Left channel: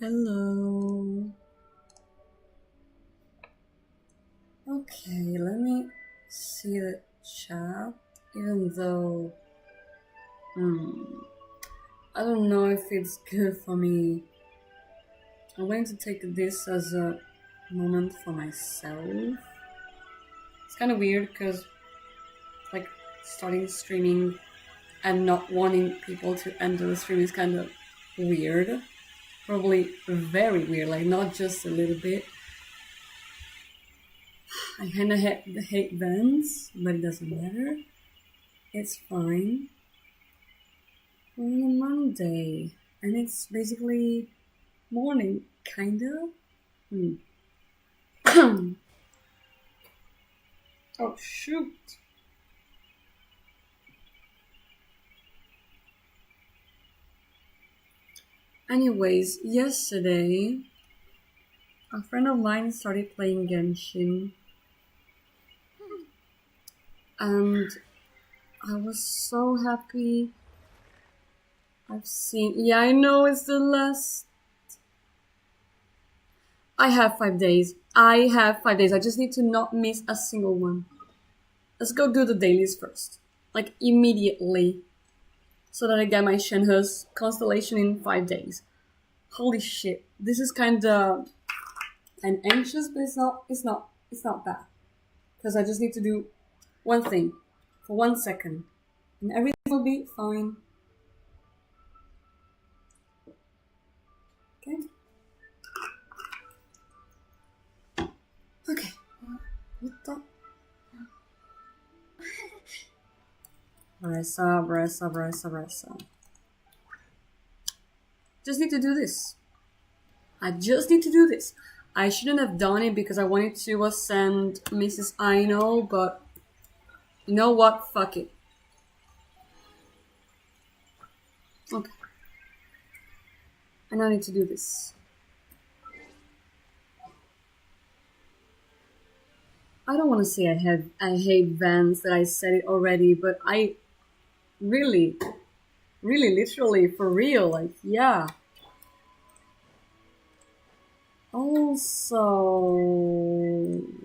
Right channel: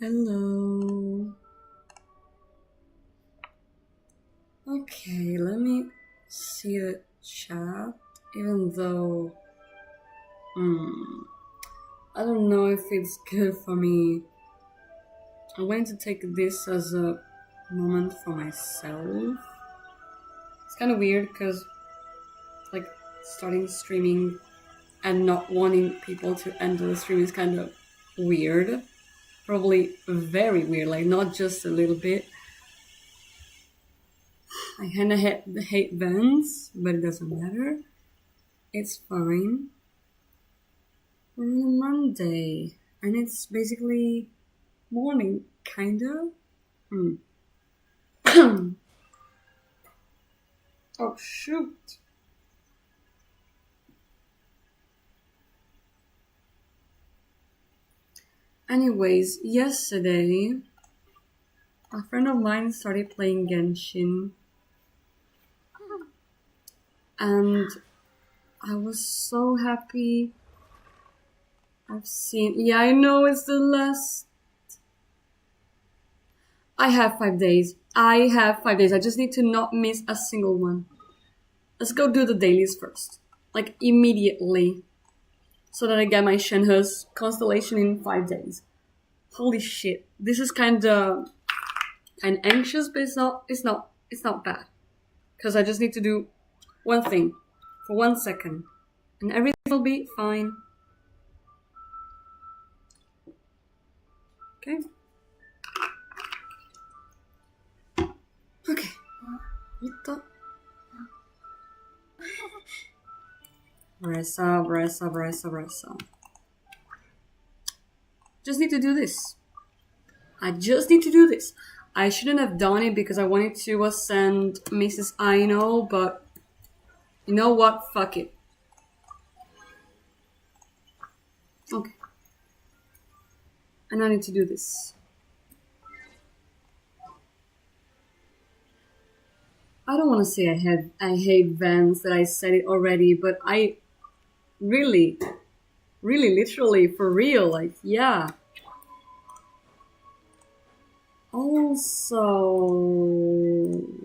Hello. Okay, let me see the chat. Even though, I don't know if it's good for me. I'm going to take this as a moment for myself. It's kind of weird because, like, starting streaming and not wanting people to enter the stream is kind of weird. Probably very weird, like, not just a little bit. I kind of hate Vans, but it doesn't matter. It's fine. We're on a Monday, and it's basically morning, kinda. Oh shoot! Anyways, yesterday, a friend of mine started playing Genshin, and I was so happy. Yeah, I know it's the last. I have 5 days. I just need to not miss a single one. Let's go do the dailies first. Like, immediately. So that I get my Shenhe's constellation in 5 days. Holy shit. This is kinda anxious, but it's not bad. Because I just need to do one thing for 1 second. And everything will be fine. Okay. Okay. What the? Bressa. Just need to do this. I just need to do this. I shouldn't have done it because I wanted to ascend Mrs. Aino, but you know what? Fuck it. Okay. And I need to do this. I don't want to say I hate Vans, that I said it already, but I really, literally, for real, like, yeah. Also,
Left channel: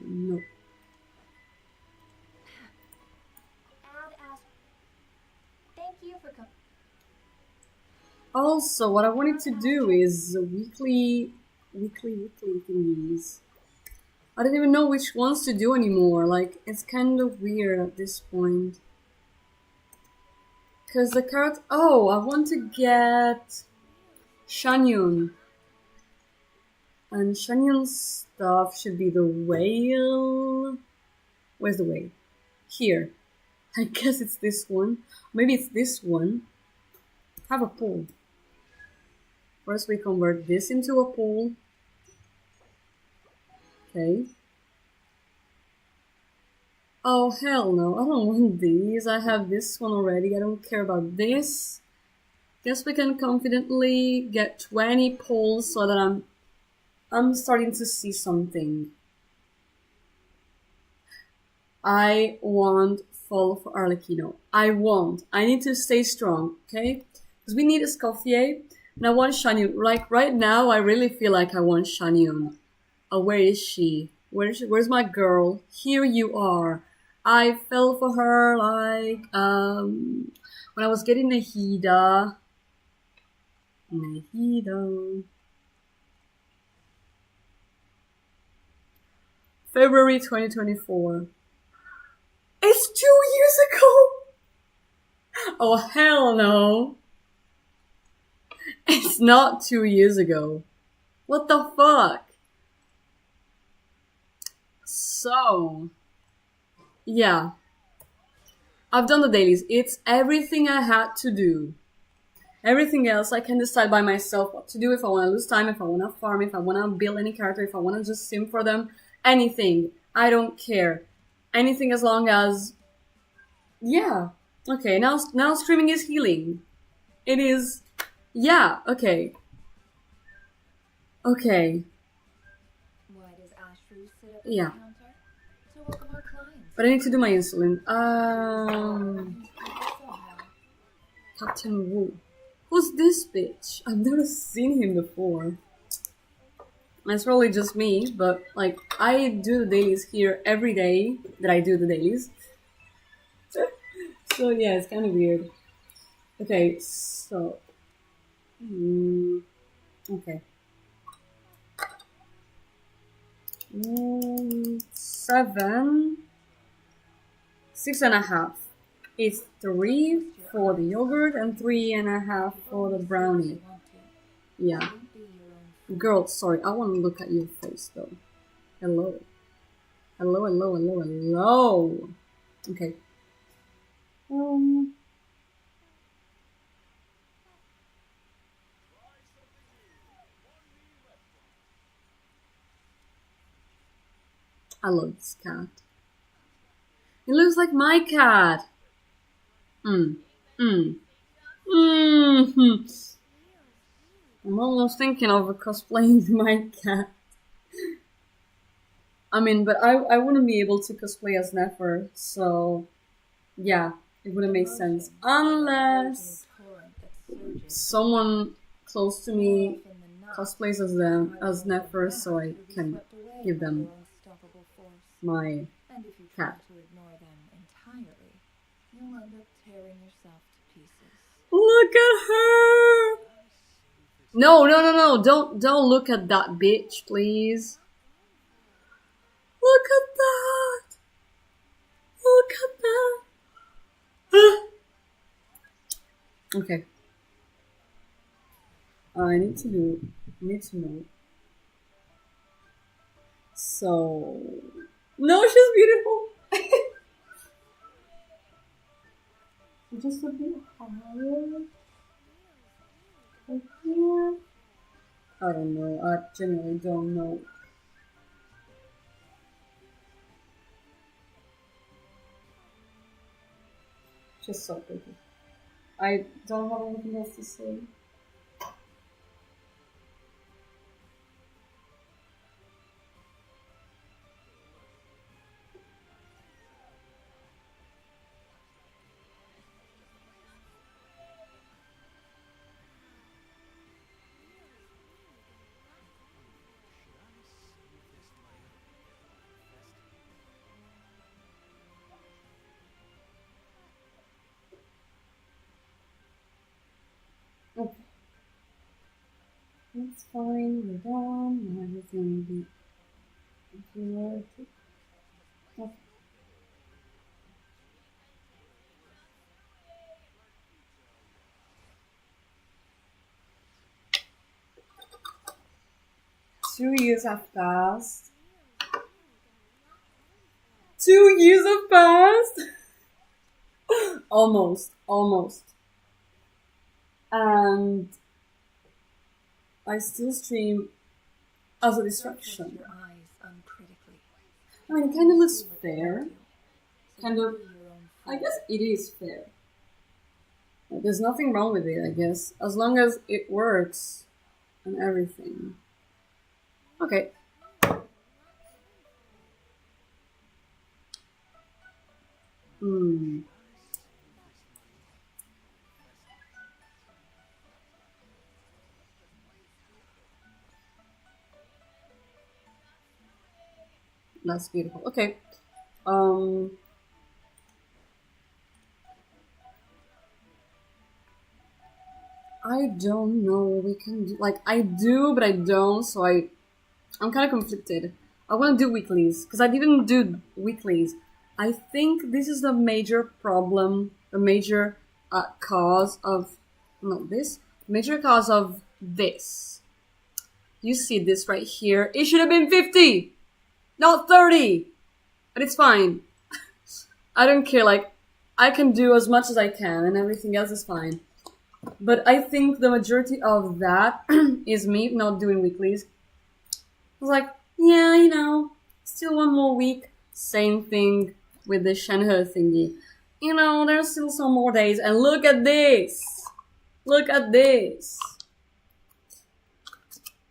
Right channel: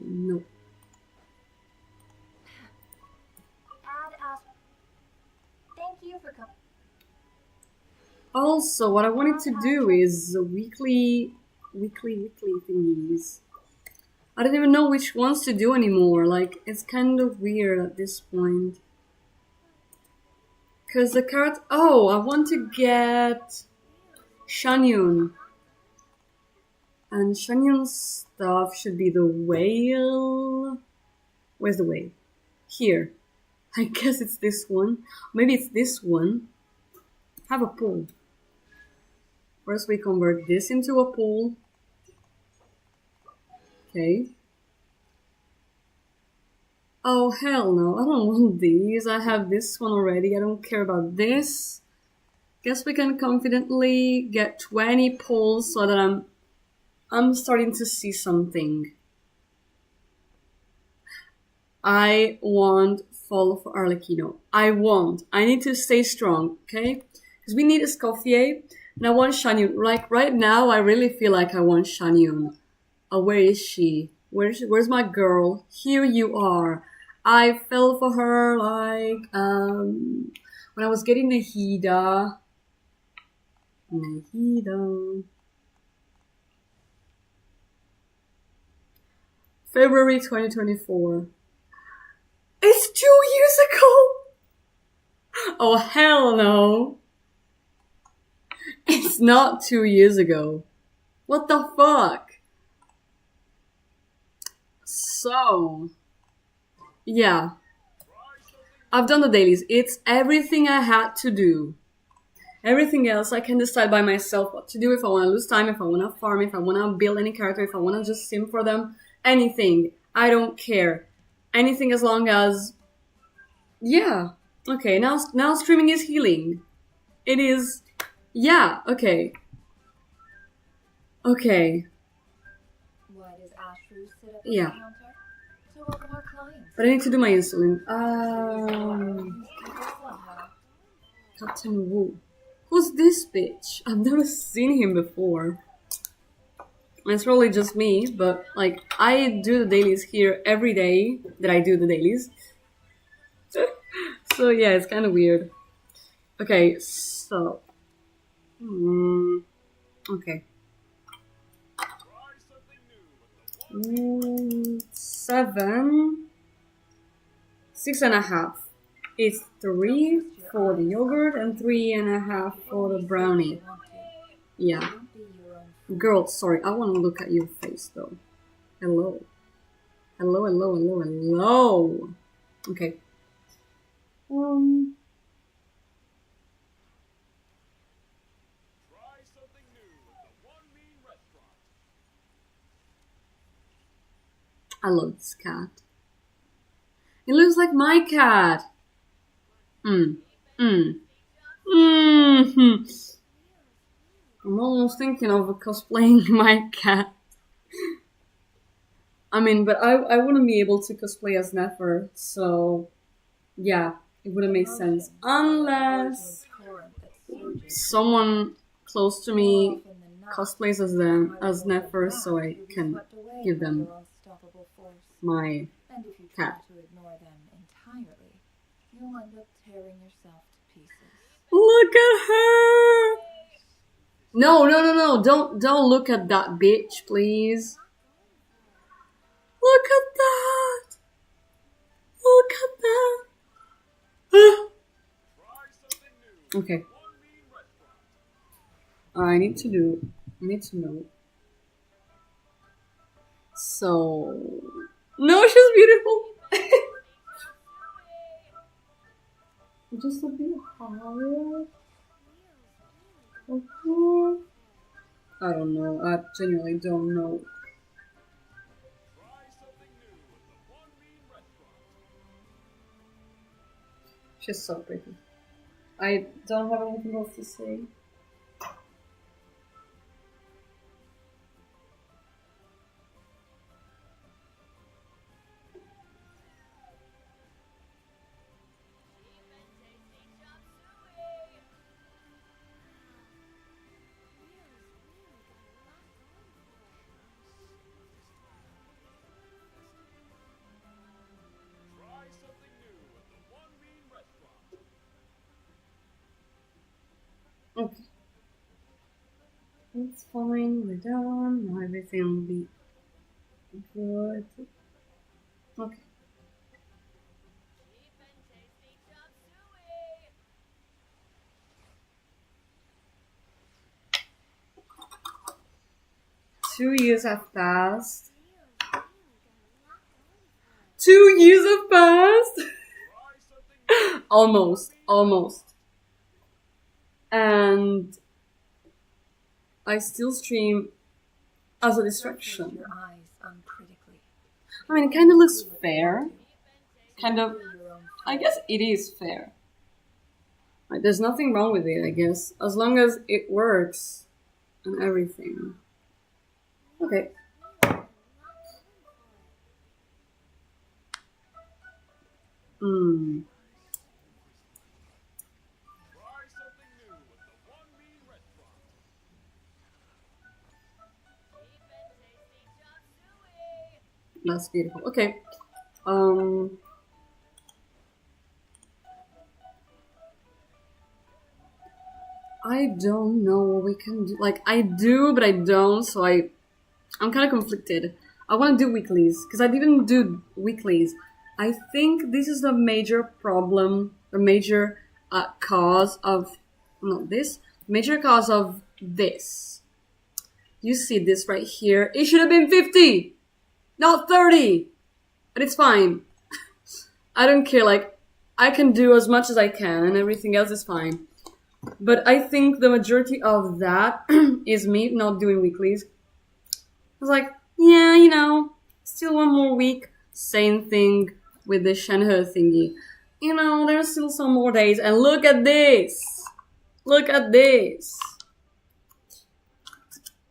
no. Thank you for coming. Also, what I wanted to do is weekly thingies. I don't even know which ones to do anymore. Like, it's kind of weird at this point. Because the carrot... Oh, I want to get Shanyun. And Shanyun's stuff should be the whale. Where's the whale? Here. I guess it's this one. Maybe it's this one. Have a pool. First we convert this into a pool. Okay. Oh, hell no. I don't want these. I have this one already. I don't care about this. Guess we can confidently get 20 pulls so that I'm starting to see something. I want Fall of Arlecchino. I need to stay strong, okay? Because we need Escoffier, and I want Shanyun. Like, right now, I really feel like I want Shanyun. Oh, where is she? Where's my girl? Here you are. I fell for her, like, when I was getting Nahida. February 2024. It's 2 years ago! Oh, hell no. It's not 2 years ago. What the fuck? So, yeah. I've done the dailies. It's everything I had to do. Everything else I can decide by myself what to do, if I want to lose time, if I want to farm, if I want to build any character, if I want to just sim for them. Anything. I don't care. Anything as long as... Yeah. Okay, now streaming is healing. It is... Yeah, okay. Okay. Why does Ashru sit up at Yeah. the counter? To welcome our clients. But I need to do my insulin. Captain Wu. Who's this bitch? I've never seen him before. It's probably just me, but like I do the dailies here every day that I do the dailies. So yeah, it's kind of weird. Okay, so okay. 7, 6.5. It's 3 for the yogurt and 3.5 for the brownie. Yeah. Don't be your own fool. Girl, sorry, I want to look at your face though. Hello. Hello, hello, hello, hello. Okay. I love this cat. It looks like my cat. I'm almost thinking of cosplaying my cat. I mean, but I wouldn't be able to cosplay as Nefer, so yeah, it wouldn't make sense. Unless someone close to me cosplays as them, as Nefer, so I can give them my And if you cat. try to ignore them entirely, you'll end up tearing yourself to pieces. Look at her! No, don't look at that bitch, please. Look at that! Look at that! Okay. I need to know. So... No, she's beautiful! Just a bit higher. Okay. I don't know. I genuinely don't know. She's so pretty. I don't have anything else to say. Okay. It's fine, we're done. Now everything will be good. Okay. Two years have passed. 2 years have passed. Almost. And I still stream as a distraction. Your eyes uncritically. I mean, it kind of looks fair. Kind of, I guess it is fair. Like, there's nothing wrong with it, I guess, as long as it works and everything. Okay. That's beautiful. Okay. I don't know what we can do. Like, I do, but I don't, so I'm kind of conflicted. I want to do weeklies, because I didn't do weeklies. I think this is the major problem, the major cause of, not this, major cause of this. You see this right here? It should have been 50, not 30, but it's fine. I don't care, like, I can do as much as I can, and everything else is fine. But I think the majority of that is me not doing weeklies. I was like, yeah, you know, still one more week. Same thing with the Shenhe thingy. You know, there's still some more days. And look at this. Look at this.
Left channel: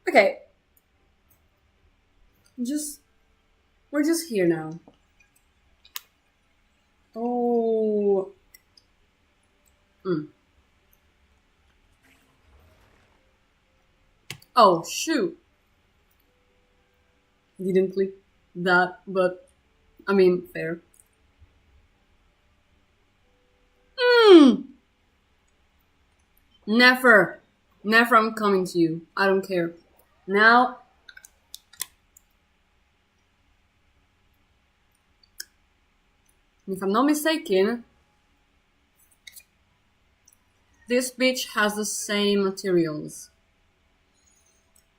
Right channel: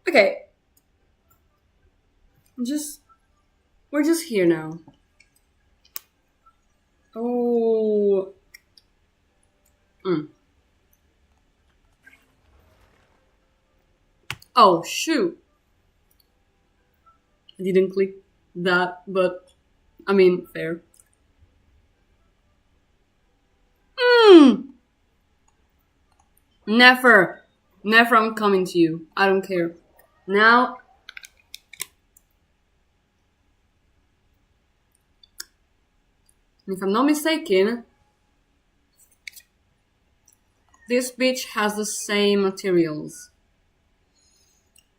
Okay. We're just here now. Oh. Oh, shoot. I didn't click that, but I mean, fair. Never. Never I'm coming to you. I don't care. Now. If I'm not mistaken, this bitch has the same materials.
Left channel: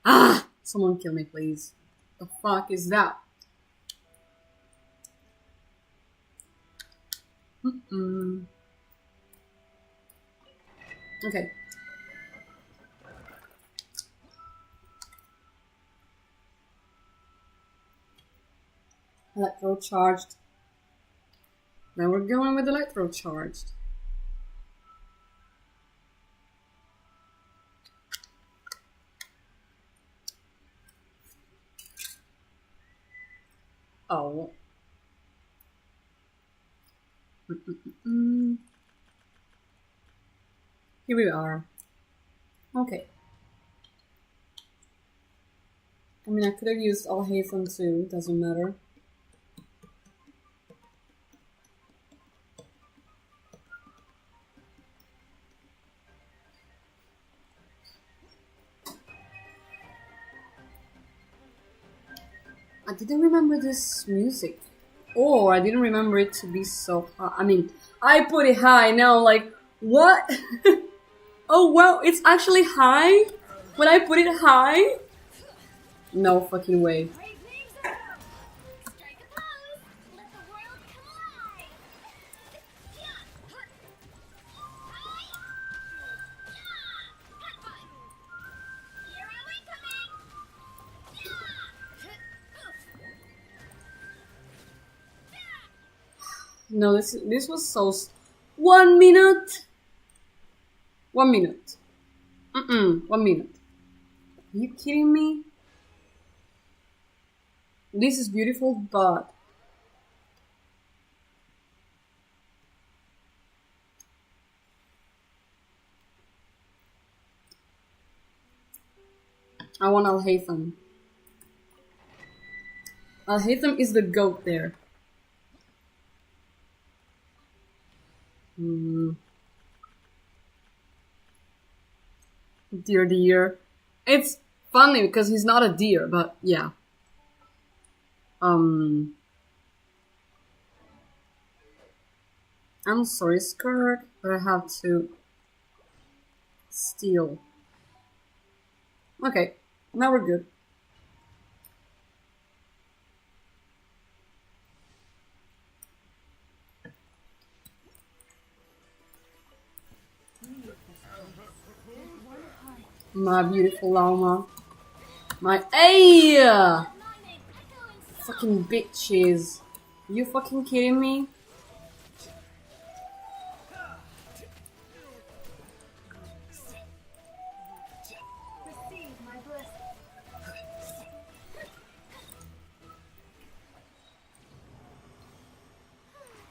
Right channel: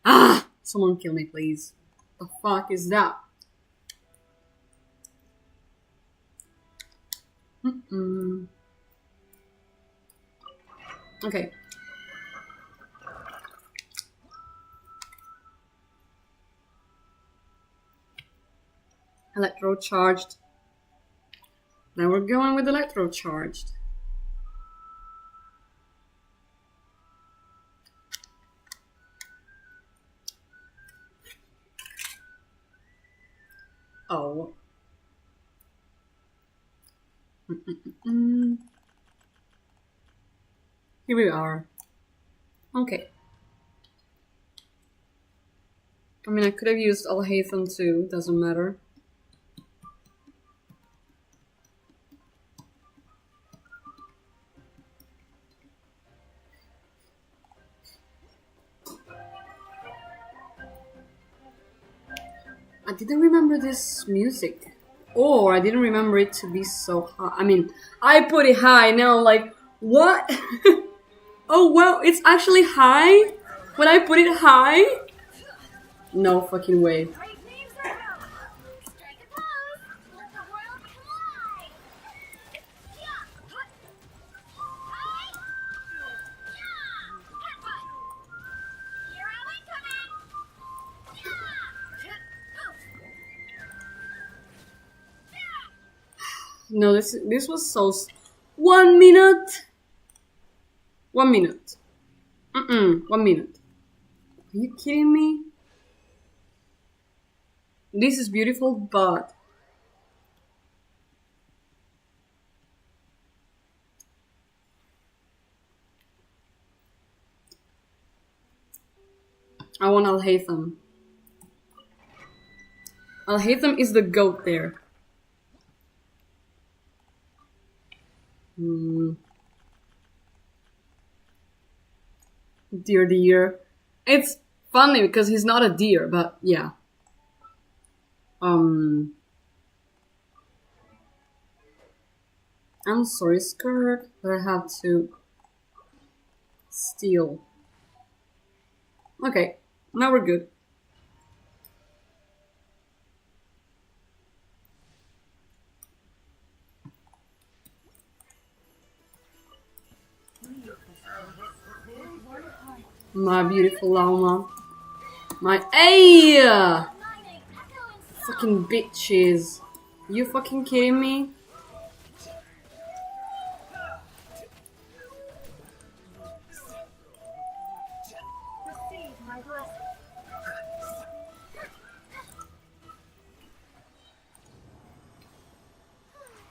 Ah! Someone kill me, please. The fuck is that? Okay. Electro charged. Now we're going with electro charged. Oh. Here we are. Okay. I mean, I could have used Alhaitham too, doesn't matter. I didn't remember this music. Or I didn't remember it to be so high. I mean, I put it high, now I'm like, what? Oh wow, it's actually high? When I put it high? No fucking way. Great names are out. Strike a pose. Let the world collide. Yeah. Hi. Yeah. Hero incoming. Yeah. No, this was so... 1 minute? 1 minute. 1 minute. Are you kidding me? This is beautiful, but... I want Alhaitham. Alhaitham is the goat there. Deer. It's funny because he's not a deer, but yeah. I'm sorry, skirt, but I have to steal. Okay, now we're good. My beautiful llama. My fucking bitches. You fucking kidding me? Receive my blessing.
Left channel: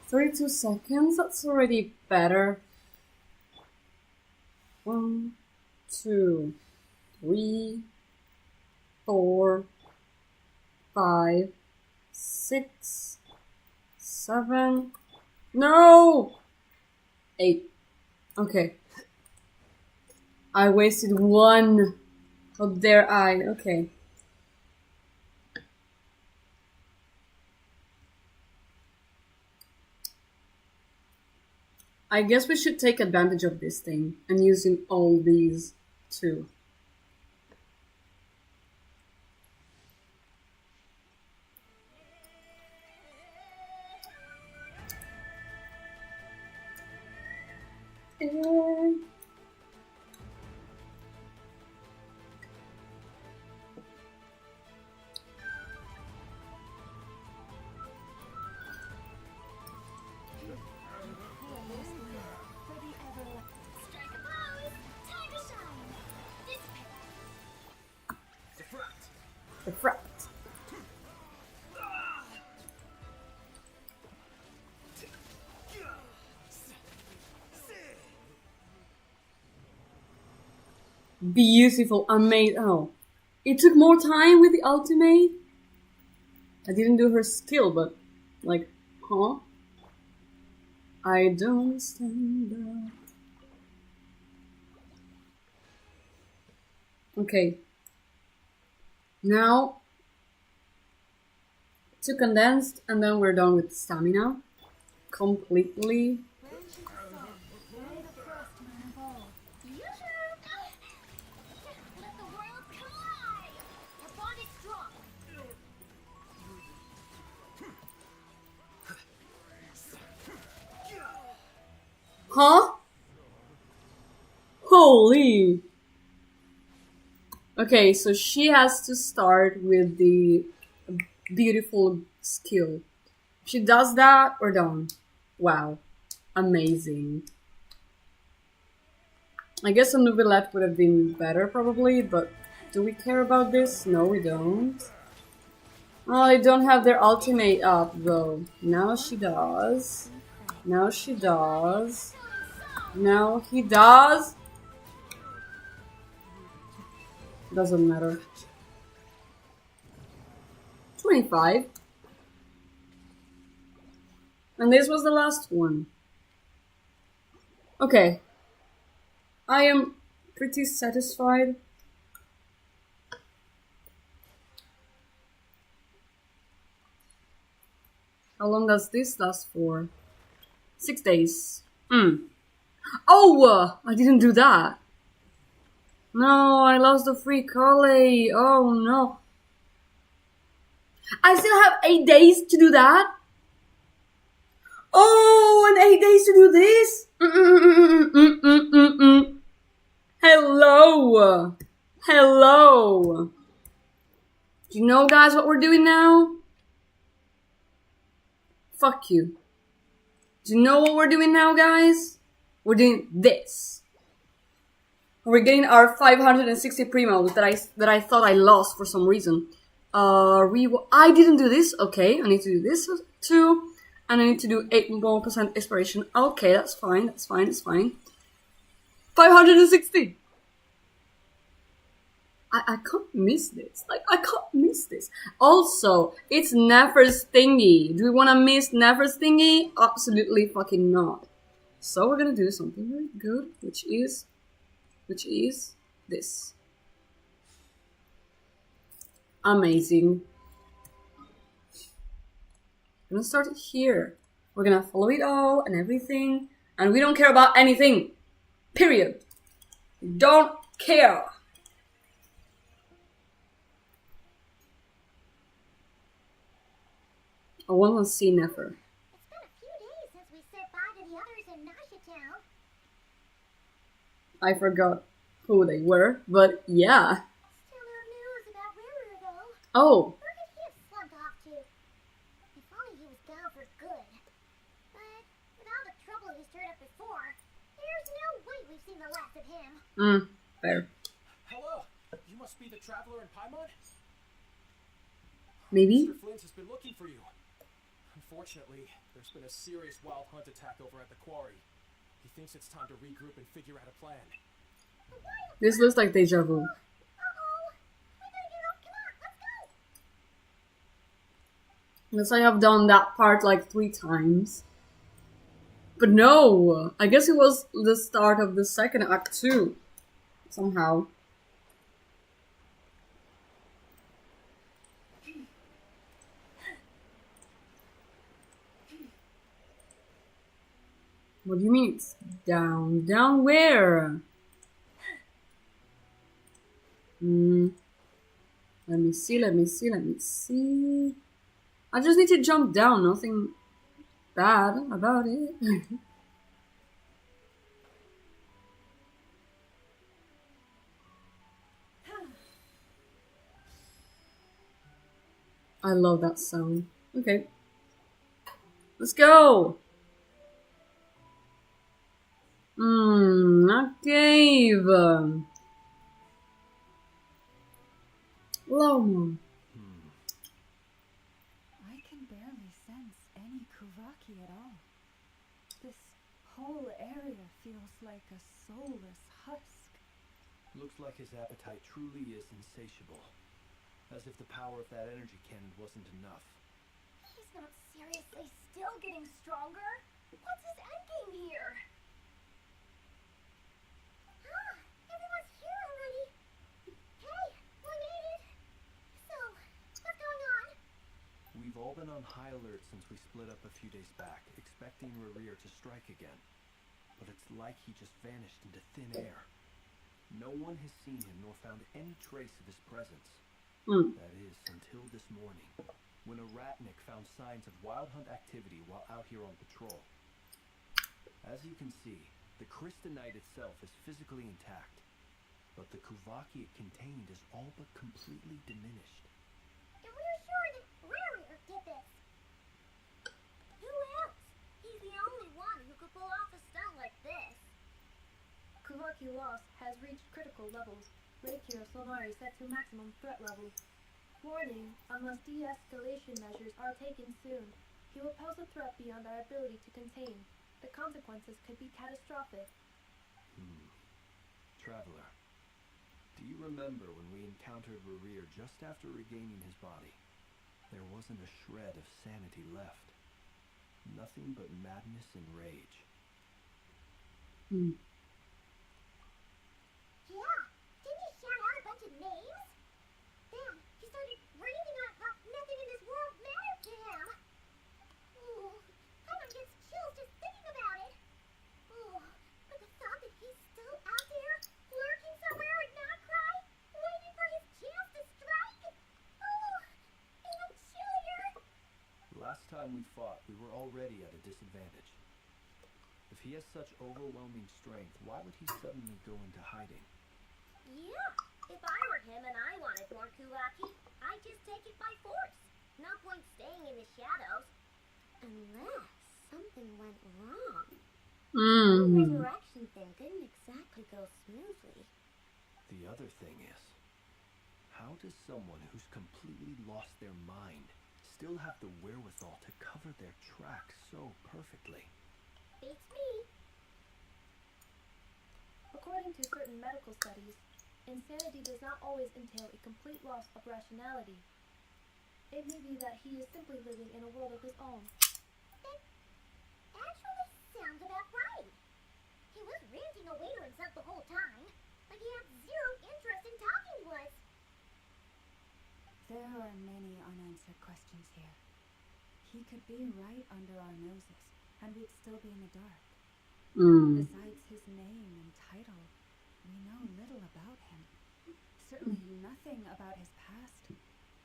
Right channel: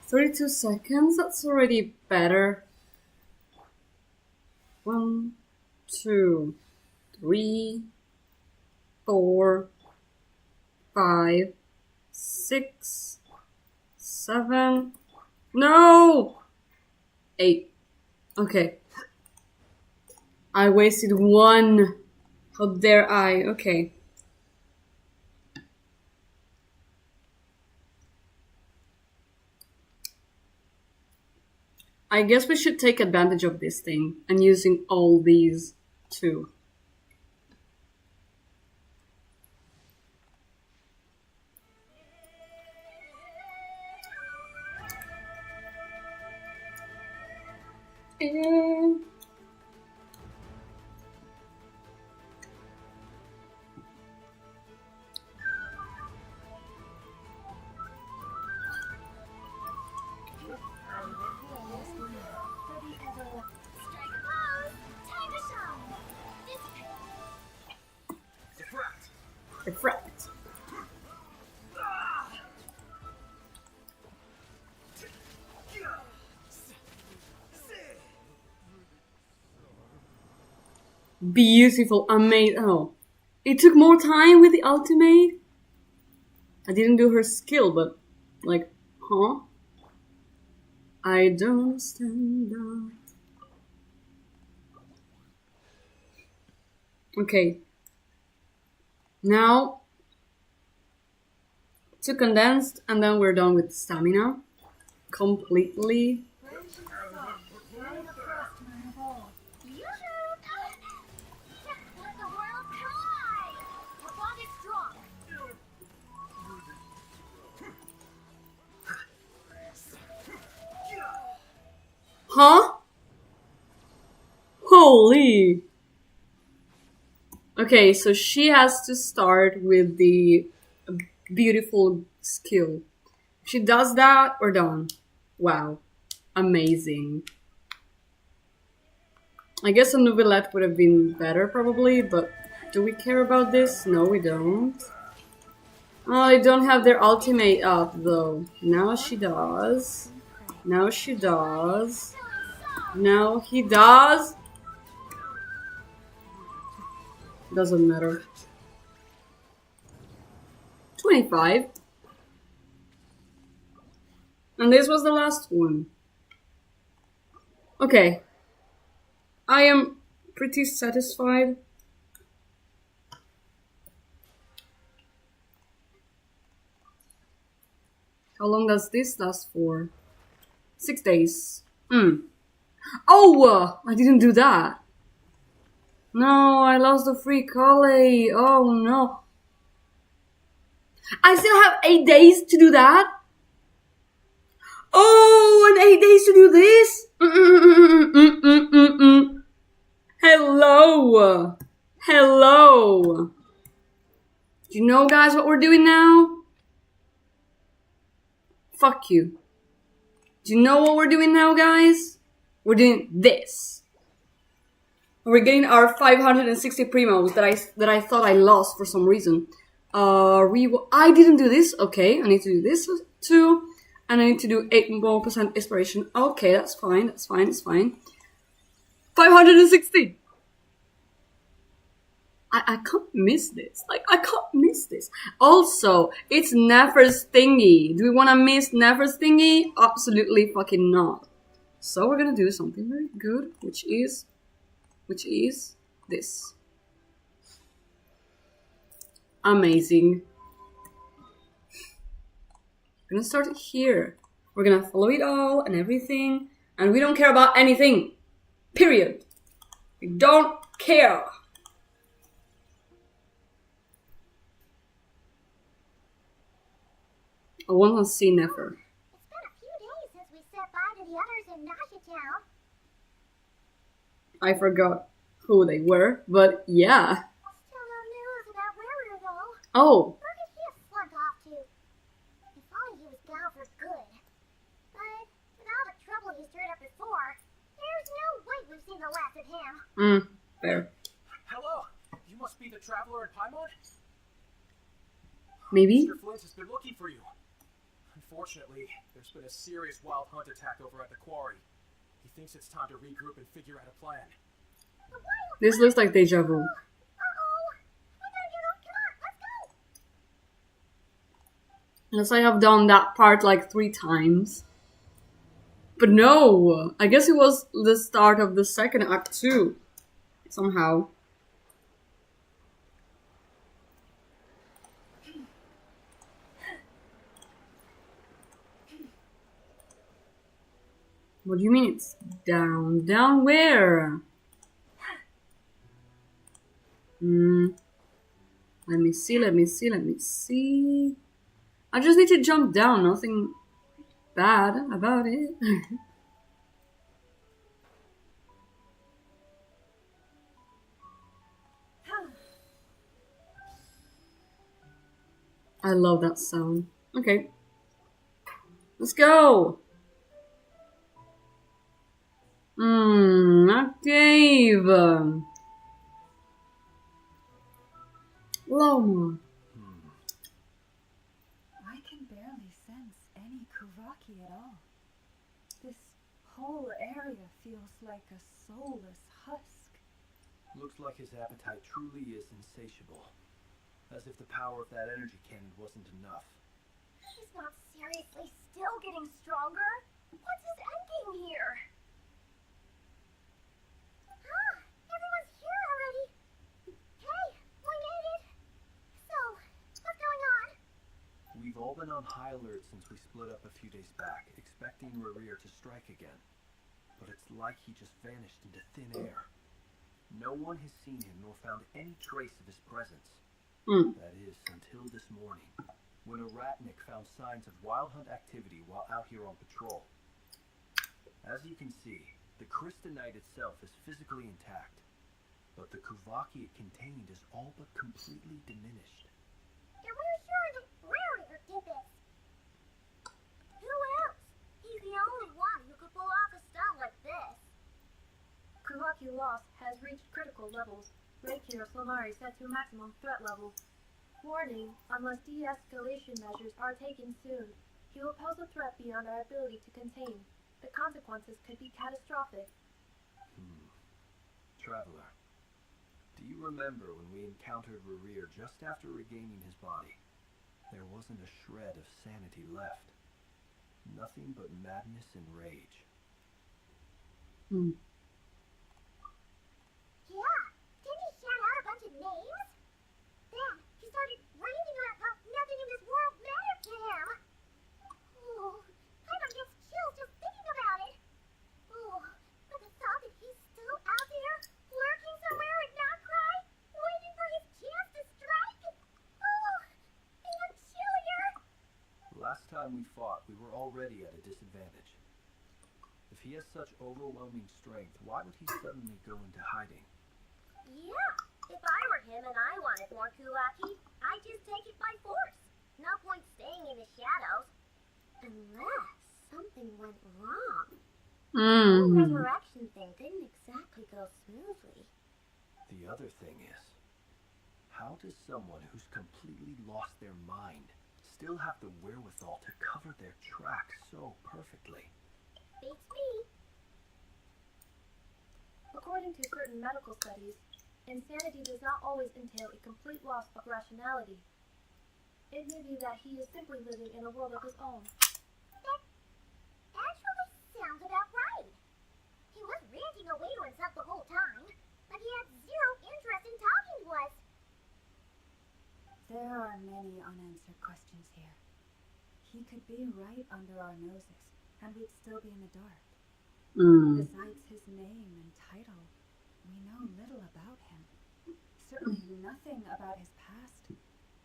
32 seconds? That's already better. 1, 2, 3, 4, 5, 6, 7. No! 8. Okay. I wasted 1. How dare I? Okay. I guess we should take advantage of this thing and using all these too. For the everlasting. Strike a pose. Time to shine. Dissipate. Refract. Beautiful, amazing. Oh, it took more time with the ultimate. I didn't do her skill, but like, huh? I don't understand that. Okay. Now, 2 condensed, and then we're done with stamina. Completely. Branches soft, right across my evolve. Yoo-hoo! Let the world collide! Our bond is strong. Huh? Holy! Okay, so she has to start with the beautiful skill. She does that, we're done. Wow. Amazing. I guess a Nouvellette would have been better, probably, but do we care about this? No, we don't. Oh, they don't have their ultimate up, though. Now she does. Now she does. Now he does. Doesn't matter. 25. And this was the last one. Okay. I am pretty satisfied. How long does this last for? 6 days. Oh! I didn't do that. No, I lost the free collie. Oh no. I still have 8 days to do that? Oh, and 8 days to do this? Hello. Hello. Do you know, guys, what we're doing now? Fuck you. Do you know what we're doing now, guys? We're doing this. We're getting our 560 primos that I thought I lost for some reason. I didn't do this. Okay, I need to do this too. And I need to do 8% more inspiration. Okay, that's fine. That's fine. That's fine. 560. I can't miss this. Like, I can't miss this. Also, it's Nefer's thingy. Do we want to miss Nefer's thingy? Absolutely fucking not. So we're gonna do something very good, which is this. Amazing. We're gonna start here. We're gonna follow it all and everything, and we don't care about anything. Period. We don't care. I want to see Nefer. It's been a few days since we said bye to the others in Nasha Town. I forgot who they were, but yeah. Still no news about Ruru though. Oh, Where did he have slunk off to? If only he was gone for good. But with all the trouble he stirred up before, there's no way we've seen the last of him. fair. Hello, you must be the traveler in Paimon? Maybe? Mr. Flint has been looking for you. Unfortunately, there's been a serious wild hunt attack over at the quarry. He thinks it's time to regroup and figure out a plan. This looks like deja vu. Uh-oh. We gotta get up. Come on, let's go. Unless I have done that part like 3 times. But no! I guess it was the start of the second act too. Somehow. What do you mean it's down? Down where? Let me see. I just need to jump down, nothing bad about it. I love that sound. Okay. Let's go! A cave! Loma. I can barely sense any Kuvaki at all. This whole area feels like a soulless husk. Looks like his appetite truly is insatiable. As if the power of that energy cannon wasn't enough. He's not seriously still getting stronger? What's his endgame here? Ah, everyone's here already. Hey, we made it. So, what's going on? We've all been on high alert since we split up a few days back, expecting Rerir to strike again. But it's like he just vanished into thin air. No one has seen him nor found any trace of his presence. That is, until this morning, when a Ratnik found signs of Wild Hunt activity while out here on patrol. As you can see, the Crystonite itself is physically intact, but the Kuvaki it contained is all but completely diminished. And we're sure that Rerir did this. Who else? He's the only one who could pull off a stunt like this. Kuvaki loss has reached critical levels. Reikir Solnari set to maximum threat level. Warning, unless de-escalation measures are taken soon, he will pose a threat beyond our ability to contain. The consequences could be catastrophic. Traveler, do you remember when we encountered Rerir just after regaining his body? There wasn't a shred of sanity left. Nothing but madness and rage. Yeah, didn't he shout out a bunch of names? Then he started raving about how nothing in this world mattered to him. Ooh, Paimon gets chills just thinking about it. Ooh, but the thought that he's still out there, lurking somewhere at Notcry, waiting for his chance to strike. Ooh, even chillier. Last time we fought, we were already at a disadvantage. If he has such overwhelming strength, why would he suddenly go into hiding? Yeah, if I were him and I wanted more Kuvaki, I'd just take it by force. No point staying in the shadows. Unless something went wrong. The resurrection thing didn't exactly go smoothly. The other thing is, how does someone who's completely lost their mind still have the wherewithal to cover their tracks so perfectly? Beats me. According to certain medical studies, insanity does not always entail a complete loss of rationality. It may be that he is simply living in a world of his own. That actually sounds about right. He was ranting away to himself the whole time, but he had zero interest in talking to us. There are many unanswered questions here. He could be right under our noses, and we'd still be in the dark. Besides his name and title, we know little about him. Certainly nothing about his past,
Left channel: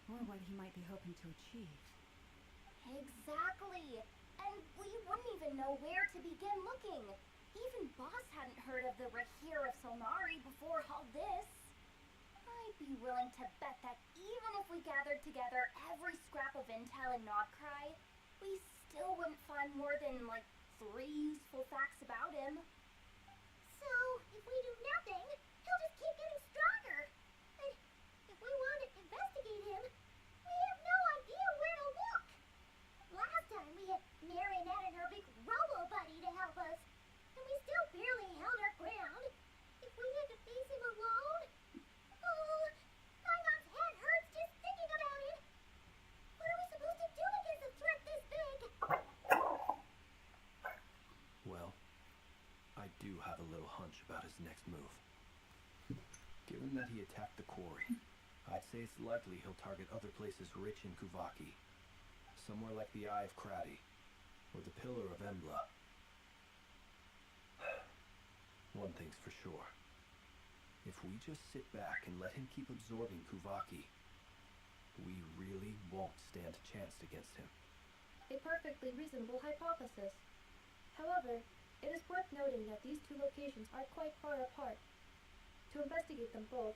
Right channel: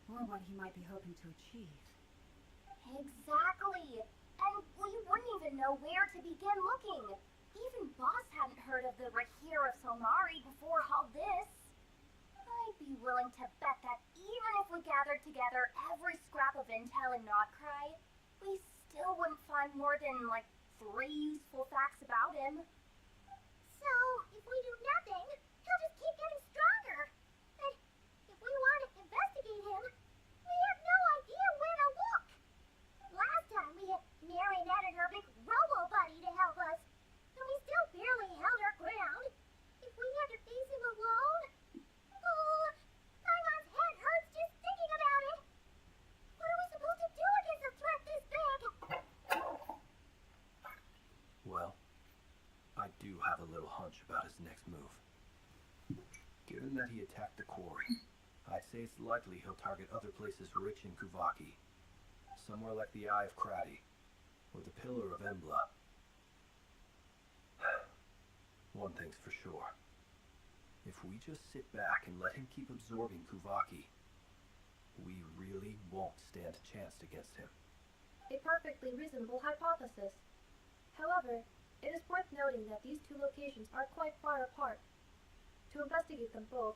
or what he might be hoping to achieve. Exactly. And we wouldn't even know where to begin looking. Even Boss hadn't heard of the Reikir of Solnari before all this. I'd be willing to bet that even if we gathered together every scrap of intel in Notcry, we still wouldn't find more than, 3 useful facts about him. So, if we do nothing, he'll just keep getting stronger. And if we want to investigate him, we have no idea where to look. Last time we had Marionette and her big robo-buddy to help us, and we still barely held our ground. If we have to face him alone... Oh, Paimon's head hurts just thinking about it. What are we supposed to do against a threat this big? Well, I do have a little hunch about his next move. Given that he attacked the quarry, I'd say it's likely he'll target other places rich in Kuvaki. Somewhere like the Eye of Krati, or the Pillar of Embla. One thing's for sure. If we just sit back and let him keep absorbing Kuvaki, we really won't stand a chance against him. A perfectly reasonable hypothesis. However, it is worth noting that these two locations are quite far apart. To investigate them both,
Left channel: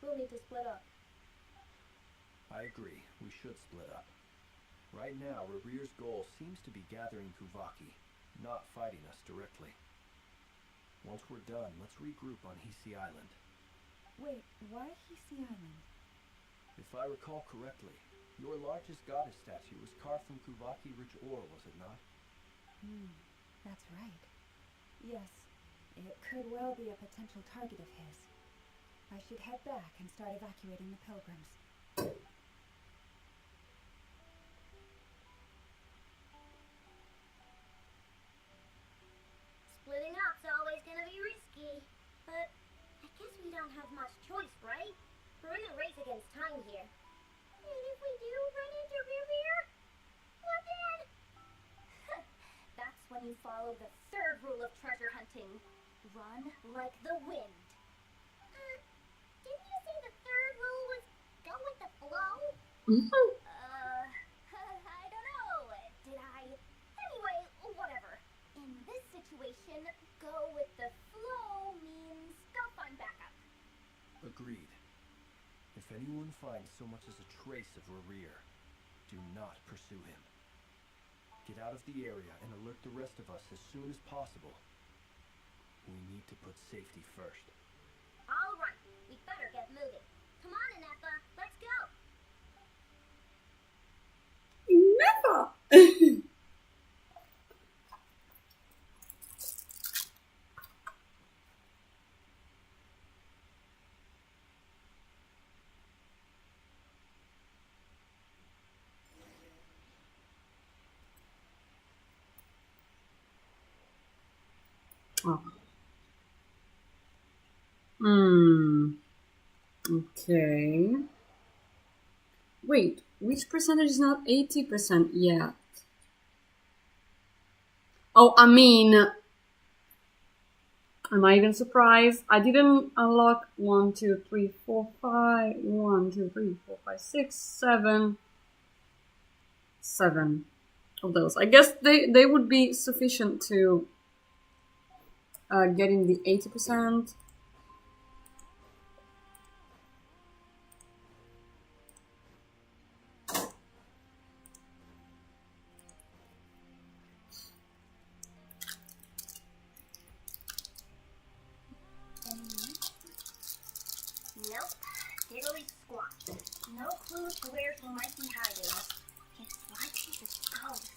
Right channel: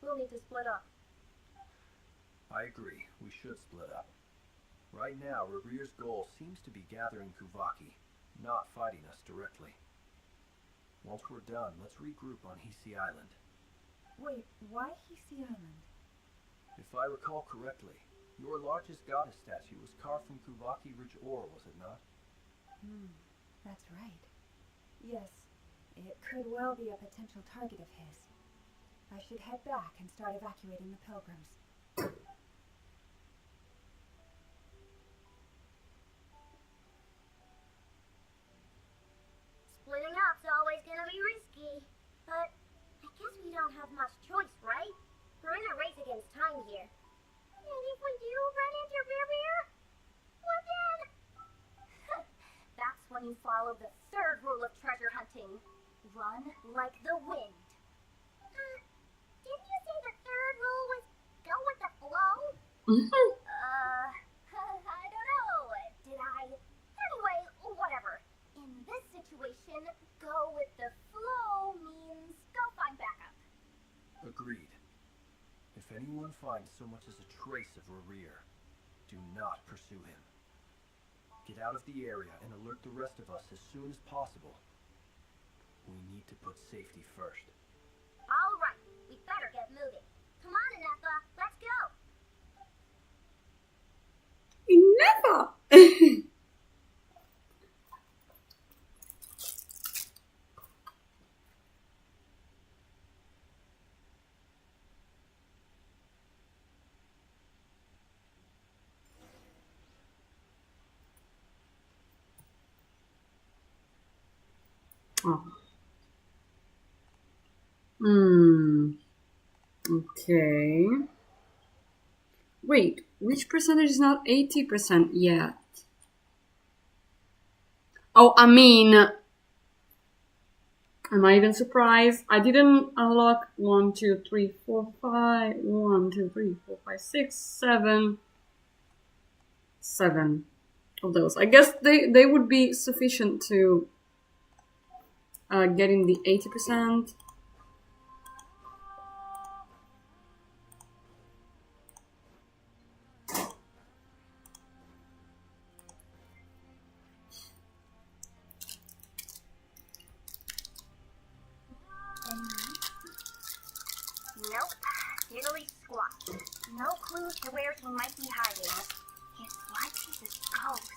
we'll need to split up. I agree, we should split up. Right now, Rerir's goal seems to be gathering Kuvaki, not fighting us directly. Once we're done, let's regroup on Hisi Island. Wait, why Hisi Island? If I recall correctly, your largest goddess statue was carved from Kuvaki-rich ore, was it not? That's right. Yes, it could well be a potential target of his. I should head back and start evacuating the pilgrims. don't have much choice, right? We're in a race against time here. And if we do run into Rear, what then? That's when you follow the third rule of treasure hunting. Run like the wind. Didn't you say the third rule was go with the flow? I don't know. Did I? Anyway, whatever. In this situation, go with the flow means go find backup. Agreed. If anyone finds so much as a trace of Rear, do not pursue him. Get out of the area and alert the rest of us as soon as possible. We need to put safety first. All right, we better get moving. Come on, Inepha, let's go. Never. Oh. Okay. Wait, which percentage is not 80% yet? Oh, I mean, am I even surprised? I didn't unlock 1, 2, 3, 4, 5, 1, 2, 3, 4, 5, 6, 7 of those. I guess they would be sufficient to getting the 80%. Nope. Diddly squat. No clue to where he might be hiding. It's like he's a ghost.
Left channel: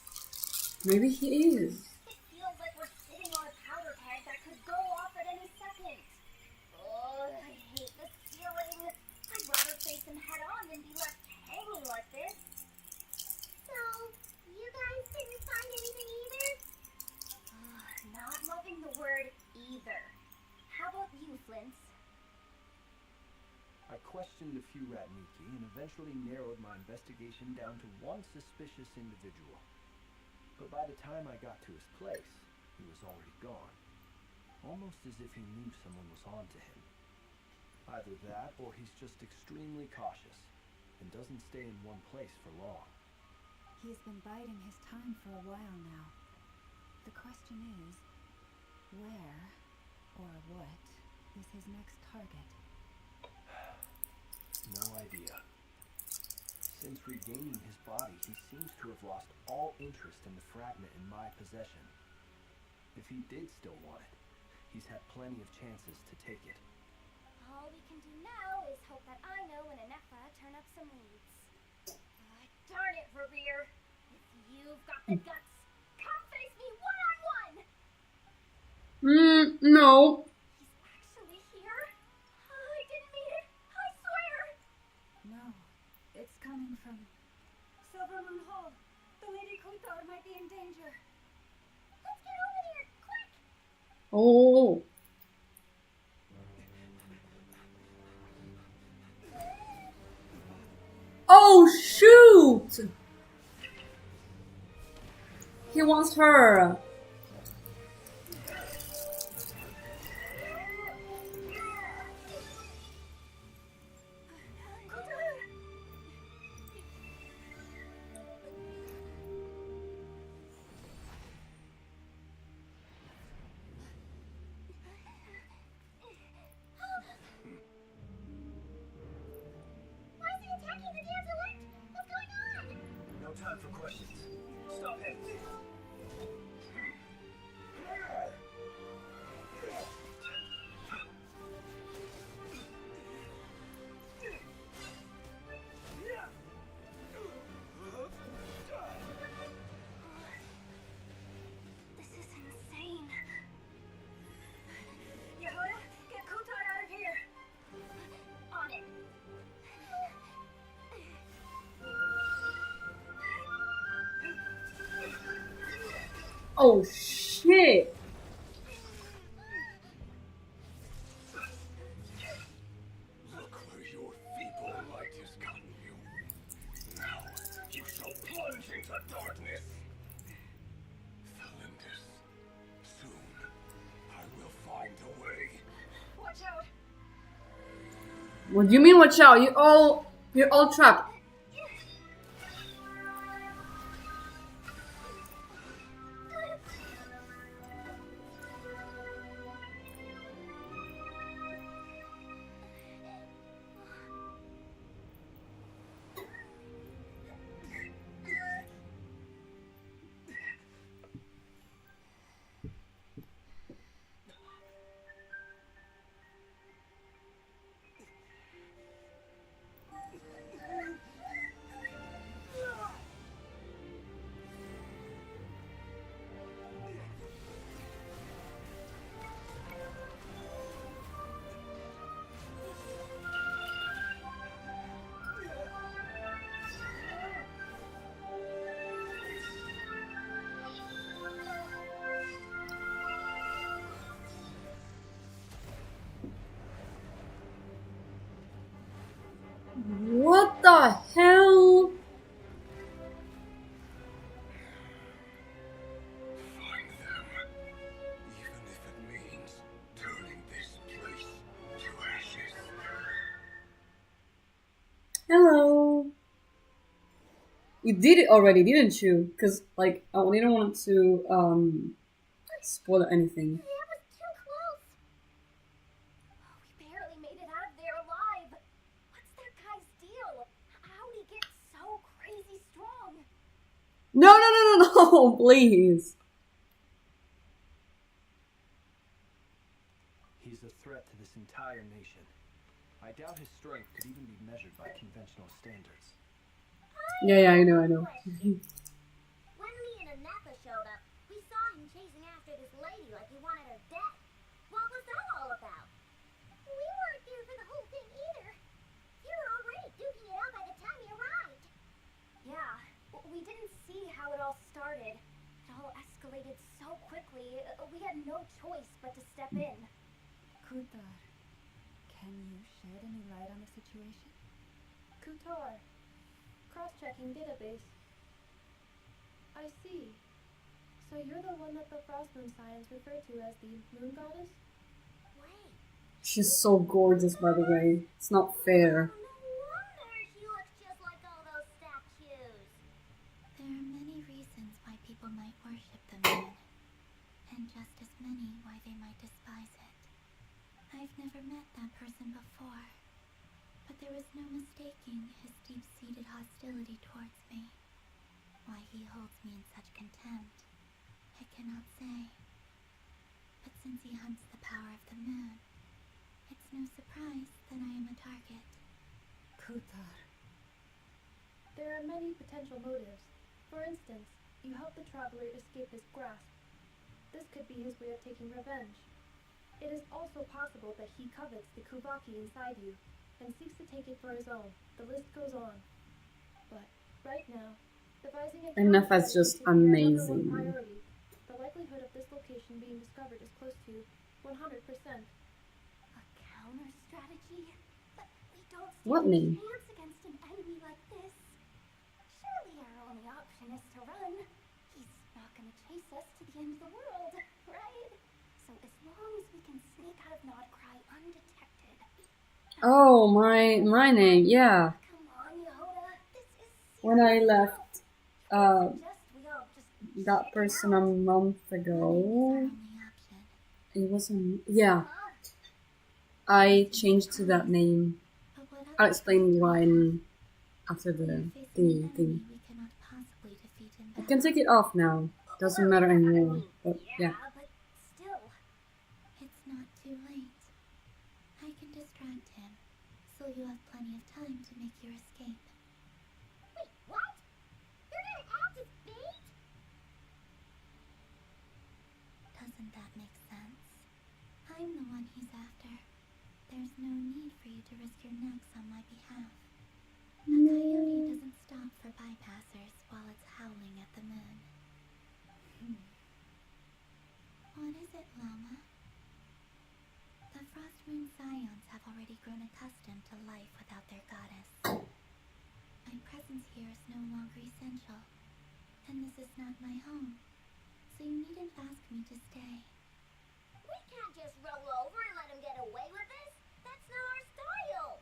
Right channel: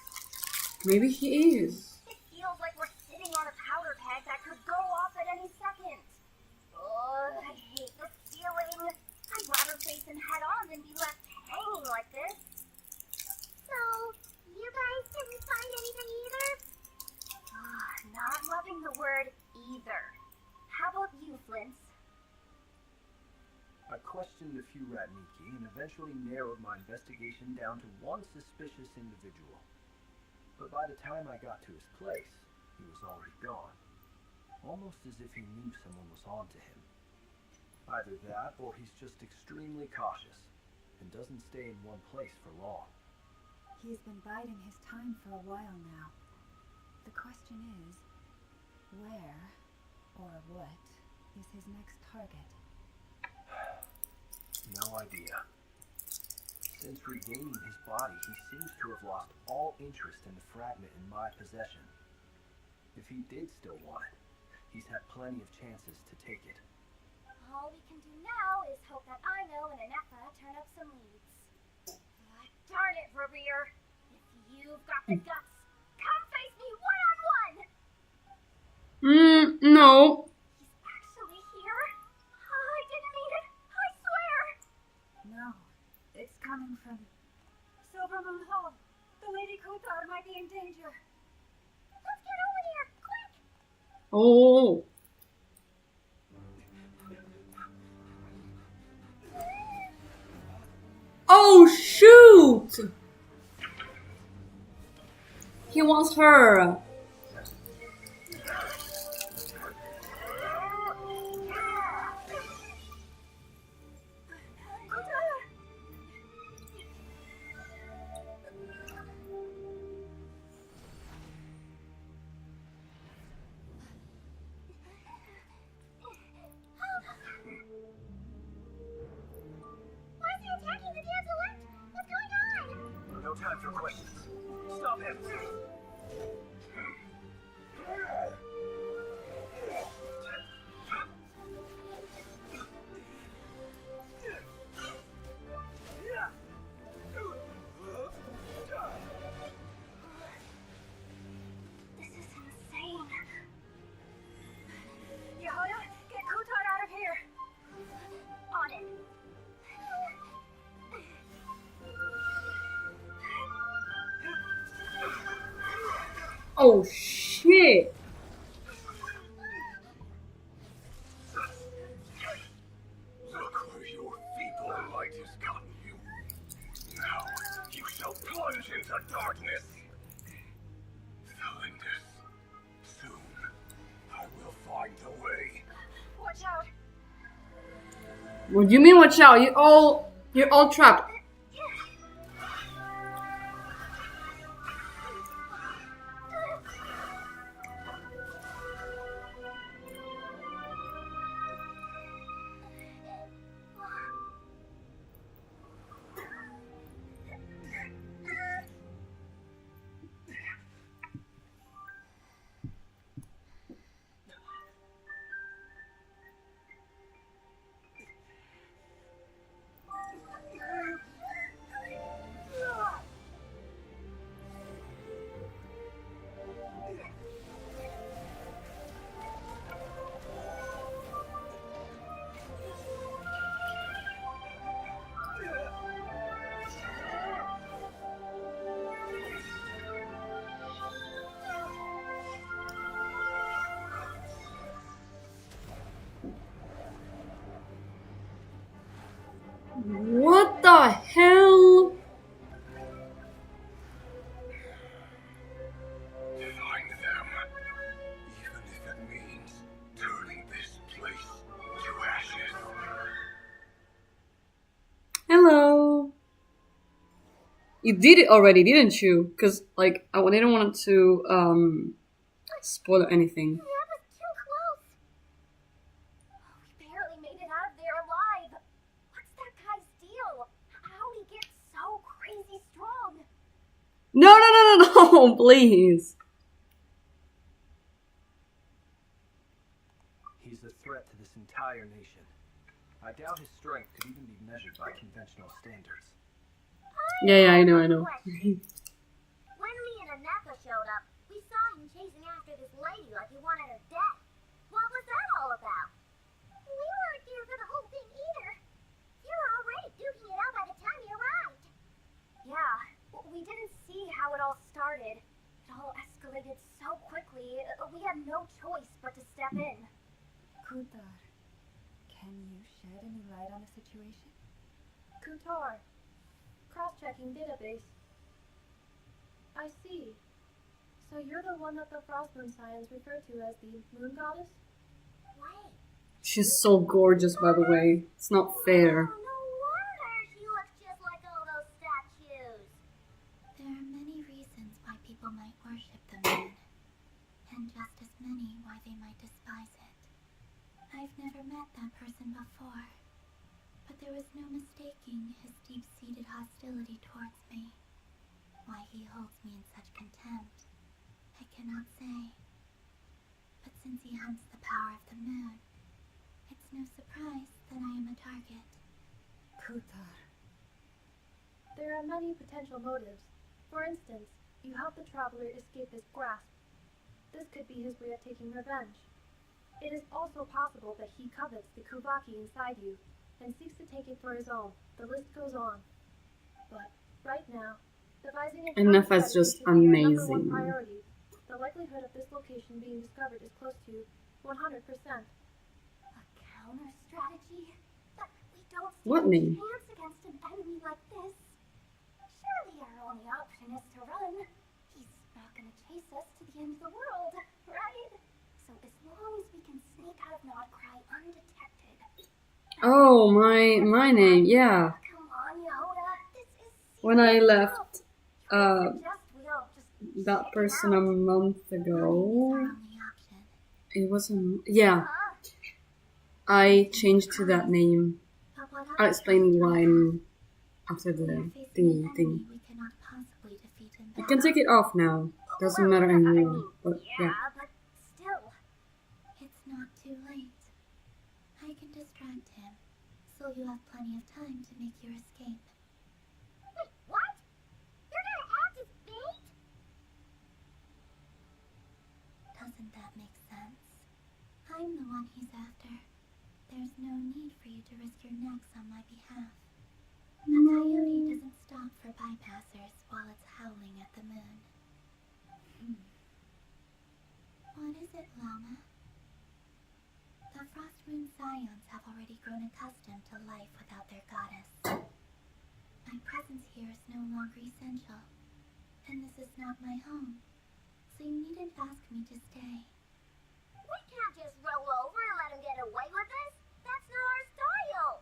Maybe he is. It feels like we're sitting on a powder keg that could go off at any second. Oh, I hate this feeling. I'd rather face him head on than be left hanging like this. So, you guys didn't find anything either? Not loving the word either. How about you, Flint? I questioned a few Ratniki and eventually narrowed my investigation down to one suspicious individual. But by the time I got to his place, he was already gone. Almost as if he knew someone was on to him. Either that, or he's just extremely cautious, and doesn't stay in one place for long. He's been biding his time for a while now. The question is, where, or what, is his next target? No idea. Since regaining his body, he seems to have lost all interest in the fragment in my possession. If he did still want it, he's had plenty of chances to take it. All we can do now is hope that Ino and Inepha turn up some leads. Darn it, Rear. If you've got the guts, come face me one-on-one! No. He's actually here? I didn't mean it, I swear! No, it's coming from Silvermoon Hall. The Lady Kuthar might be in danger. Let's get over here, quick! Oh. Oh, shoot! He wants her. Why is he attacking the damselette? What's going on? No time for questions. Stop him! This is insane. Yehoda, get Kuthar out of here! On it. Oh, shit. plunge into darkness. Cylinders, soon I will find a way. Watch out! What do you mean watch out? You're all trapped. What the hell? Find them, even if it means turning this place to ashes. Hello. You did it already, didn't you? Because, like, I didn't want to, spoil anything. That was too close. We barely made it out of there alive. What's that guy's deal? How'd he get so crazy strong? No, please. He's a threat to this entire nation. I doubt his strength could even be measured by conventional standards. Yeah, I know. When me and Anetha showed up, we saw him chasing after this lady like he wanted her dead. What was that all about? We weren't here for the whole thing either. You were already duking it out by the time you arrived. Yeah, we didn't see how it all started. It all escalated so quickly, we had no choice but to step in. Kutar, can you shed any light on the situation? Kutar. Cross-checking database. I see. So you're the one that the Frost Moon Scions refer to as the Moon Goddess? Wait. She's so gorgeous, by the way. It's not fair. Oh, no wonder she looks just like all those statues. There are many reasons why people might worship the moon, and just as many why they might despise it. I've never met that person before, but there was no mistaking his deep-seated hostility towards me. Why he holds me in such contempt, I cannot say. But since he hunts the power of the moon, it's no surprise that I am a target. Kutar, There are many potential motives. For instance, you helped the traveler escape his grasp. This could be his way of taking revenge. It is also possible that he covets the Kuvaki inside you and seeks to take it for his own. The list goes on. But right now, devising a Anetha is just amazing. priority. The likelihood of this location being discovered is close to 100%. A counter strategy? But we don't stand What a name? chance against an enemy like this. Surely our only option is to run. He's not gonna chase us to the end of the world, right? So as long as we can sneak out of Nodcry undetected. Oh, my name, yeah. Come on, Yehoda. This is When I serious left, stuff. uh, Suggest we all just that check it person a out. month Running is ago, our only option. it wasn't, yeah. Huh? I changed to that name. But what I'll other explain choice why do after we the are facing an thingy enemy thing. we cannot possibly defeat in I battle. can take it off now. Doesn't Well, matter I mean, anymore. But yeah. but still. It's not too late. I can distract him, so you have plenty of time to make your escape. Wait, what? You're gonna act as bait? Doesn't that make sense? I'm the one he's after. There's no need for you to risk your necks on my behalf. A coyote doesn't stop for bypassers while it's howling at the moon. What is it, Lama? The Frost Moon Scions have already grown accustomed to life without their goddess. My presence presence here is no longer essential, and this is not my home, so you needn't ask me to stay. We can't just roll over and let him get away with this. That's not our style.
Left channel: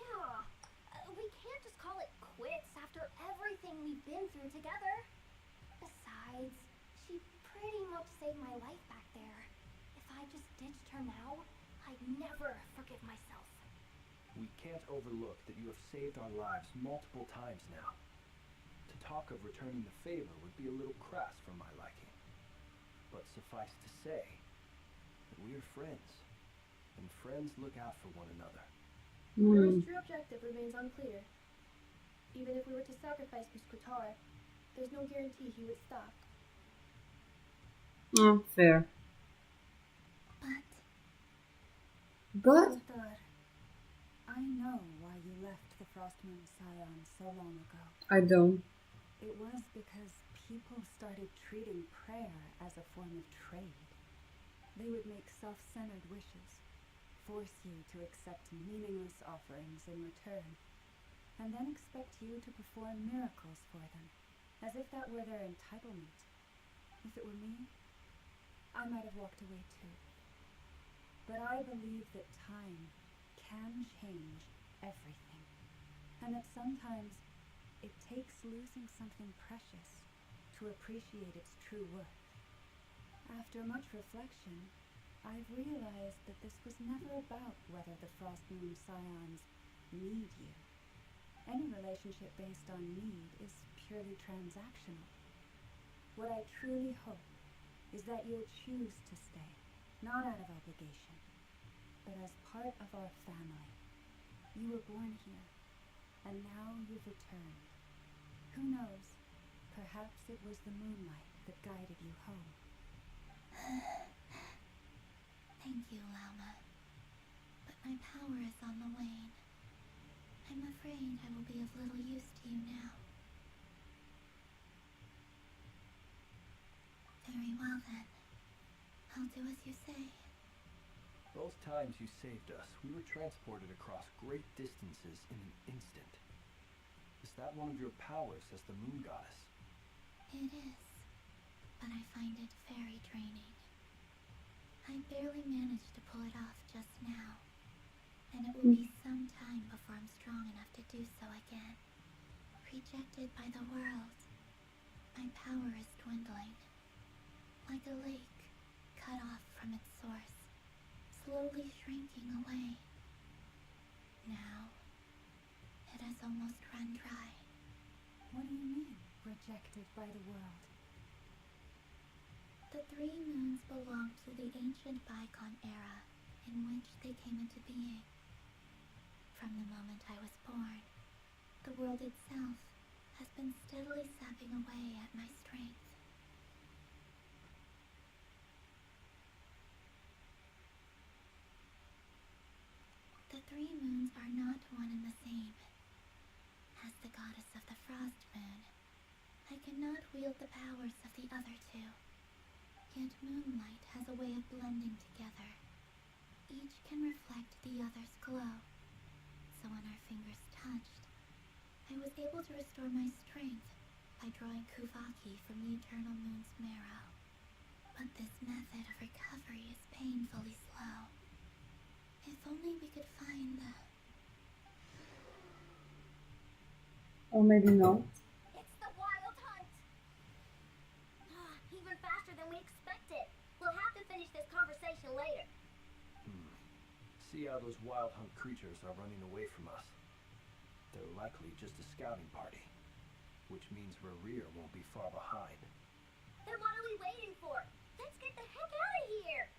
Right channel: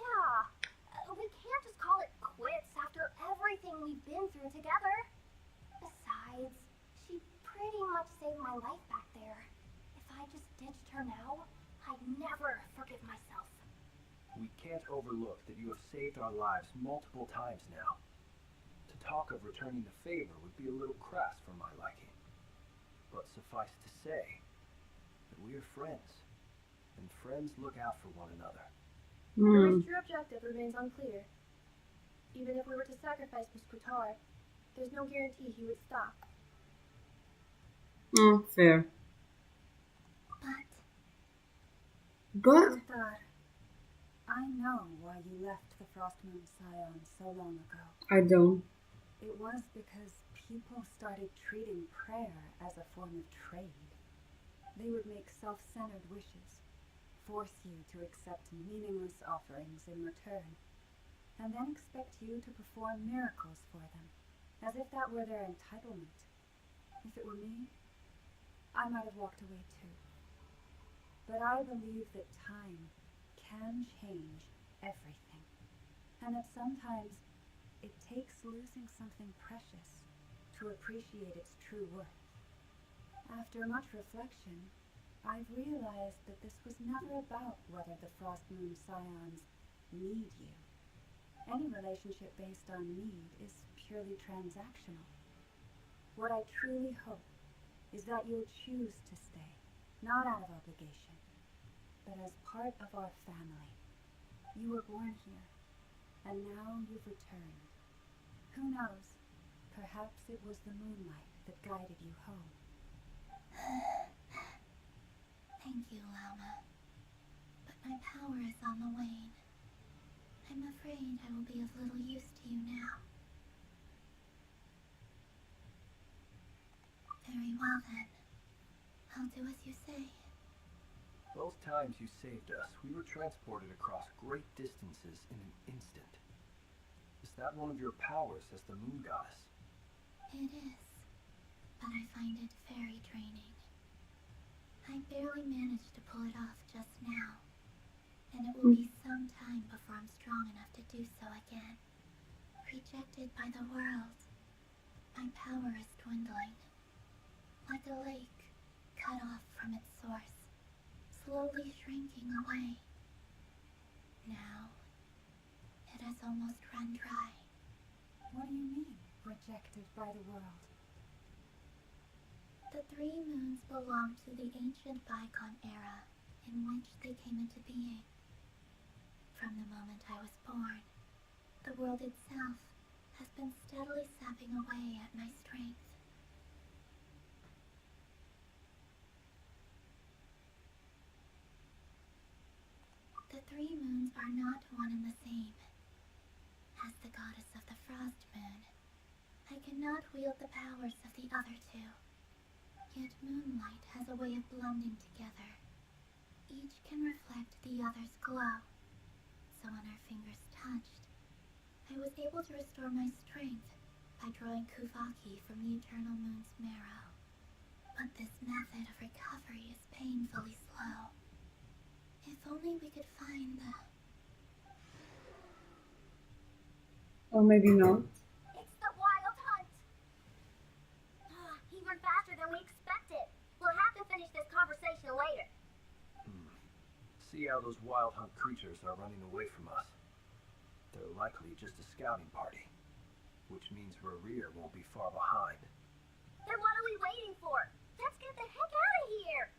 Yeah, we can't just call it quits after everything we've been through together. Besides, she pretty much saved my life back there. If I just ditched her now, I'd never forgive myself. We can't overlook that you have saved our lives multiple times now. To talk of returning the favor would be a little crass for my liking. But suffice to say that we are friends, and friends look out for one another. Your true objective remains unclear. Even if we were to sacrifice Muskutar, there's no guarantee he would stop. Fair. But Lothar, I know why you left the Frostmoon Scion so long ago. I don't. It was because people started treating prayer as a form of trade. They would make self-centered wishes, force you to accept meaningless offerings in return, and then expect you to perform miracles for them, as if that were their entitlement. If it were me, I might have walked away too. But I believe that time can change everything, and that sometimes it takes losing something precious to appreciate its true worth. After much reflection, I've realized that this was never about whether the Frostmoon Scions need you. Any relationship based on need is purely transactional. What I truly hope is that you'll choose to stay, not out of obligation, but as part of our family. You were born here, and now you've returned. Who knows? Perhaps it was the moonlight that guided you home. Thank you, Lauma. But my power is on the wane. I'm afraid I will be of little use to you now. Very well then. I'll do as you say. Both times you saved us, we were transported across great distances in an instant. Is that one of your powers as the Moon Goddess? It is, but I find it very draining. I barely managed to pull it off just now, and it will be some time before I'm strong enough to do so again. Rejected by the world, my power is dwindling. Like a lake cut off from its source, slowly shrinking away. Now, it has almost run dry. What do you mean, rejected by the world? The three moons belonged to the ancient Bygone era in which they came into being. From the moment I was born, the world itself has been steadily sapping away at my strength. The three moons are not one and the same. As the goddess of the Frost Moon, I cannot wield the powers of the other two. Yet moonlight has a way of blending together. Each can reflect the other's glow. So when our fingers touched, I was able to restore my strength by drawing Kuvaki from the Eternal Moon's marrow. But this method of recovery is painfully slow. If only we could find the... Or maybe not. It's the Wild Hunt! Even faster than we expected. We'll have to finish this conversation later. See how those Wild Hunt creatures are running away from us. They're likely just a scouting party, which means Rerir won't be far behind. Then what are we waiting for? Let's get the heck out of here!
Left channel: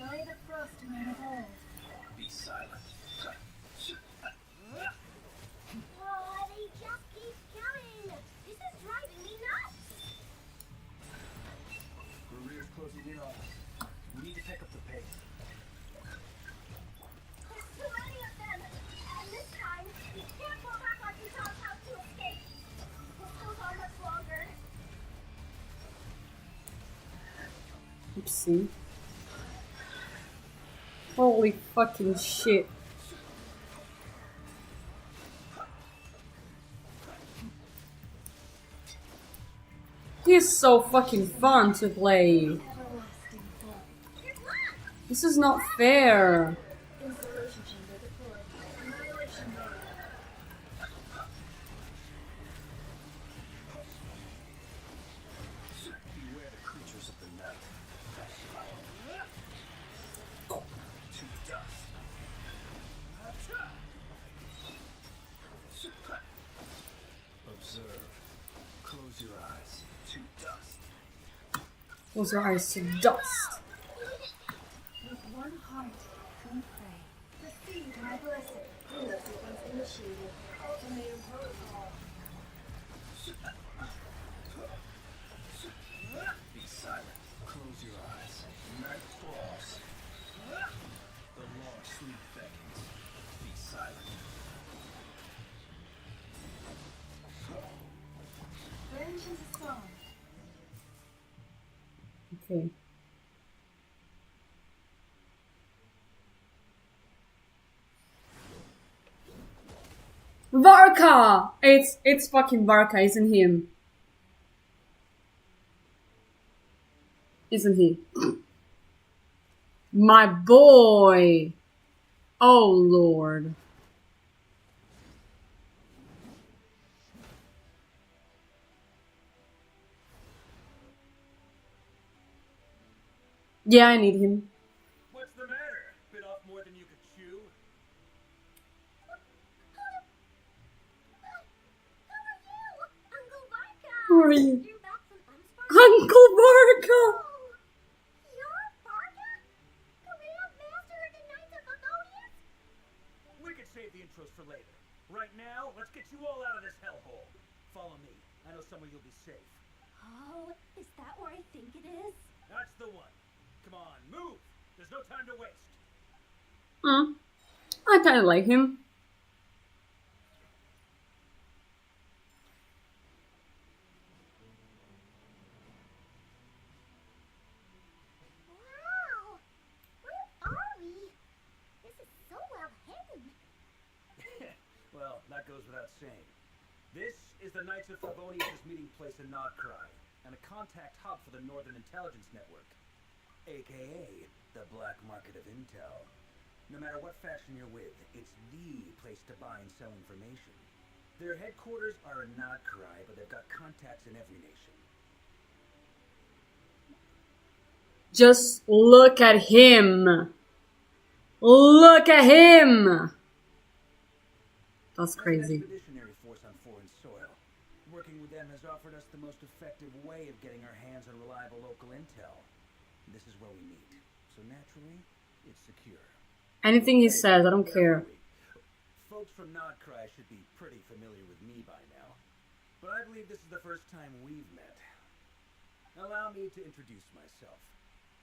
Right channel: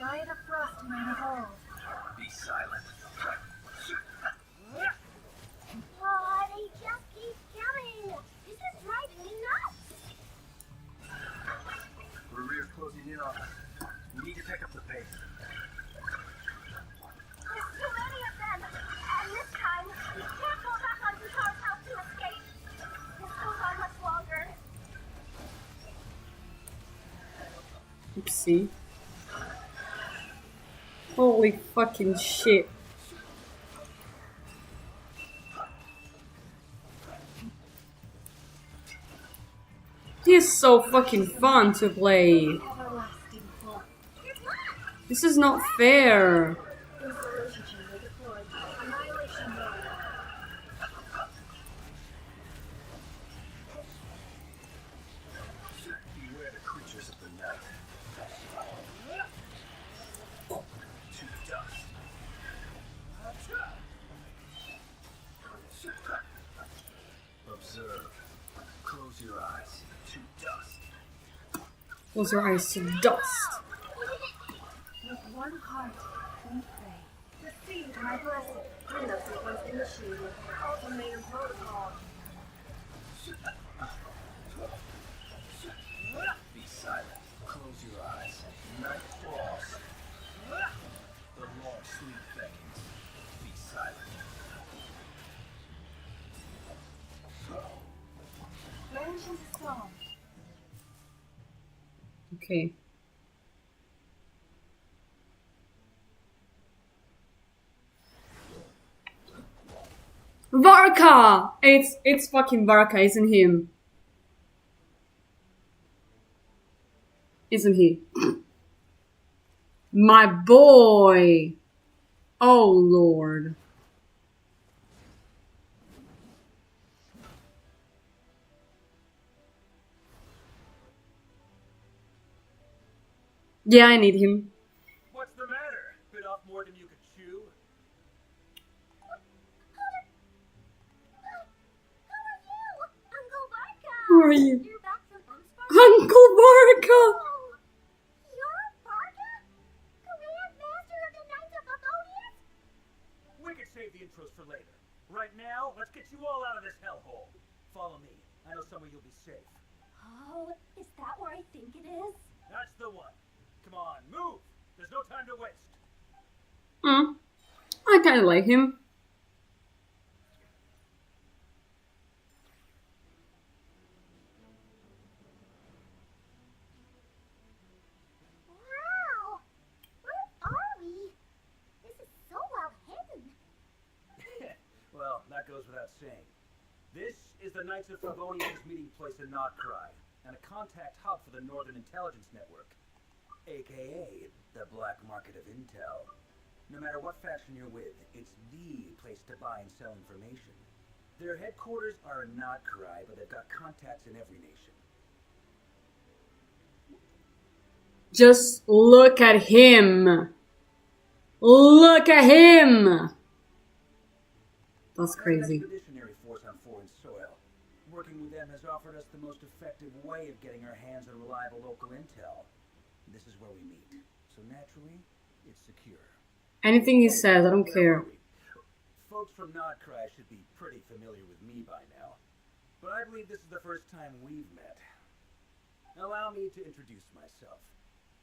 By the Frostmoon of old. Be silent. They just keep coming! This is driving me nuts! Rerir's closing in on us. We need to pick up the pace. There's too many of them! And this time, we can't go back on Kutar's house to escape! This goes on much longer. Oopsie. Holy fucking shit. He's so fucking fun to play. Everlasting form. This is not fair. Installation chamber deployed. Annihilation mode. Beware the creatures of the night. To dust. Observe. Close your eyes. To dust. Close your eyes to dust. With one heart, we pray. Receive my blessing. Window sequence initiated. Ultimatum protocol. Be silent. Close your eyes. Night falls. The long sleep beckons. Be silent. Range into song. Okay. Varka! It's fucking Varka, isn't him? Isn't he? My boy! Oh lord. Yeah, I need him. What's the matter? Bit off more than you could chew? Uncle Varka! Who are you? You're back from Emspark? Uncle Varka! Oh, you're Varka? Grand Master of the Knights of Favonius? We could save the intros for later. Right now, let's get you all out of this hellhole. Follow me. I know somewhere you'll be safe. Oh, is that where I think it is? That's the one. Come on, move. There's no time to waste. I kinda like him. Wow! Where are we? This is so well hidden. Well, that goes without saying. This is the Knights of Favonius' meeting place in Nodcry, and a contact hub for the Northern Intelligence Network, aka the black market of intel. No matter what faction you're with, it's the place to buy and sell information. Their headquarters are in Nodcry, but they've got contacts in every nation. Just look at him. Look at him. That's There's an crazy. expeditionary force on foreign soil. Working with them has offered us the most effective way of getting our hands on reliable local intel. This is where we meet. So naturally, it's secure. Anything he says, I don't care. Folks from Nodcry should be pretty familiar with me by now. But I believe this is the first time we've met. Allow me to introduce myself.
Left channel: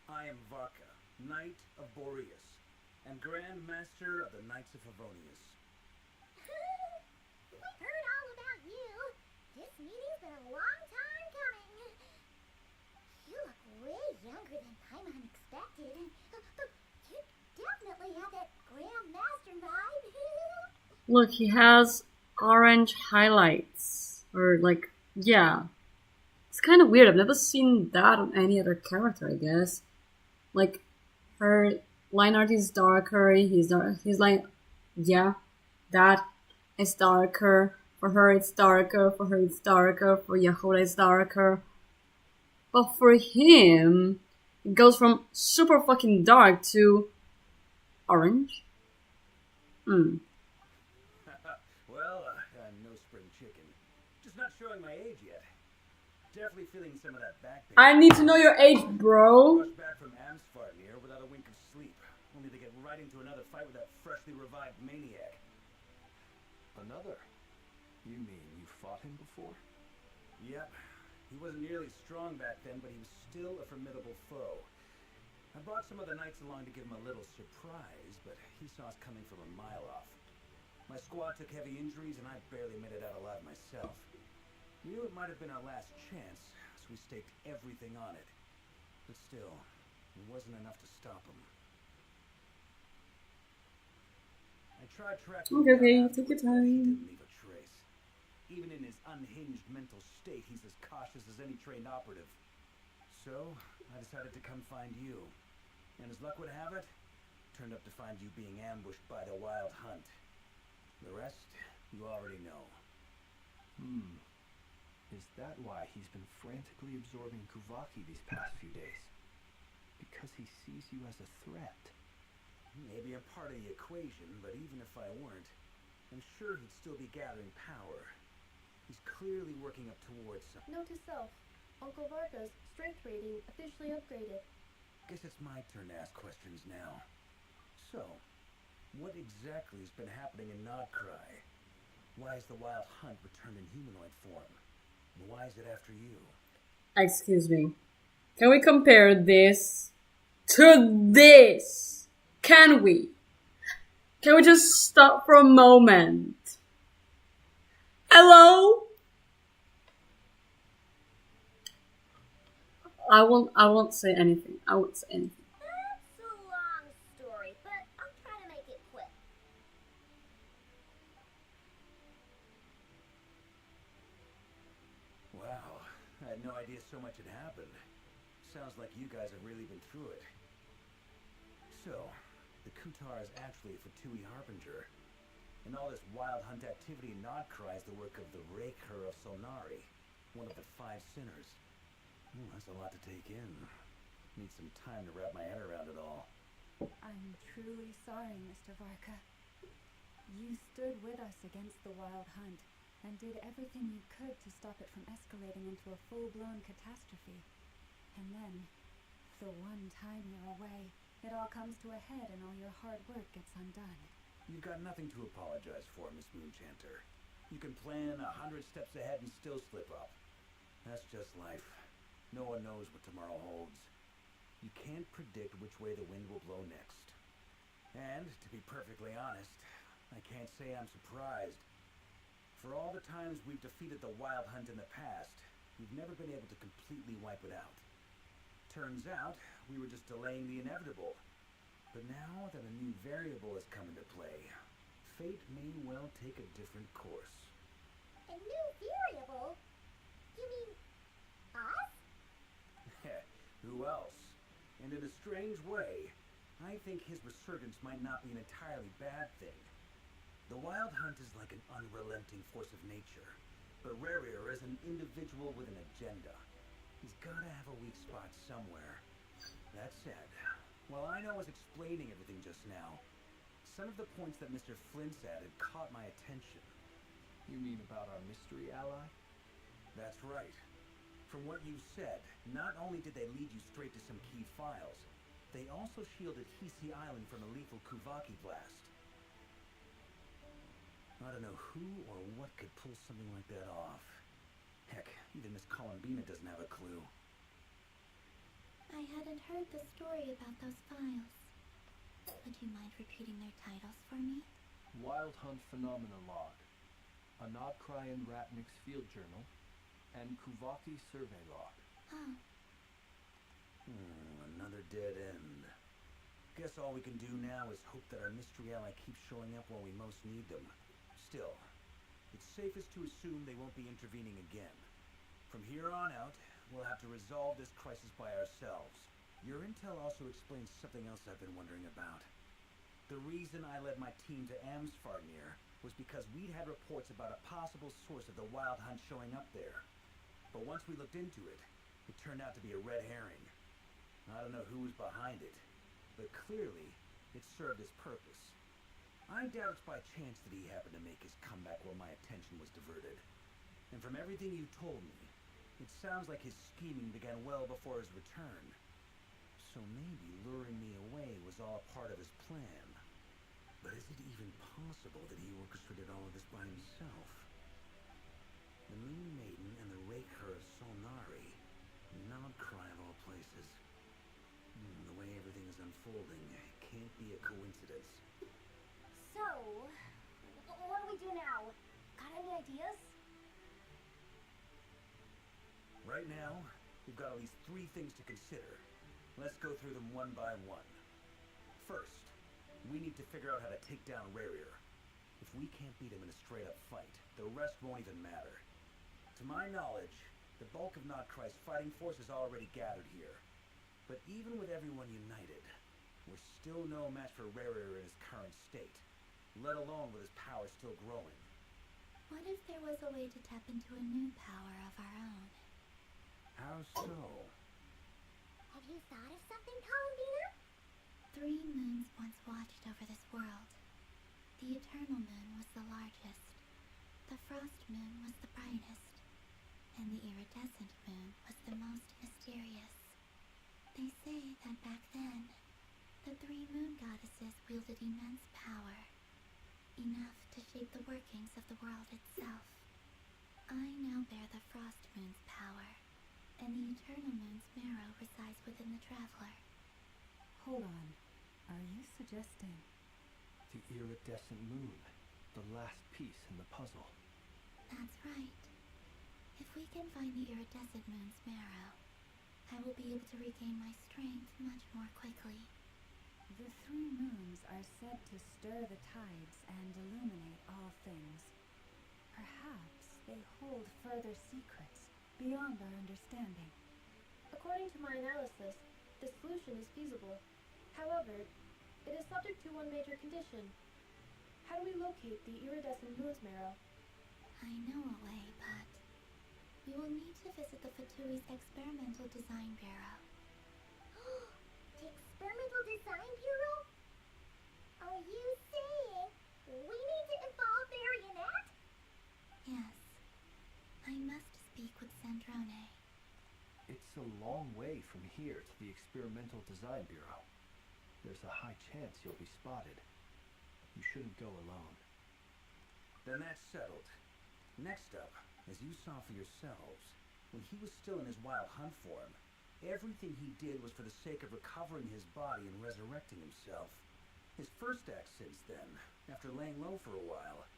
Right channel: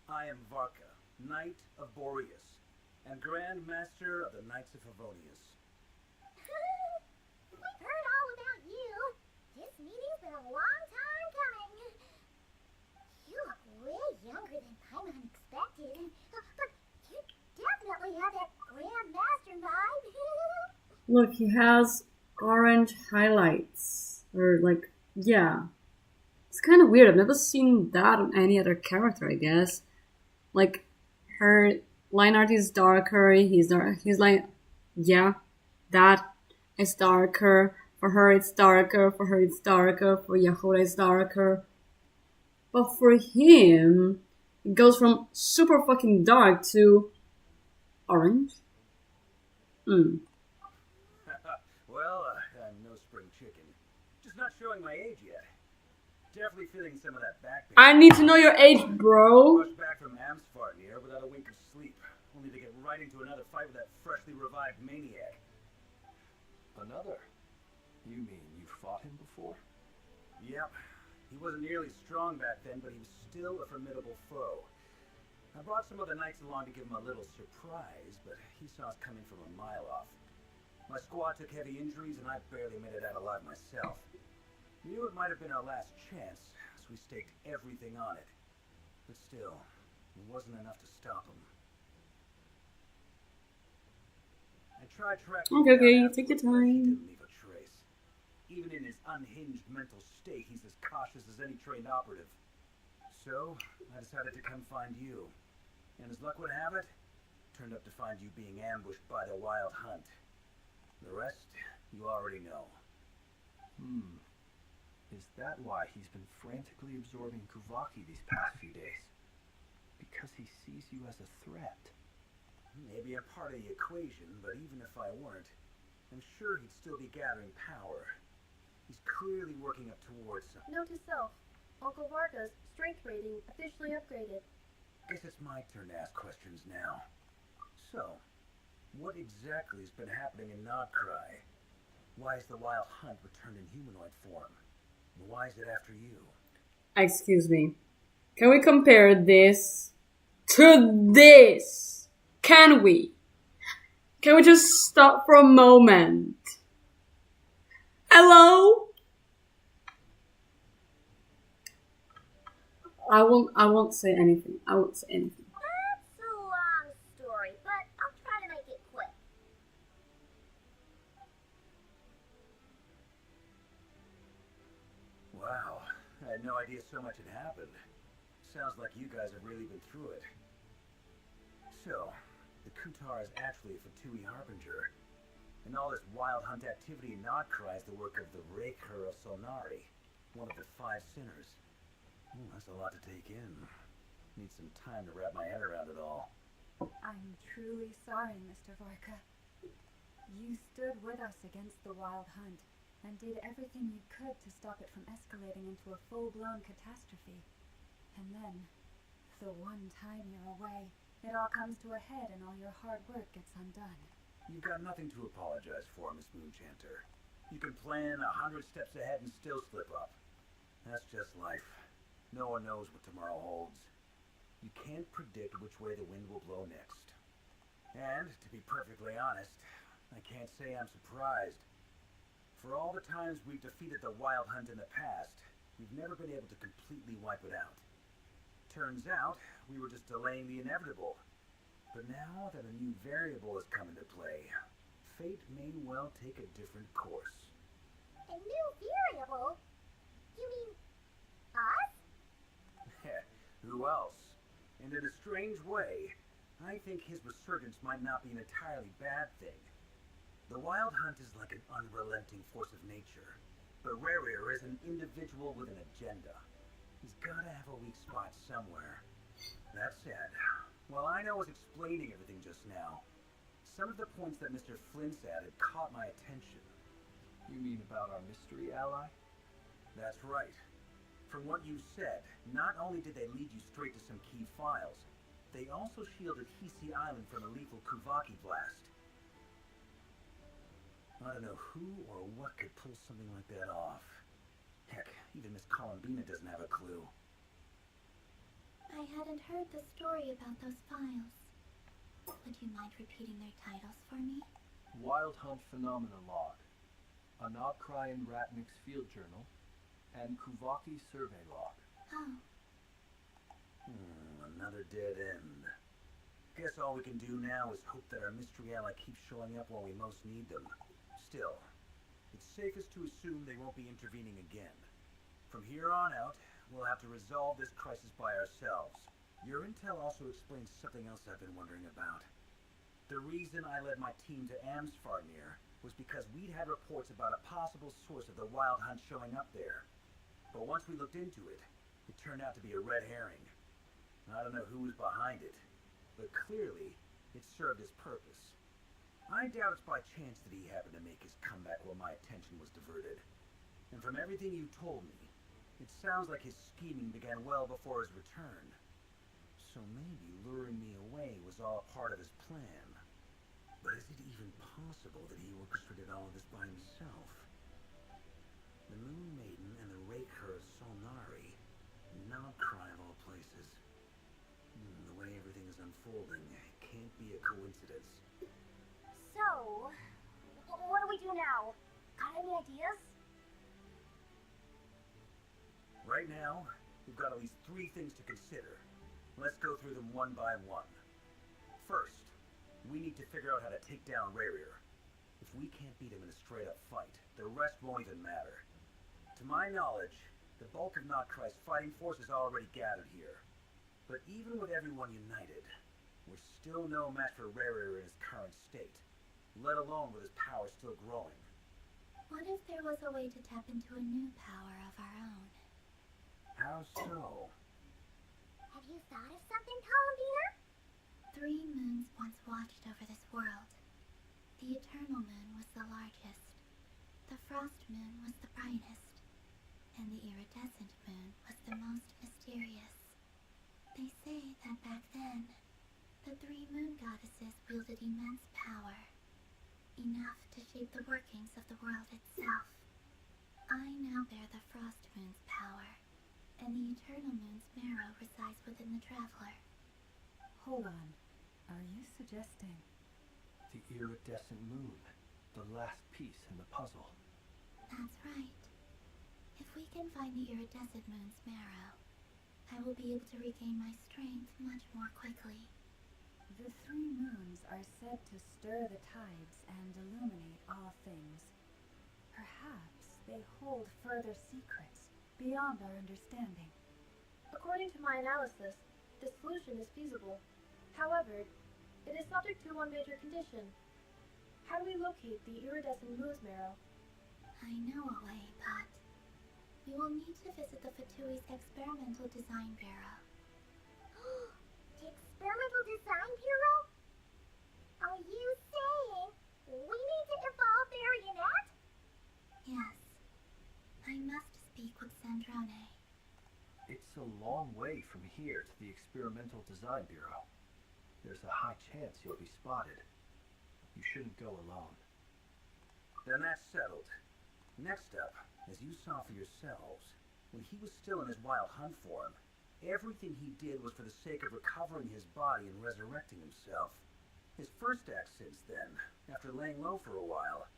I am Varka, Knight of Boreas, and Grand Master of the Knights of Favonius. We've heard all about you. This meeting's been a long time coming. You look way younger than Paimon expected. But you definitely have that Grand Master vibe. Look, he has orange highlights. Or like, yeah. It's kind of weird. I've never seen that on any other character, I guess. Like, her line art is darker. He's like, yeah, that is darker. For her, it's darker. For her, it's darker. For Yahoda, it's darker. But for him, it goes from super fucking dark to orange. Well, I'm no spring chicken. Just not showing my age yet. Definitely feeling some of that back pain. I need to know your age, bro. Rushed back from Amsfarnir without a wink of sleep, only to get right into another fight with that freshly revived maniac. Another? You mean you fought him before? Yep. He wasn't nearly strong back then, but he was still a formidable foe. I brought some other knights along to give him a little surprise, but he saw us coming from a mile off. My squad took heavy injuries, and I barely made it out alive myself. We knew it might have been our last chance, so we staked everything on it. But still, it wasn't enough to stop him. tried tracking Okay, him okay, down take your afterwards, but he time. didn't leave a trace. Even in his unhinged mental state, he's as cautious as any trained operative. So, I decided to come find you. And as luck would have it, turned up to find you being ambushed by the Wild Hunt. The rest, you already know. Is that why he's been frantically absorbing Kuvaki these past few days? Because he sees you as a threat? Maybe I'm part of the equation, but even if I weren't, I'm sure he'd still be gathering power. He's clearly working up towards something. Note to self. Uncle Varga's strength rating officially upgraded. Guess it's my turn to ask questions now. So, what exactly has been happening in Nodcry? Why is the Wild Hunt returned in humanoid form? And why is it after you? Excuse me. Can we compare this to this? Can we? Can we just stop for a moment? Hello? I won't say anything. I won't say anything. That's a long story, but I'll try to make it quick. Wow, I had no idea so much had happened. Sounds like you guys have really been through it. So, the Kutar is actually a Fatui Harbinger. And all this Wild Hunt activity in Nodcry is the work of the Raker of Solnari, one of the 5 sinners. That's a lot to take in. Need some time to wrap my head around it all. I'm truly sorry, Mr. Varka. You stood with us against the Wild Hunt and did everything you could to stop it from escalating into a full-blown catastrophe. And then, the one time you're away, it all comes to a head and all your hard work gets undone. You've got nothing to apologize for, Miss Moonchanter. You can plan 100 steps ahead and still slip up. That's just life. No one knows what tomorrow holds. You can't predict which way the wind will blow next. And, to be perfectly honest, I can't say I'm surprised. For all the times we've defeated the Wild Hunt in the past, we've never been able to completely wipe it out. Turns out, we were just delaying the inevitable. But now that a new variable has come into play, fate may well take a different course. A new variable? You mean us? Who else? And in a strange way, I think his resurgence might not be an entirely bad thing. The Wild Hunt is like an unrelenting force of nature, but Rerir is an individual with an agenda. He's gotta have a weak spot somewhere. That said, while I was explaining everything just now, some of the points that Mr. Flint's added caught my attention. You mean about our mystery ally? That's right. From what you said, not only did they lead you straight to some key files, they also shielded Hisi Island from a lethal Kuvaki blast. I don't know who or what could pull something like that off. Heck, even Miss Columbina doesn't have a clue. I hadn't heard the story about those files. Would you mind repeating their titles for me? Wild Hunt Phenomena Log, a Nodcry and Ratnik's Field Journal, and Kuvaki Survey Log. Oh, Another dead end. Guess all we can do now is hope that our mystery ally keeps showing up when we most need them. Still, it's safest to assume they won't be intervening again. From here on out, we'll have to resolve this crisis by ourselves. Your intel also explains something else I've been wondering about. The reason I led my team to Amsfarnir was because we'd had reports about a possible source of the Wild Hunt showing up there. But once we looked into it, it turned out to be a red herring. I don't know who was behind it, but clearly, it served its purpose. I doubt it's by chance that he happened to make his comeback while my attention was diverted. And from everything you told me, it sounds like his scheming began well before his return. So maybe luring me away was all part of his plan. But is it even possible that he orchestrated all of this by himself? The Moon Maiden and the Raker of Solnari. Nodcry of all places. The way everything is unfolding, it can't be a coincidence. So, what do we do now? Got any ideas? Right now, we've got at least 3 things to consider. Let's go through them one by one. First, We need to figure out how to take down Rarier. If we can't beat him in a straight-up fight, the rest won't even matter. To my knowledge, the bulk of Notcry's fighting force is already gathered here. But even with everyone united, we're still no match for Rarier in his current state, let alone with his power still growing. What if there was a way to tap into a new power of our own? How so? Have you thought of something, Columbina? 3 moons once watched over this world. The Eternal Moon was the largest, the Frost Moon was the brightest, and the Iridescent Moon was the most mysterious. They say that back then, the 3 moon goddesses wielded immense power, enough to shape the workings of the world itself. I now bear the Frost Moon's power, and the Eternal Moon's marrow resides within the Traveler. Hold on. Are you suggesting? The iridescent moon. The last piece in the puzzle. That's right. If we can find the Iridescent Moon's marrow, I will be able to regain my strength much more quickly. The 3 moons are said to stir the tides and illuminate all things. Perhaps they hold further secrets beyond our understanding. According to my analysis, the solution is feasible. However, it is subject to one major condition. How do we locate the iridescent moon's marrow? I know a way, but we will need to visit the Fatui's Experimental Design Bureau. The Experimental Design Bureau? Are you saying we need to evolve Marionette? Yes. I must speak with Sandrone. It's a long way from here to the Experimental Design Bureau. There's a high chance you'll be spotted. You shouldn't go alone. Then that's settled. Next up, as you saw for yourselves, when he was still in his wild hunt form, everything he did was for the sake of recovering his body and resurrecting himself. His first act since then, after laying low for a while,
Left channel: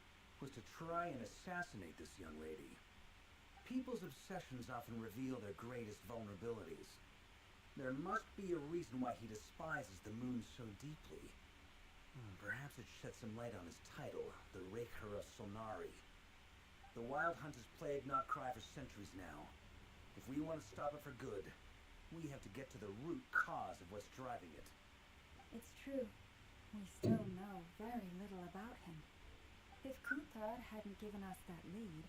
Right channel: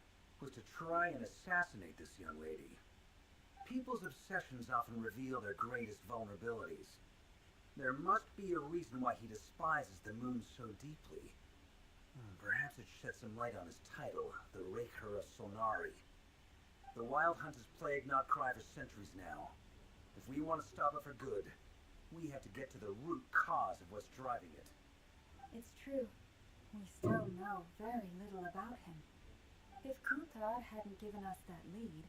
was to try and assassinate this young lady. People's obsessions often reveal their greatest vulnerabilities. There must be a reason why he despises the moon so deeply. Perhaps it sheds some light on his title, the Raker of Solnari. The Wild Hunt has plagued Notcry for centuries now. If we want to stop it for good, we have to get to the root cause of what's driving it. It's true. We still know very little about him. If Kunthar hadn't given us that lead,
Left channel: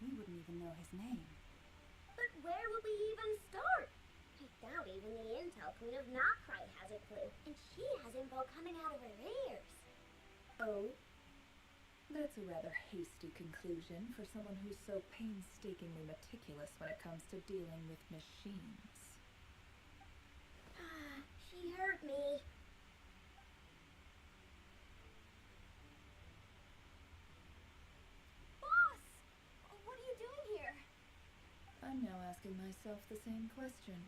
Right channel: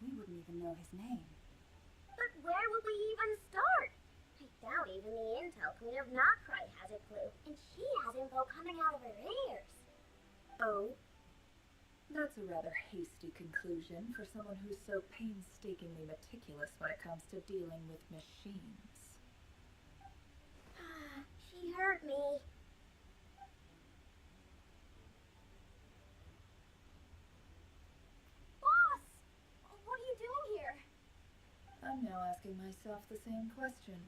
we wouldn't even know his name. But where would we even start? I doubt even the Intel Queen of Notcry has a clue, and she has info coming out of her ears. Oh? That's a rather hasty conclusion for someone who's so painstakingly meticulous when it comes to dealing with machines. She hurt me. Boss! What are you doing here? I'm now asking myself the same question.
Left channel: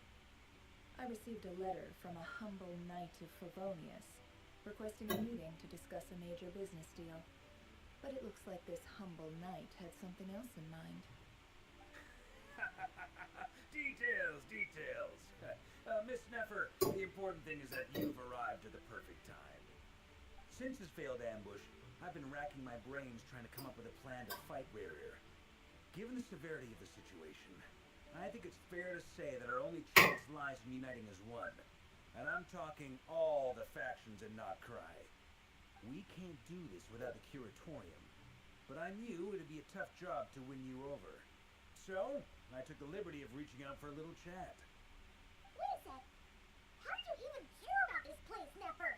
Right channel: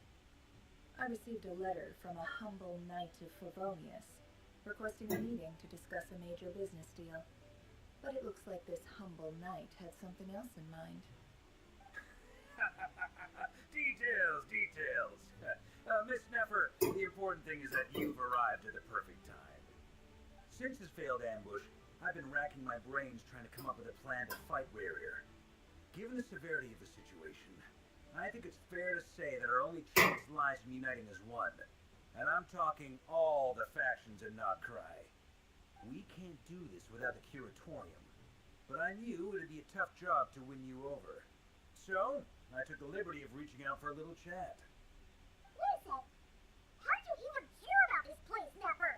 I received a letter from a humble knight of Favonius, requesting a meeting to discuss a major business deal. But it looks like this humble knight had something else in mind. Details! Miss Neffer, the important thing is that you've arrived at the perfect time. Since his failed ambush, I've been racking my brains trying to come up with a plan to fight Rarier. Given the severity of the situation, I think it's fair to say that our only chance lies in uniting as one. And I'm talking all the factions in Notcry. We can't do this without the Curatorium, but I knew it'd be a tough job to win you over. So, I took the liberty of reaching out for a little chat. Wait a sec. How did you even hear about this place, Neffer?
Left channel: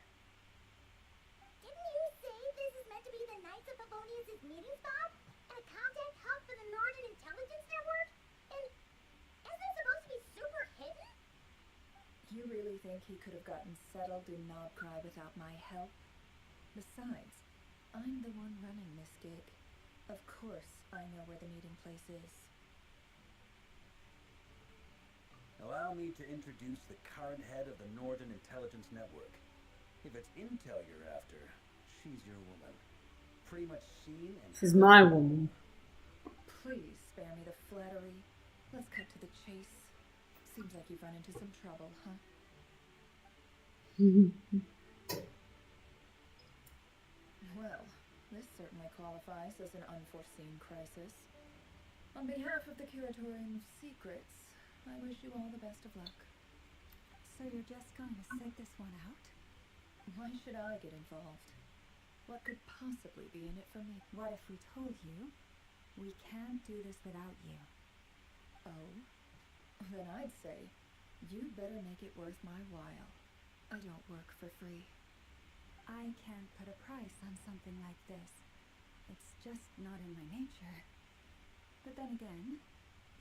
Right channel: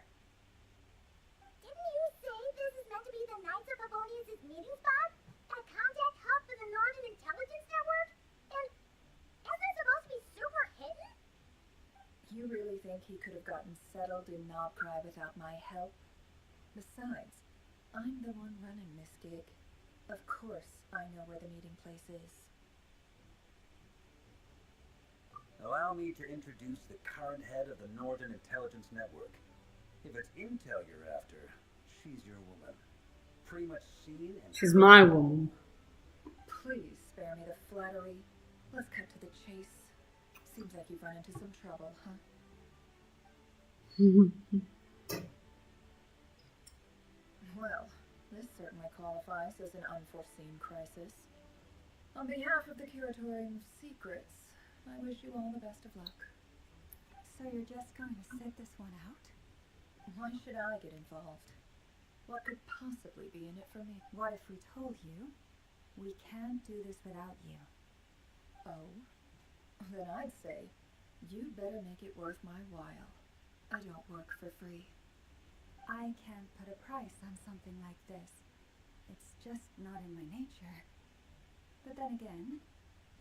Didn't you say this is meant to be the Knights of Favonius' meeting spot? A contact hub for the Northern Intelligence Network? And isn't it supposed to be super hidden? You really think he could have gotten settled in Notcry without my help? Besides, I'm the one running this gig. Of course I know where the meeting place is. Allow me to introduce the current head of the Northern Intelligence Network. If it's intel you're after, she's your woman. Pretty much seen and... She's my woman. Please spare me the flattery. Let's cut to the chase. Seems like you've run into some trouble, huh? qualifies as an unforeseen crisis. On behalf of the Curatorium of Secrets, I wish you all the best of luck. So you're just going to sit this one out? Why should I get involved? What could possibly be in it for me? What if we told you we can't do this without you? Oh? Then I'd say, you'd better make it worth my while. I don't work for free. I can't put a price on something like this. It's just not in my nature. But then again,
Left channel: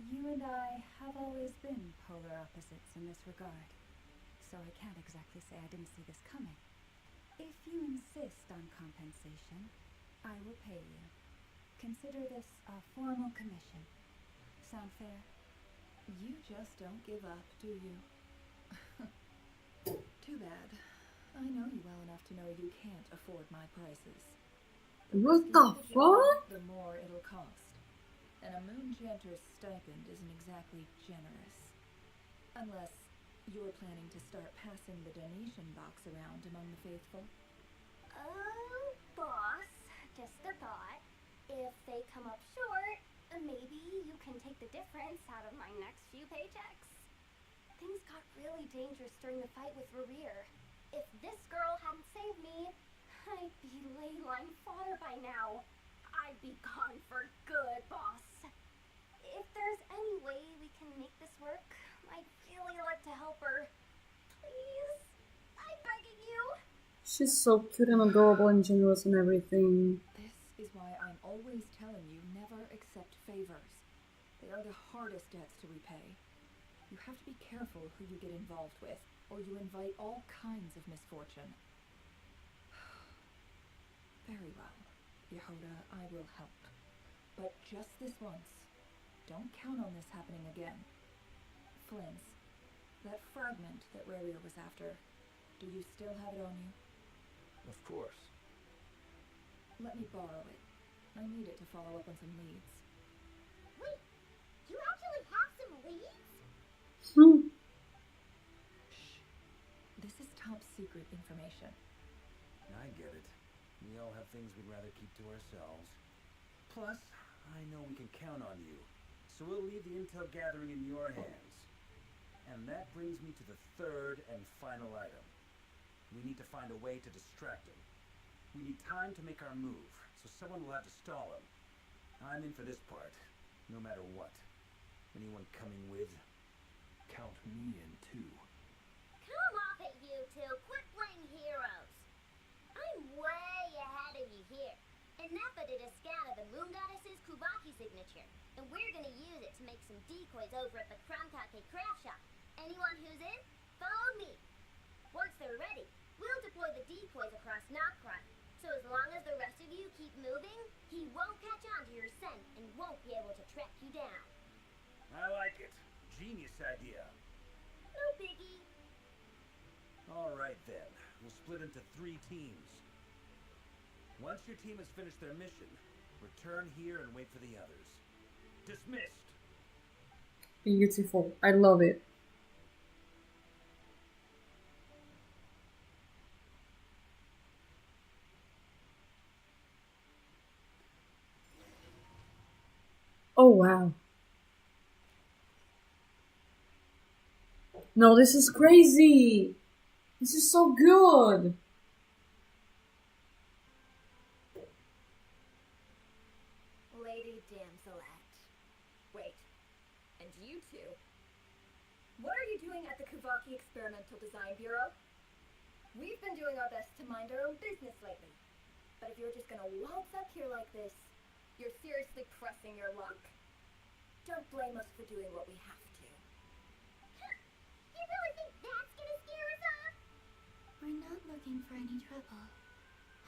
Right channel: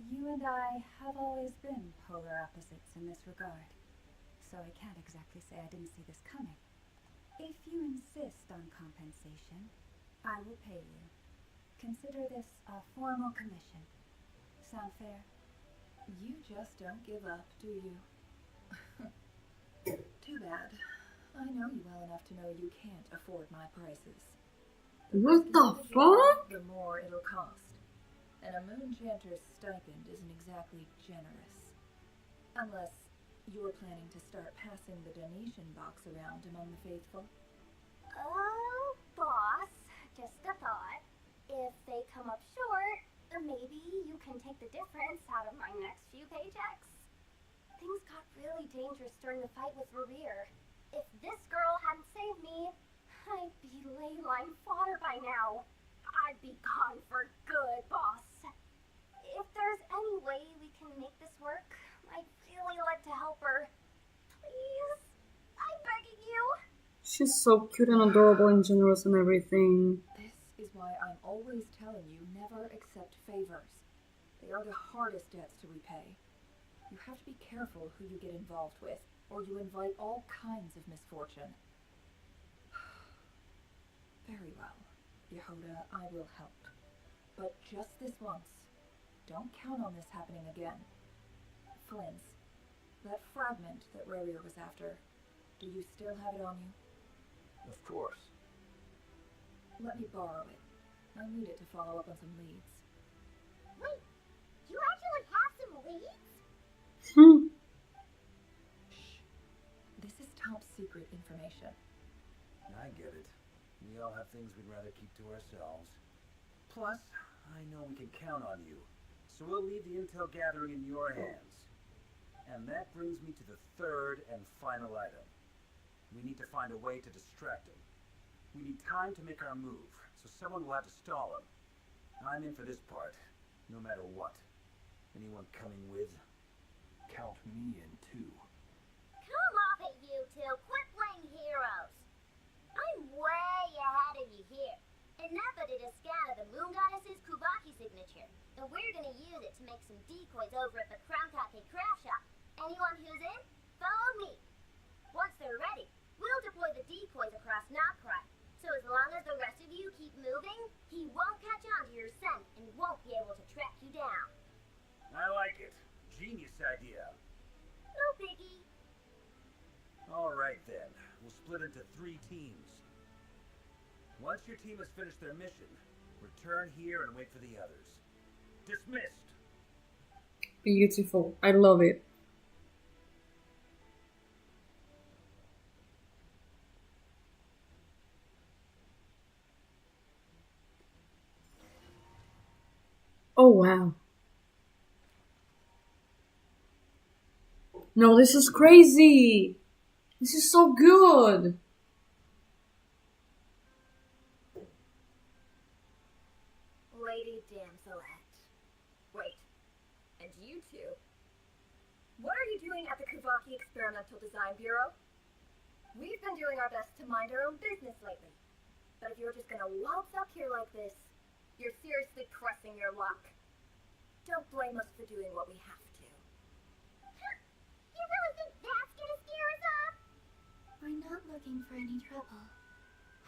you and I have always been polar opposites in this regard. So I can't exactly say I didn't see this coming. If you insist on compensation, I will pay you. Consider this a formal commission. Sound fair? You just don't give up, do you? Too bad. I know you well enough to know you can't afford my prices. What the fuck? The more it'll cost. And a Moonchanter's stipend isn't exactly generous. Unless you're planning to start passing the donation box around among the faithful. Oh, boss, just a thought. If they come up short, maybe you can take the difference out of my next few paychecks. Things got really dangerous during the fight with Rerir. If this girl hadn't saved me, I'd be ley line fodder by now. I'd be gone for good, boss. If there's any way we can make this work, I'd really like to help her. Please? I'm begging you. She's so cute and adorable and generous and everything. This is why I'm always telling you never accept favors. They are the hardest debts to repay. You have to be careful who you get involved with, or you invite all kinds of misfortune. Very well, Yehoda, I will help. But just this once. Don't count on this happening again. Flins, that fragment that Rerir was after, do you still have it on you? Of course. Let me borrow it. I need it to follow up on some leads. Wait, you actually have some leads? Shh. This is top secret information. I get it. We all have things we'd rather keep to ourselves. Plus, I know we can count on you. So we'll leave the intel gathering in your hands. And that brings me to the third and final item. We need to find a way to distract him. We need time to make our move, so someone will have to stall him. I'm in for this part, no matter what. Anyone coming with? Count me in too. Come off it, you two. Quit playing heroes. I'm way ahead of you here. And Nappa did a scan of the Moon Goddess's Kuvaki signature, and we're gonna use it to make some decoys over at the Crown-Kake craft shop. Anyone who's in, follow me. Once they're ready, we'll deploy the decoys across Nokrai. So as long as the rest of you keep moving, he won't catch on to your scent and won't be able to track you down. I like it. Genius idea. No biggie. All right then. We'll split into 3 teams. Once your team has finished their mission, return here and wait for the others. Dismissed. Beautiful. I love it. Oh, wow. No, this is crazy. This is so good. Lady Damselette. Wait, and you two? What are you doing at the Kuvaki Experimental Design Bureau? We've been doing our best to mind our own business lately. But if you're just gonna waltz up here like this, you're seriously pressing your luck. Don't blame us for doing what we have to. You really think that's gonna scare us off? We're not looking for any trouble.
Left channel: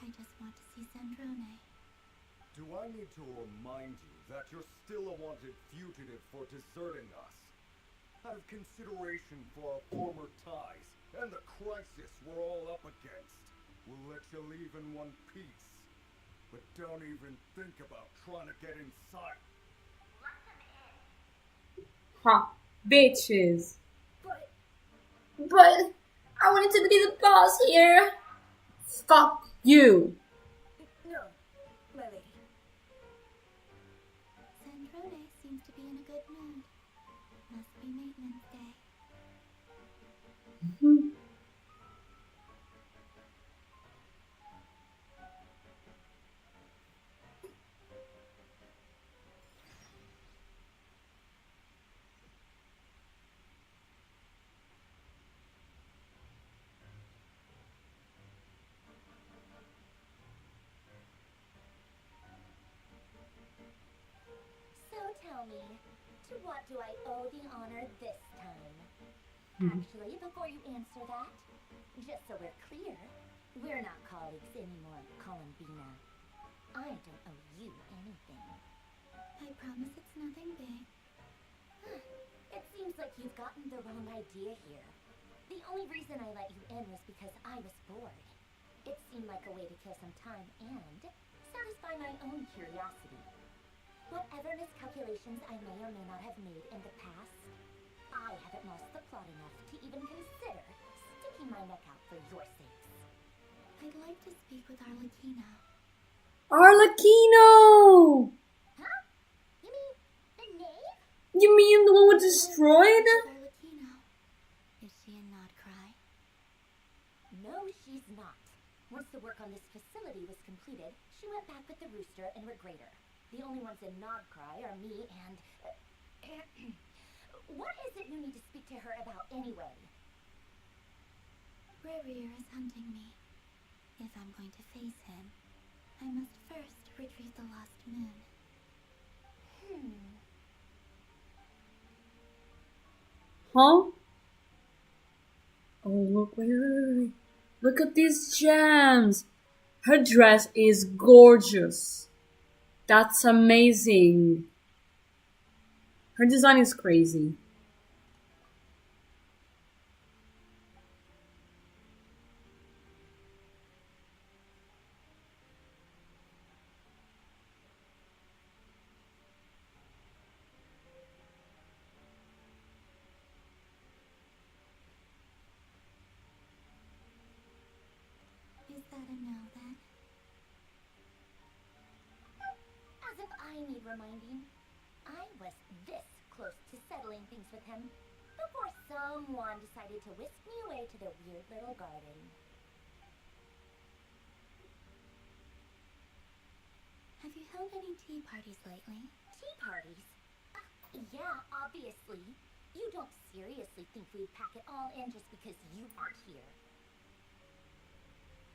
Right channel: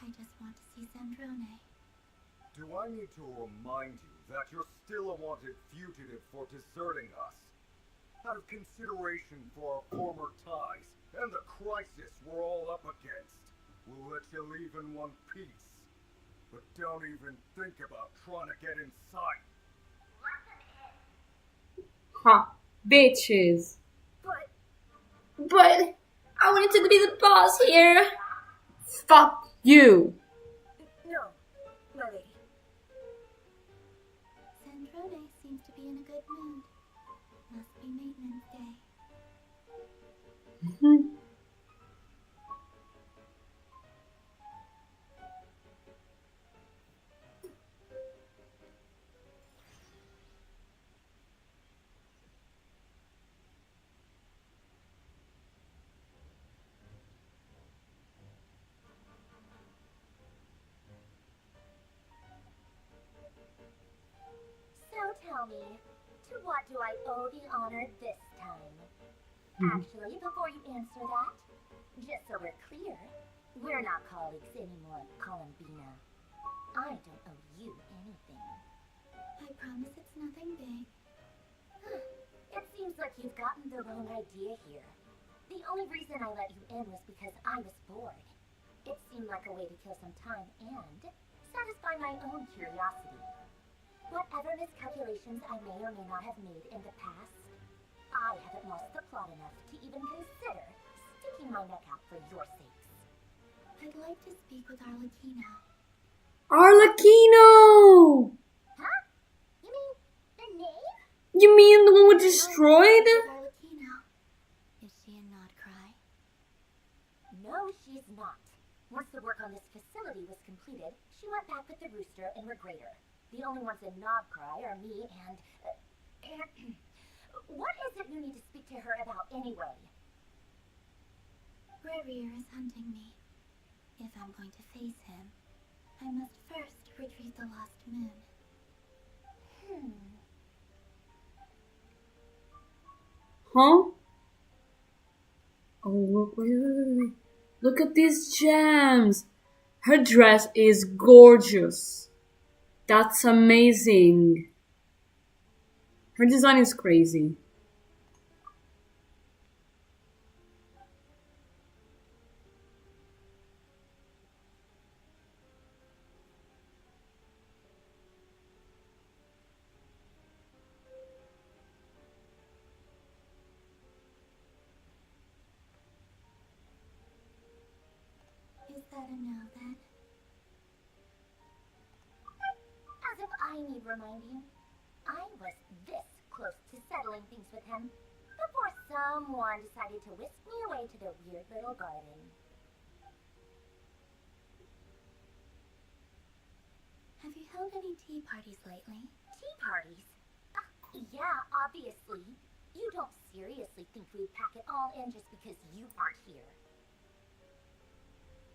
I just want to see Sandrone. Do I need to remind you that you're still a wanted fugitive for deserting us? Out of consideration for our former ties and the crisis we're all up against, we'll let you leave in one piece. But don't even think about trying to get inside. Let them in. Ha. Bitches. But I wanted to be the boss here. Fuck you. no, my lady. So tell me, to what do I owe the honor this time? Actually, before you answer that, just so we're clear, we're not colleagues anymore, Columbina. I don't owe you anything. I promise it's nothing big. It seems like you've gotten the wrong idea here. The only reason I let you in was because I was bored. It seemed like a way to kill some time and satisfy my own curiosity. Whatever miscalculations I may or may not have made in the past, I haven't lost the plot enough to even consider sticking my neck out for your sakes. I'd like to speak with Arlecchino. Arlecchino! Huh? You mean the name? You mean the one we destroyed? Arlecchino. Is she in Nodcry? No, she's not. Once the work on this facility was completed, she went back with the Rooster and Regrator. The only ones in Nodcry are me and... what is it you need to speak to her about anyway? Rerir is hunting me. If I'm going to face him, I must first retrieve the lost moon. Huh? Oh, look, wait. Look at these gems. Her dress is gorgeous. That's amazing. Her design is crazy. Is that a no, then? As if I need reminding. I was this close to settling things with him before someone decided to whisk me away to their weird little garden. Have you held any tea parties lately? Tea parties? Yeah, obviously. You don't seriously think we'd pack it all in just because you aren't here.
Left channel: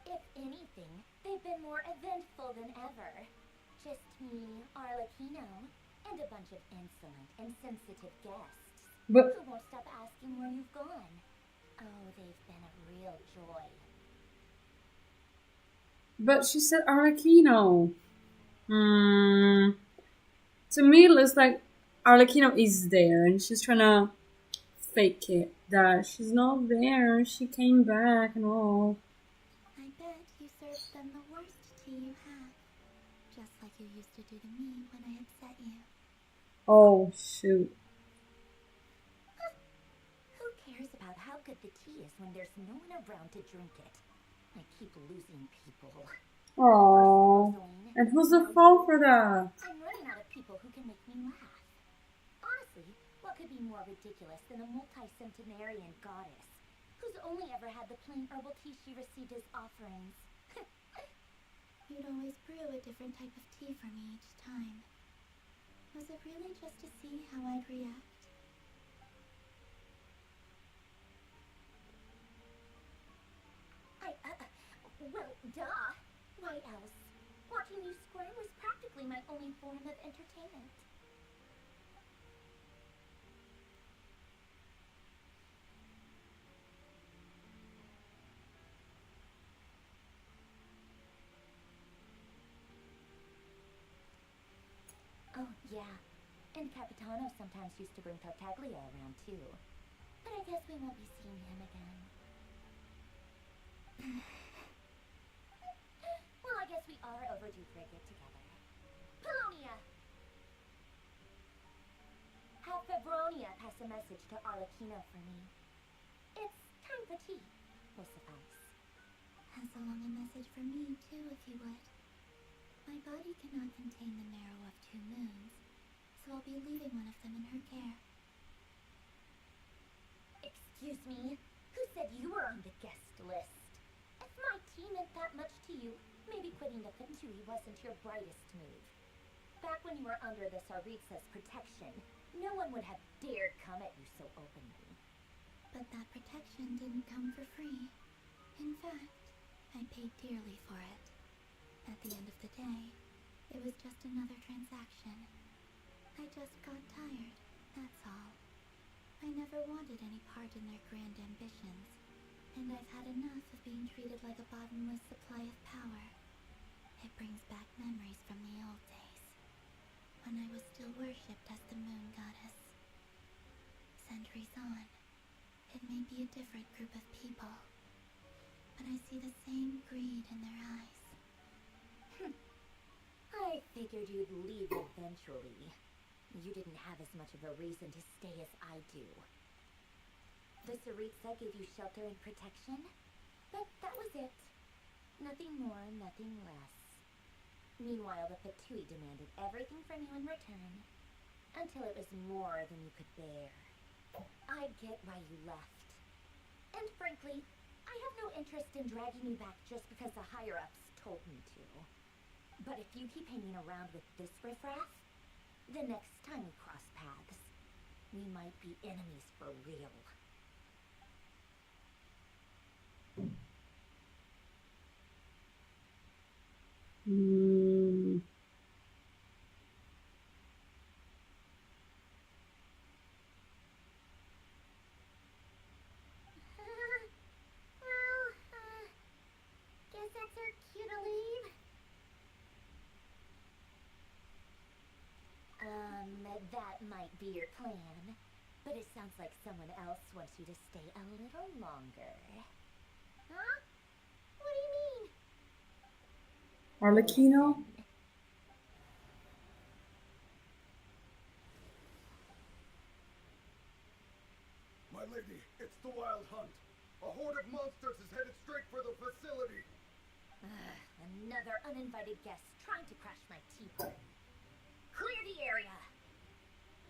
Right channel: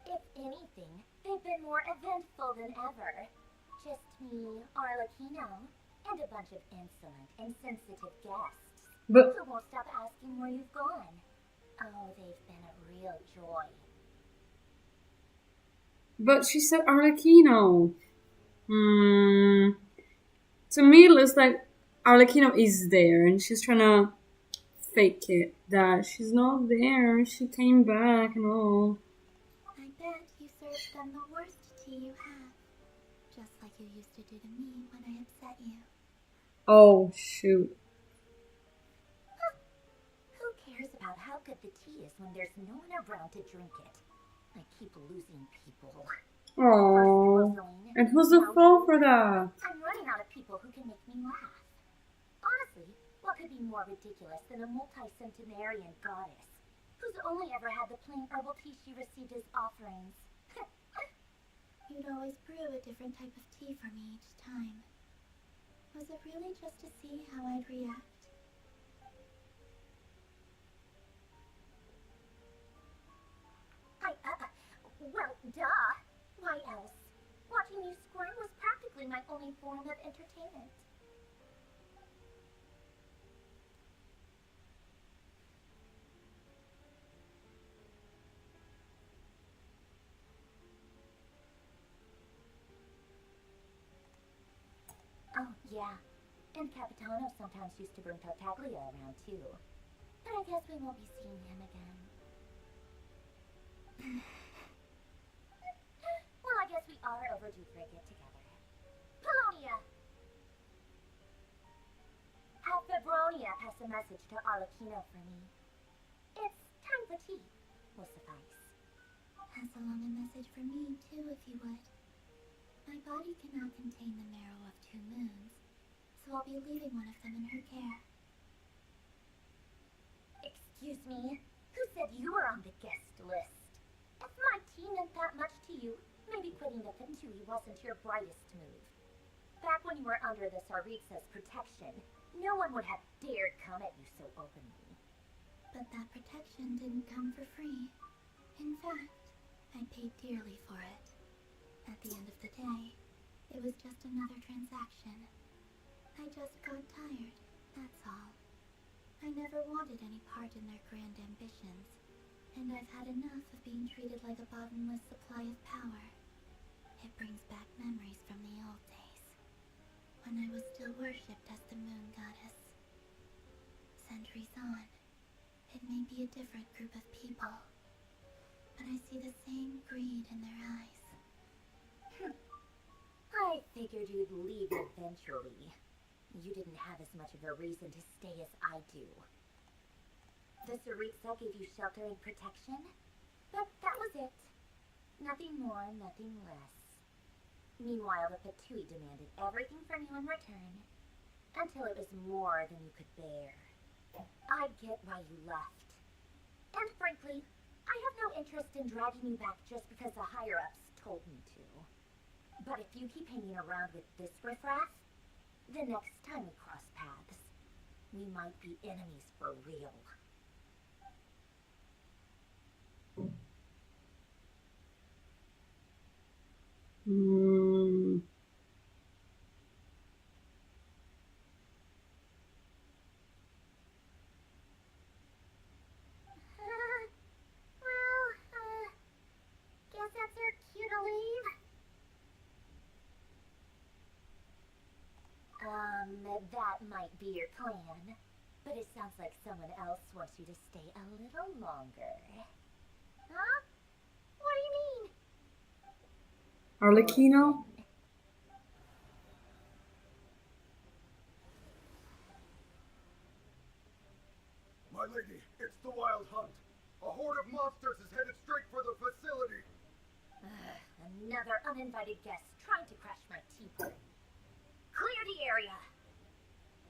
If anything, they've been more eventful than ever. Just me, Arlecchino, and a bunch of insolent and sensitive guests But who won't stop asking where you've gone. Oh, they've been a real joy. but she said Arlecchino. To me, it looks like Arlecchino is there, and she's trying to fake it that she's not there. She came back and all. I bet you served them the worst tea you have. Just like you used to do to me when I upset you. Oh shoot! Who cares about how good the tea is when there's no one around to drink it? I keep losing people. Oh, and who's the fault for that? I'm running out of people who can make me laugh. Honestly, what could be more ridiculous than a multi-centenarian goddess who's only ever had the plain herbal tea she received as offerings? You'd always brew a different type of tea for me each time. Was it really just to see how I'd react? Well, duh. Why else? Watching you squirm was practically my only form of entertainment. Oh, yeah. And Capitano sometimes used to bring Tartaglia around, too. But I guess we won't be seeing him again. Well, I guess we are overdue for a get-together. Polonia! Have Febronia pass a message to Arlecchino for me. It's time for tea. Will suffice. Pass along a message for me, too, if you would. My body cannot contain the marrow of 2 moons, so I'll be leaving one of them in her care. Excuse me? Who said you were on the guest list? If my tea meant that much to you, maybe quitting the Fatui wasn't your brightest move. Back when you were under the Tsaritsa's protection, no one would have dared come at you so openly. But that protection didn't come for free. In fact, I paid dearly for it. At the end of the day, it was just another transaction. I just got tired, that's all. I never wanted any part in their grand ambitions, and I've had enough of being treated like a bottomless supply of power. It brings back memories from the old days, when I was still worshipped as the moon goddess. Centuries on, it may be a different group of people, but I see the same greed in their eyes. I figured you'd leave eventually. You didn't have as much of a reason to stay as I do. The Tsaritsa gave you shelter and protection, but that was it. Nothing more, nothing less. Meanwhile, the Fatui demanded everything from you in return, until it was more than you could bear. I get why you left. And frankly, I have no interest in dragging you back just because the higher-ups told me to. But if you keep hanging around with this riffraff, the next time we cross paths, we might be enemies for real. Guess that's our cue to leave. That might be your plan, but it sounds like someone else wants you to stay a little longer. Huh? What do you mean? Arlecchino? My lady, it's the Wild Hunt. A horde of monsters is headed straight for the facility. Another uninvited guest trying to crash my tea party. Clear the area.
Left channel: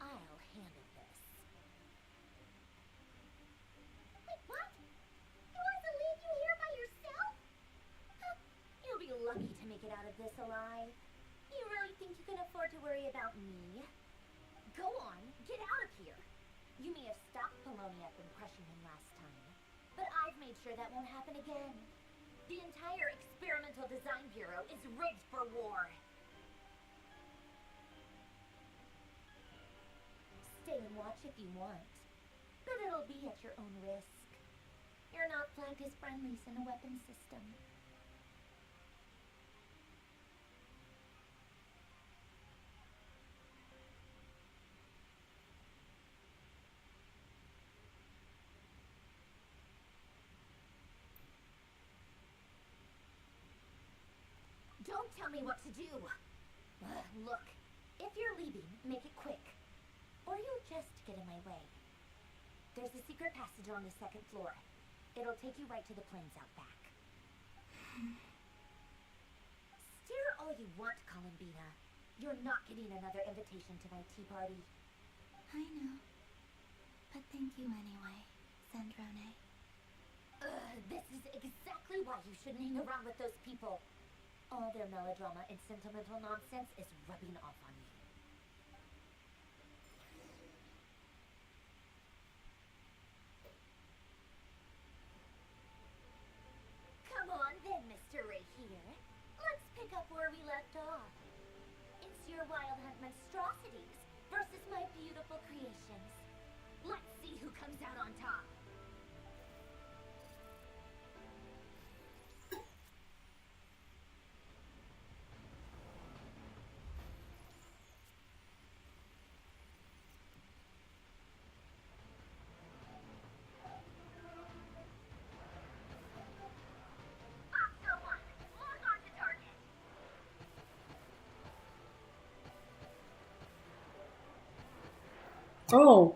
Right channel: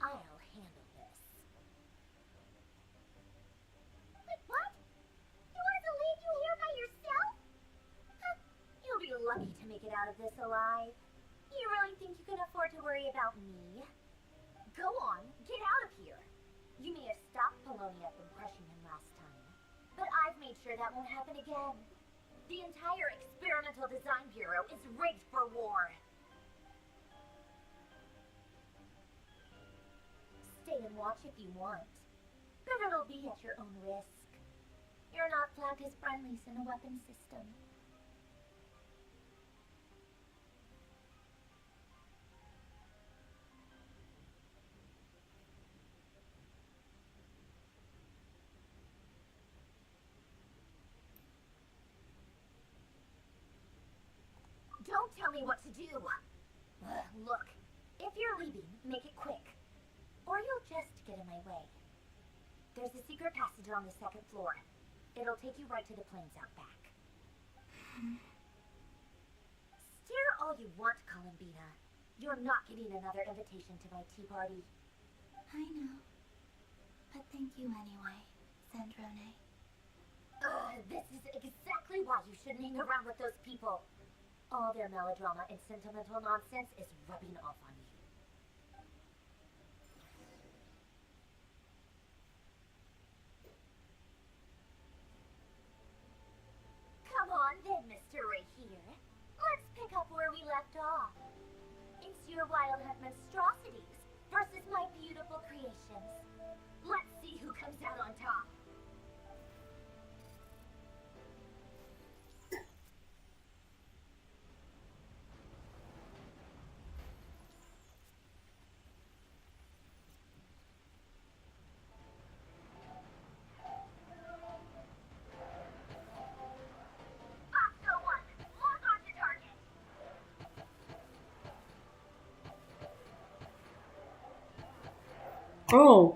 I'll handle this. Wait, what? You wanted to leave you here by yourself? Huh, you'll be lucky to make it out of this alive. You really think you can afford to worry about me? Go on, get out of here. You may have stopped Polonia from crushing him last time, but I've made sure that won't happen again. The entire Experimental Design Bureau is rigged for war. Stay and watch if you want, but it'll be at your own risk. You're not flagged as friendlies in a weapon system. Don't tell me what to do! Look, if you're leaving, make it quick. Or you'll just get in my way. There's a secret passage on the second floor. It'll take you right to the plains out back. Stare all you want, Columbina. You're not getting another invitation to my tea party. I know. But thank you anyway, Sandrone. This is exactly why you shouldn't hang around with those people. All their melodrama and sentimental nonsense is rubbing off on you. Come on then, Mr. Right here. Let's pick up where we left off. It's your Wild Hunt monstrosities versus my beautiful creations. Let's see who comes out on top. Oh.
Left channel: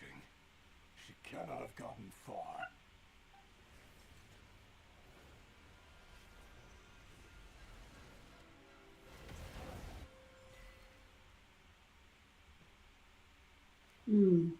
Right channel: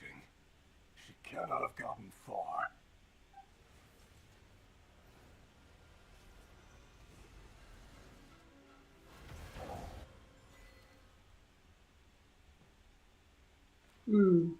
reaching. She cannot have gotten far. Hmm.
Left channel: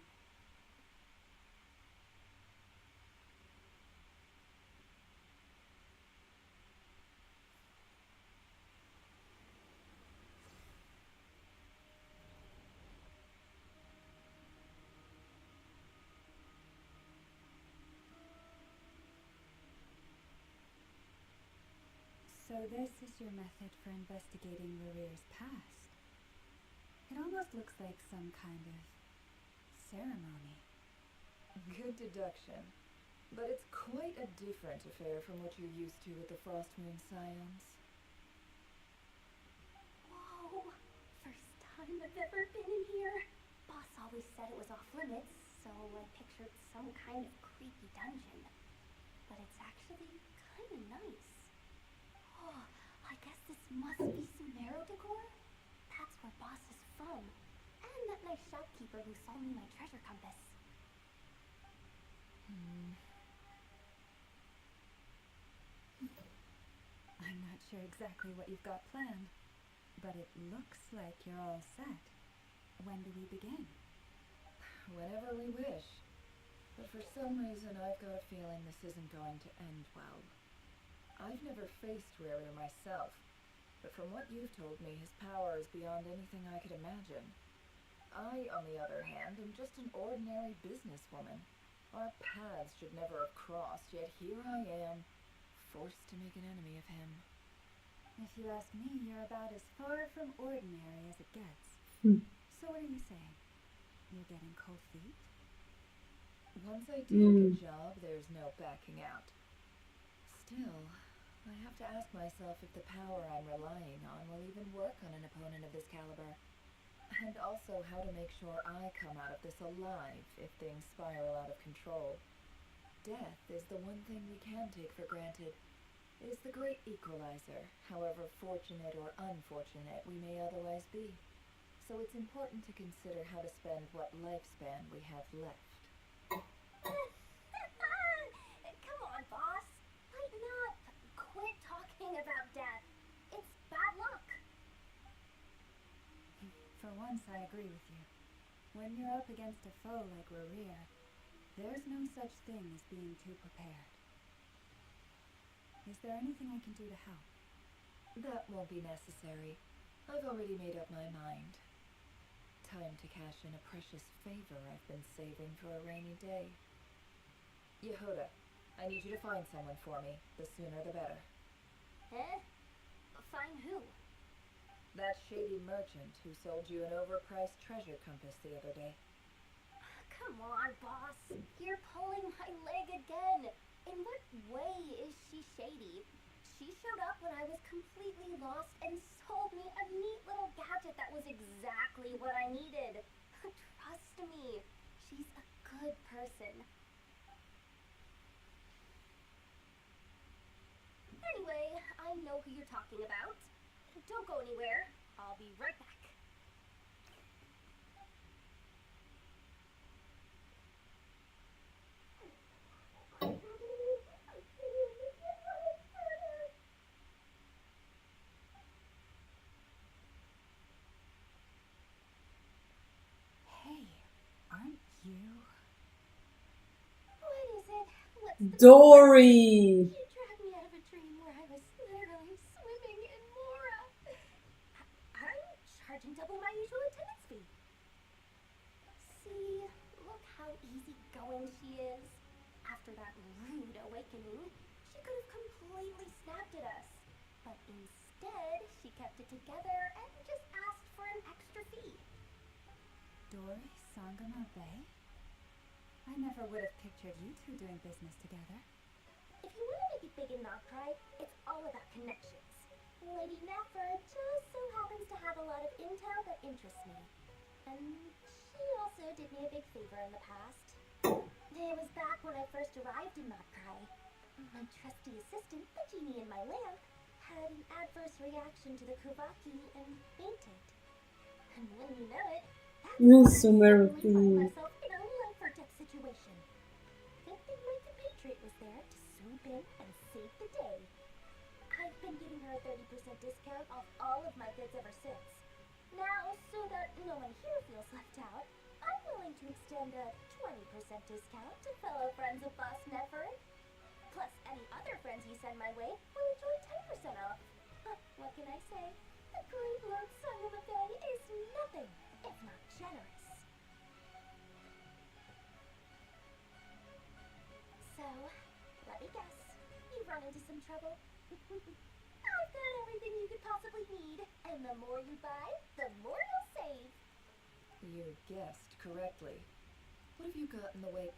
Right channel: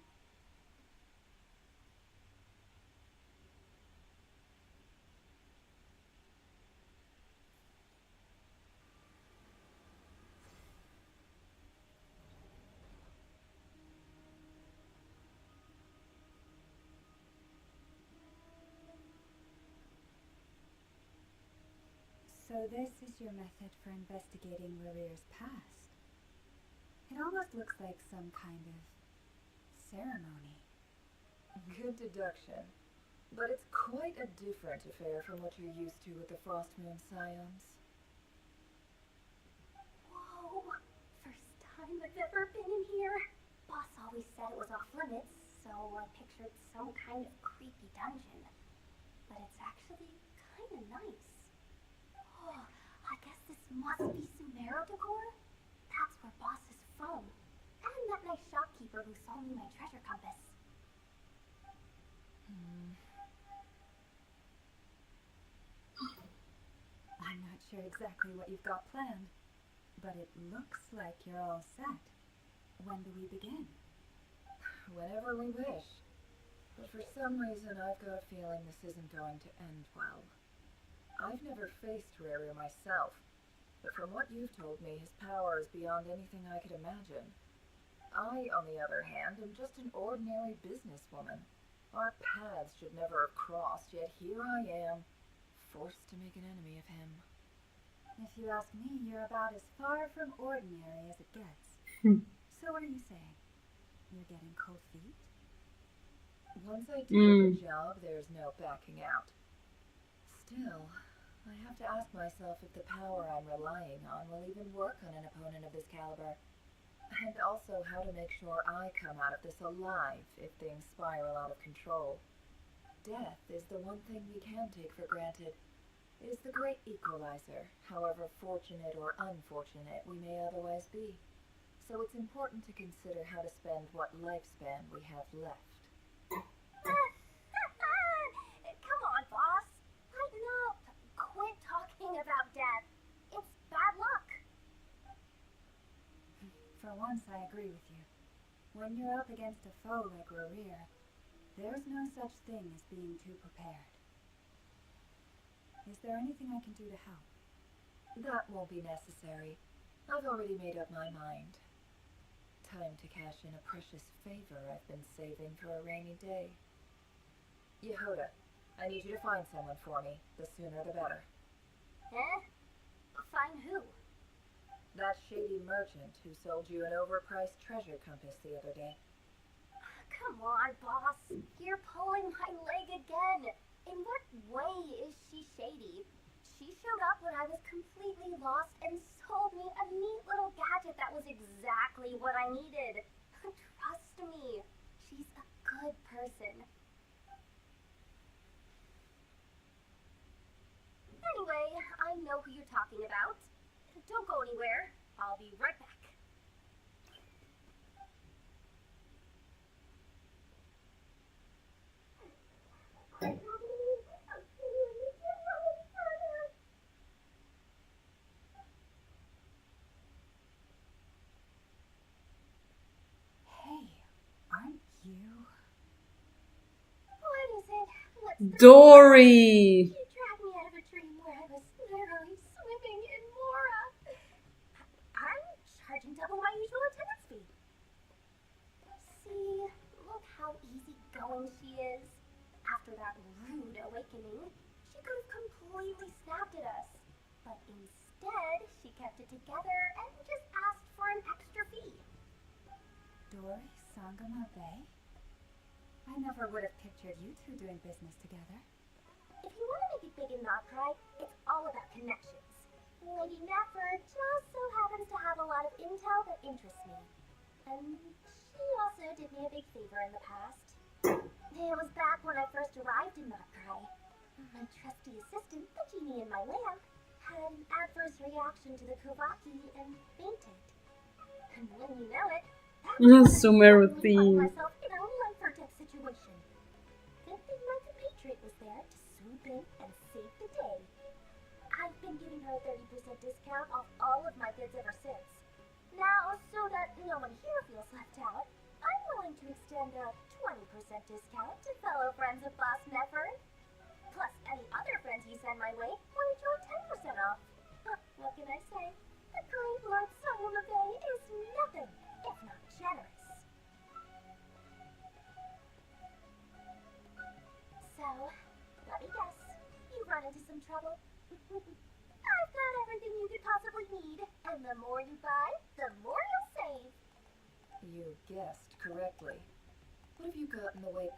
So this is your method for investigating Rarir's past. It almost looks like some kind of ceremony. Good deduction. But it's quite a different affair from what you're used to with the Frostmoon Scions. Whoa! First time I've ever been in here. Boss always said it was off limits, so I pictured some kind of creepy dungeon. But it's actually kind of nice. Oh, I guess this must be Sumero decor? That's where Boss is from. And that nice shopkeeper who sold me my treasure compass. I'm not sure exactly what you've got planned, but it looks like you're all set. When do we begin? Whenever we wish. But for some reason, I've got a feeling this isn't going to end well. I've never faced Rarir myself, but from what you've told me, his power is beyond anything I could imagine. I, on the other hand, am just an ordinary businesswoman. Our paths should never have crossed, yet here I am, forced to make an enemy of him. If you ask me, you're about as far from ordinary as it gets. So what are you saying? You're getting cold feet? Once I do the job, there's no backing out. Still, I have to ask myself if the power I'm relying on will even work on an opponent of this caliber. And also how to make sure I come out of this alive if things spiral out of control. Death is the one thing we can take for granted. It is the great equalizer, however fortunate or unfortunate we may otherwise be. So it's important to consider how to spend what lifespan we have left. Come on, boss. Lighten up. Quit talking about death. It's bad luck. For once, I agree with you. When you're up against a foe like Rarir, there's no such thing as being too prepared. Is there anything I can do to help? That won't be necessary. I've already made up my mind. Time to cash in a precious favor I've been saving for a rainy day. Yehoda, I need you to find someone for me. The sooner the better. Eh? Find who? That shady merchant who sold you an overpriced treasure compass the other day. Come on, boss. You're pulling my leg again. In what way is she shady? She showed up when I was completely lost and sold me a neat little gadget that was exactly what I needed. Trust me, she's a good person. Anyway, I know who you're talking about. Don't go anywhere. I'll be right back. Hey, aren't you? What is it? What's the Dory! You dragged me out of a dream where I was literally swimming in Mora. I'm charging double my usual attendance fee. See, look how easygoing she is. After that rude awakening, she could have completely snapped at us. But instead, she kept it together and just asked for an extra fee. Dory Sangama Bay? I never would have pictured you two doing business together. If you want to make it big in Notcry, it's all about connections. Lady Nefer just so happens to have a lot of intel that interests me. And she also did me a big favor in the past. It was back when I first arrived in Notcry. My trusty assistant, the genie in my lamp, had an adverse reaction to the Kuvaki and fainted. And when you know it, that's when I Sumero suddenly find theme. myself in a life situation. Good thing my compatriot was there to swoop in and save the day. I've been giving her a 30% discount off all of my goods ever since. Now, so that no one here feels left out, I'm willing to extend a 20% discount to fellow friends of Boss Nefer. Plus, any other friends you send my way will enjoy 10% off. What can I say? The great Lord Sayuma Bay is nothing if not generous. So, let me guess. You've run into some trouble? I've got everything you could possibly need, and the more you buy, the more you'll save. You guessed correctly. What have you got in the way?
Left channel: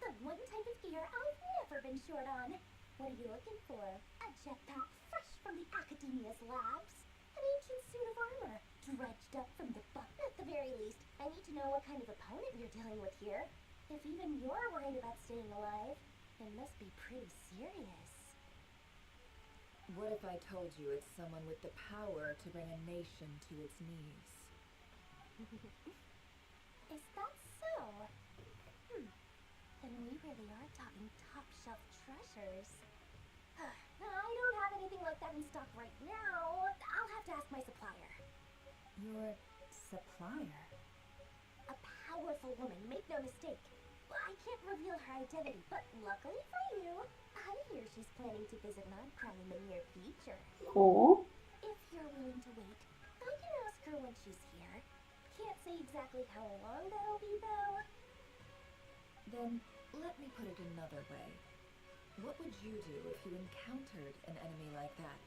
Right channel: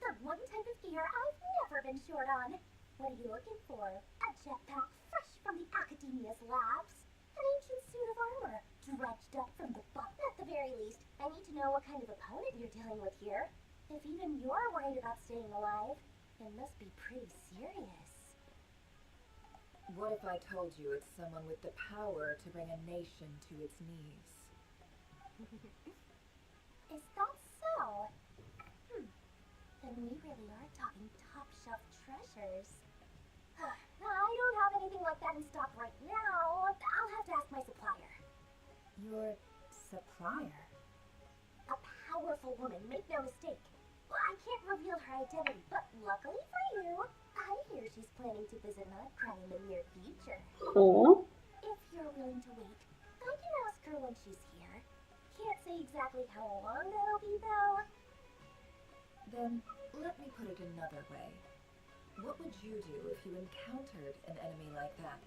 The one type of gear I've never been short on. What are you looking for? A jetpack fresh from the Academia's labs? An ancient suit of armor, dredged up from the bottom? At the very least, I need to know what kind of opponent you're dealing with here. If even you're worried about staying alive, it must be pretty serious. What if I told you it's someone with the power to bring a nation to its knees? Is that so? Then we really are talking top-shelf treasures. I don't have anything like that in stock right now. I'll have to ask my supplier. Your supplier? A powerful woman, make no mistake. I can't reveal her identity, but luckily for you, I hear she's planning to visit Nightcry in the near future. Oh. If you're willing to wait, I can ask her when she's here. Can't say exactly how long that'll be, though. Then, let me put it another way. What would you do if you encountered an enemy like that?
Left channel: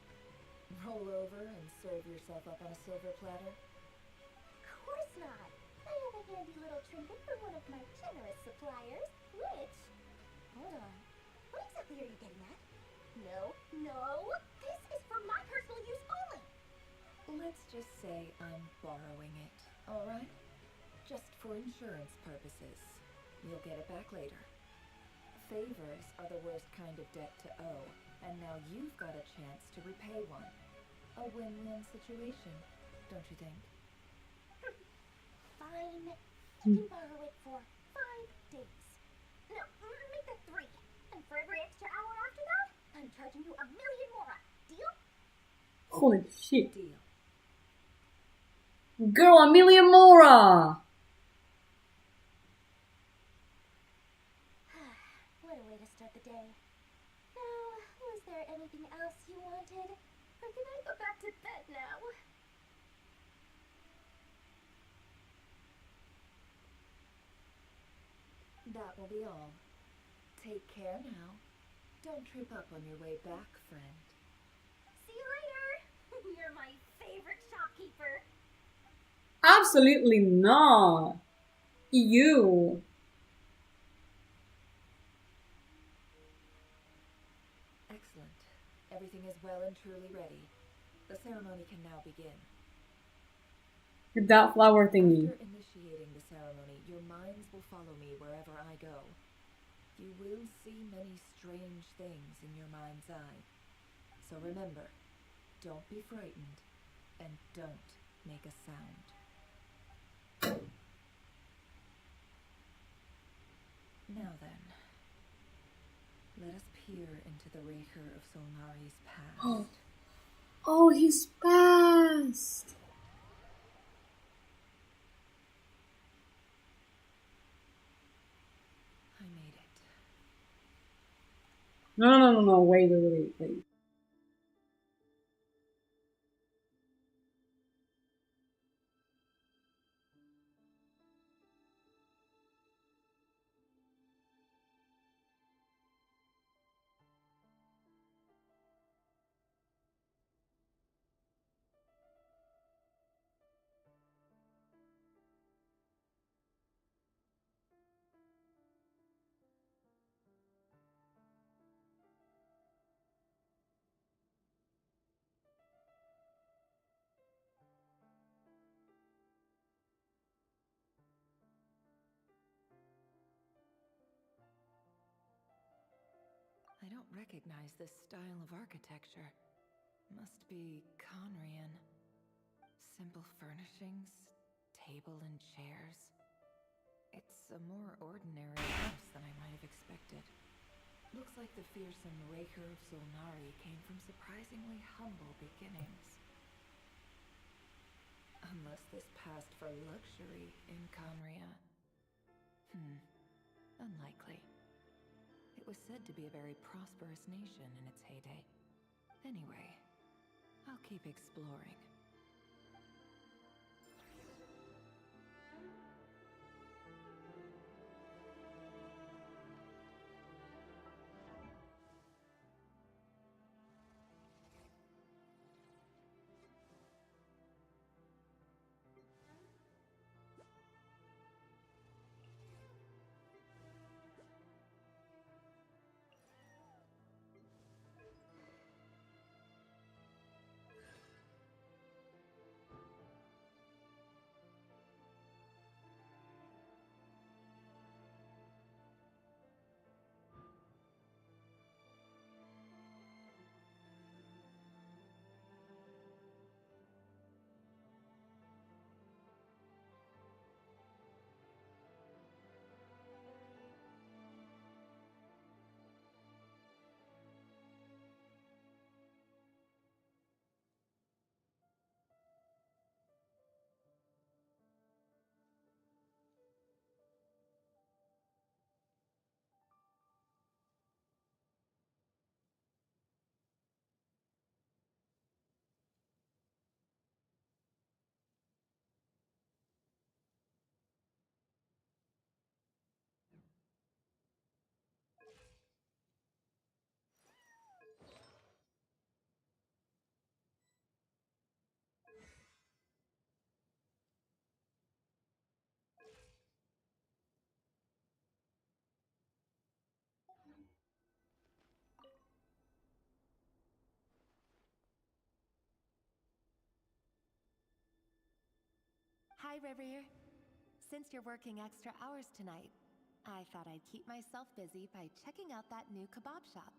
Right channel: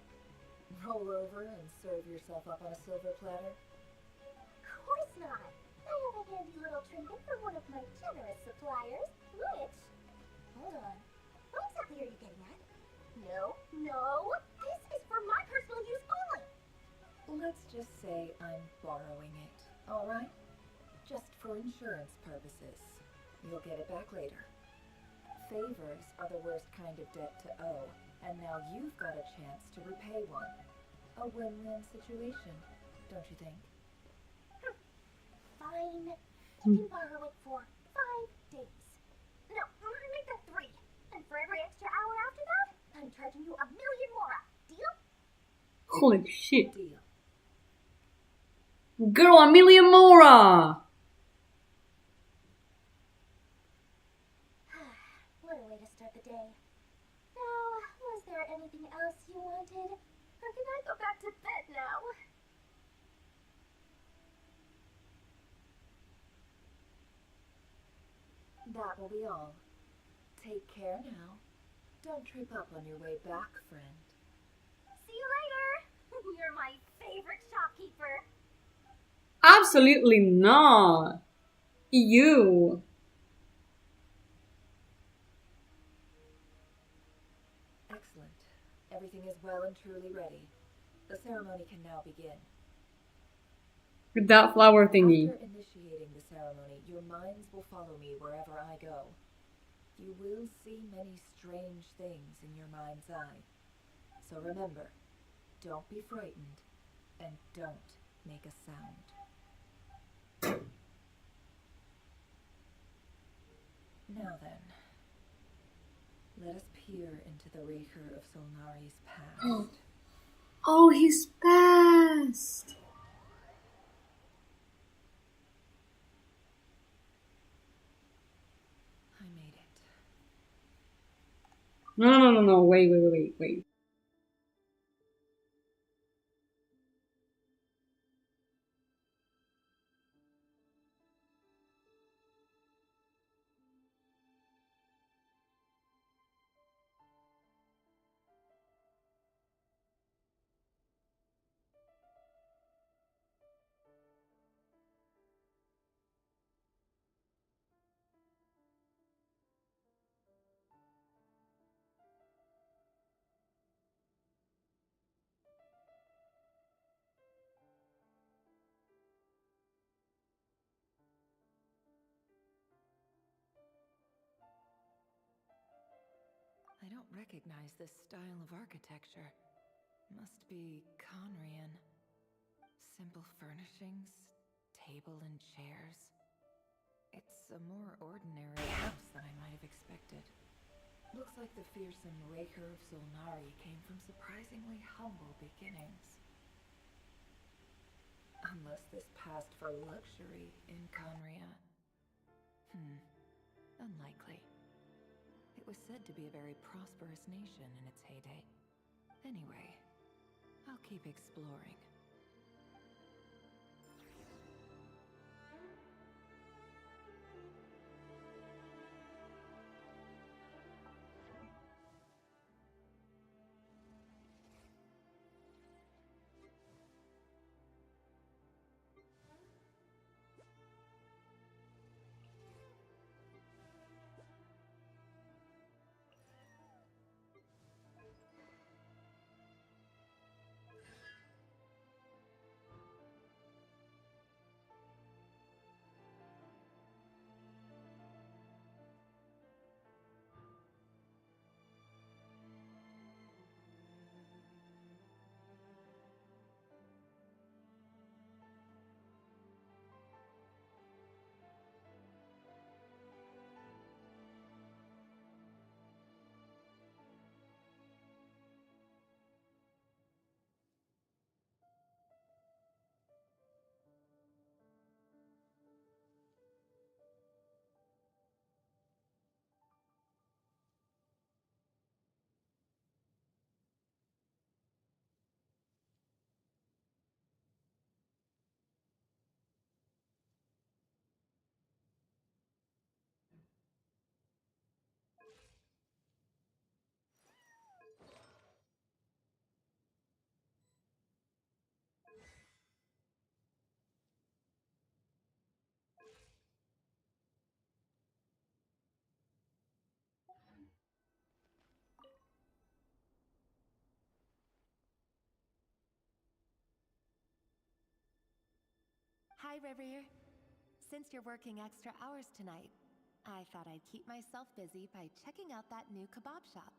Roll over and serve yourself up on a silver platter? Of course not. I have a handy little trinket from one of my generous suppliers, which... Hold on. What exactly are you getting at? No. This is for my personal use only. Let's just say I'm borrowing it, alright? Just for insurance purposes. You'll get it back later. Favors are the worst kind of debt to owe, and now you've got a chance to repay one. A win-win situation, don't you think? Fine. You can borrow it for 5 days. No, make that 3. And for every extra hour after that, I'm charging you 1,000,000 mora. Deal? Holy shit. Deal. Girl, 1,000,000 mora! What a way to start the day. Now, was there anything else you wanted? Or can I go back to bed now? That will be all. Take care now. Don't trip up on your way back, friend. See you later! You're my favorite shopkeeper. Absolutely not. You. Excellent. Everything is well and truly ready. The ceremony can now begin. That flower thingy. After initiating the ceremony, your minds will follow me wherever I go. You will see many strange things in your mind's eye. So remember, don't be frightened, and don't make a sound. Now then, let us peer into the Raker of Solnari's past. Oh, his past. I made it. No. Wait. I don't recognize this style of architecture. Must be Conrian. Simple furnishings, table and chairs. It's a more ordinary house than I might have expected. Looks like the fearsome Raker of Zolnari came from surprisingly humble beginnings. Unless this passed for luxury in Conria. Unlikely. It was said to be a very prosperous nation in its heyday. Anyway, I'll keep exploring. Hi, Reverie. Since you're working extra hours tonight, I thought I'd keep myself busy by checking out that new kebab shop.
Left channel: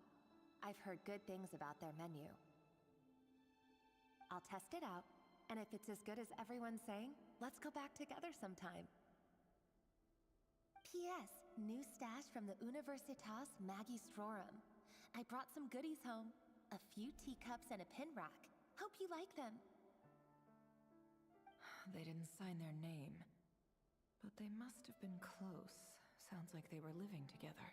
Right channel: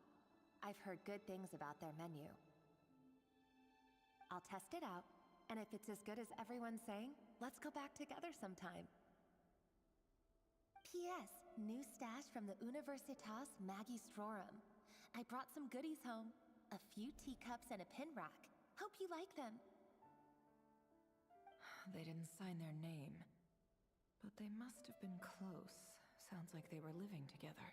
I've heard good things about their menu. I'll test it out, and if it's as good as everyone's saying, let's go back together sometime. P.S. New stash from the Universitas Magistrorum. I brought some goodies home. A few teacups and a pin rack. Hope you like them. They didn't sign their name, but they must have been close. Sounds like they were living together.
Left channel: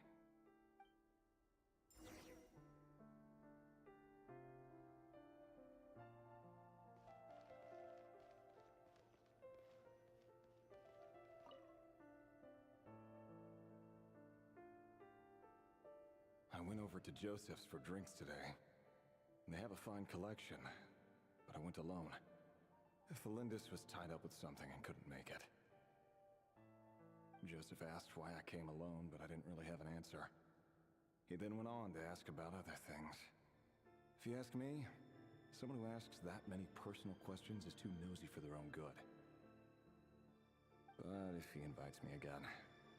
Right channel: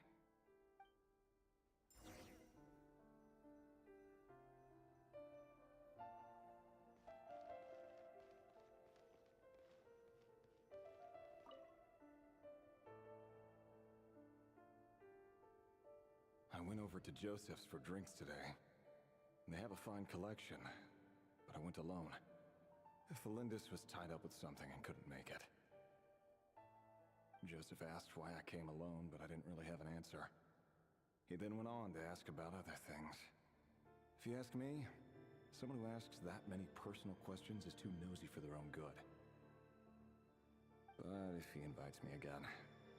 I went over to Joseph's for drinks today. They have a fine collection, but I went alone. Felindis was tied up with something and couldn't make it. Joseph asked why I came alone, but I didn't really have an answer. He then went on to ask about other things. If you ask me, someone who asks that many personal questions is too nosy for their own good. But if he invites me again,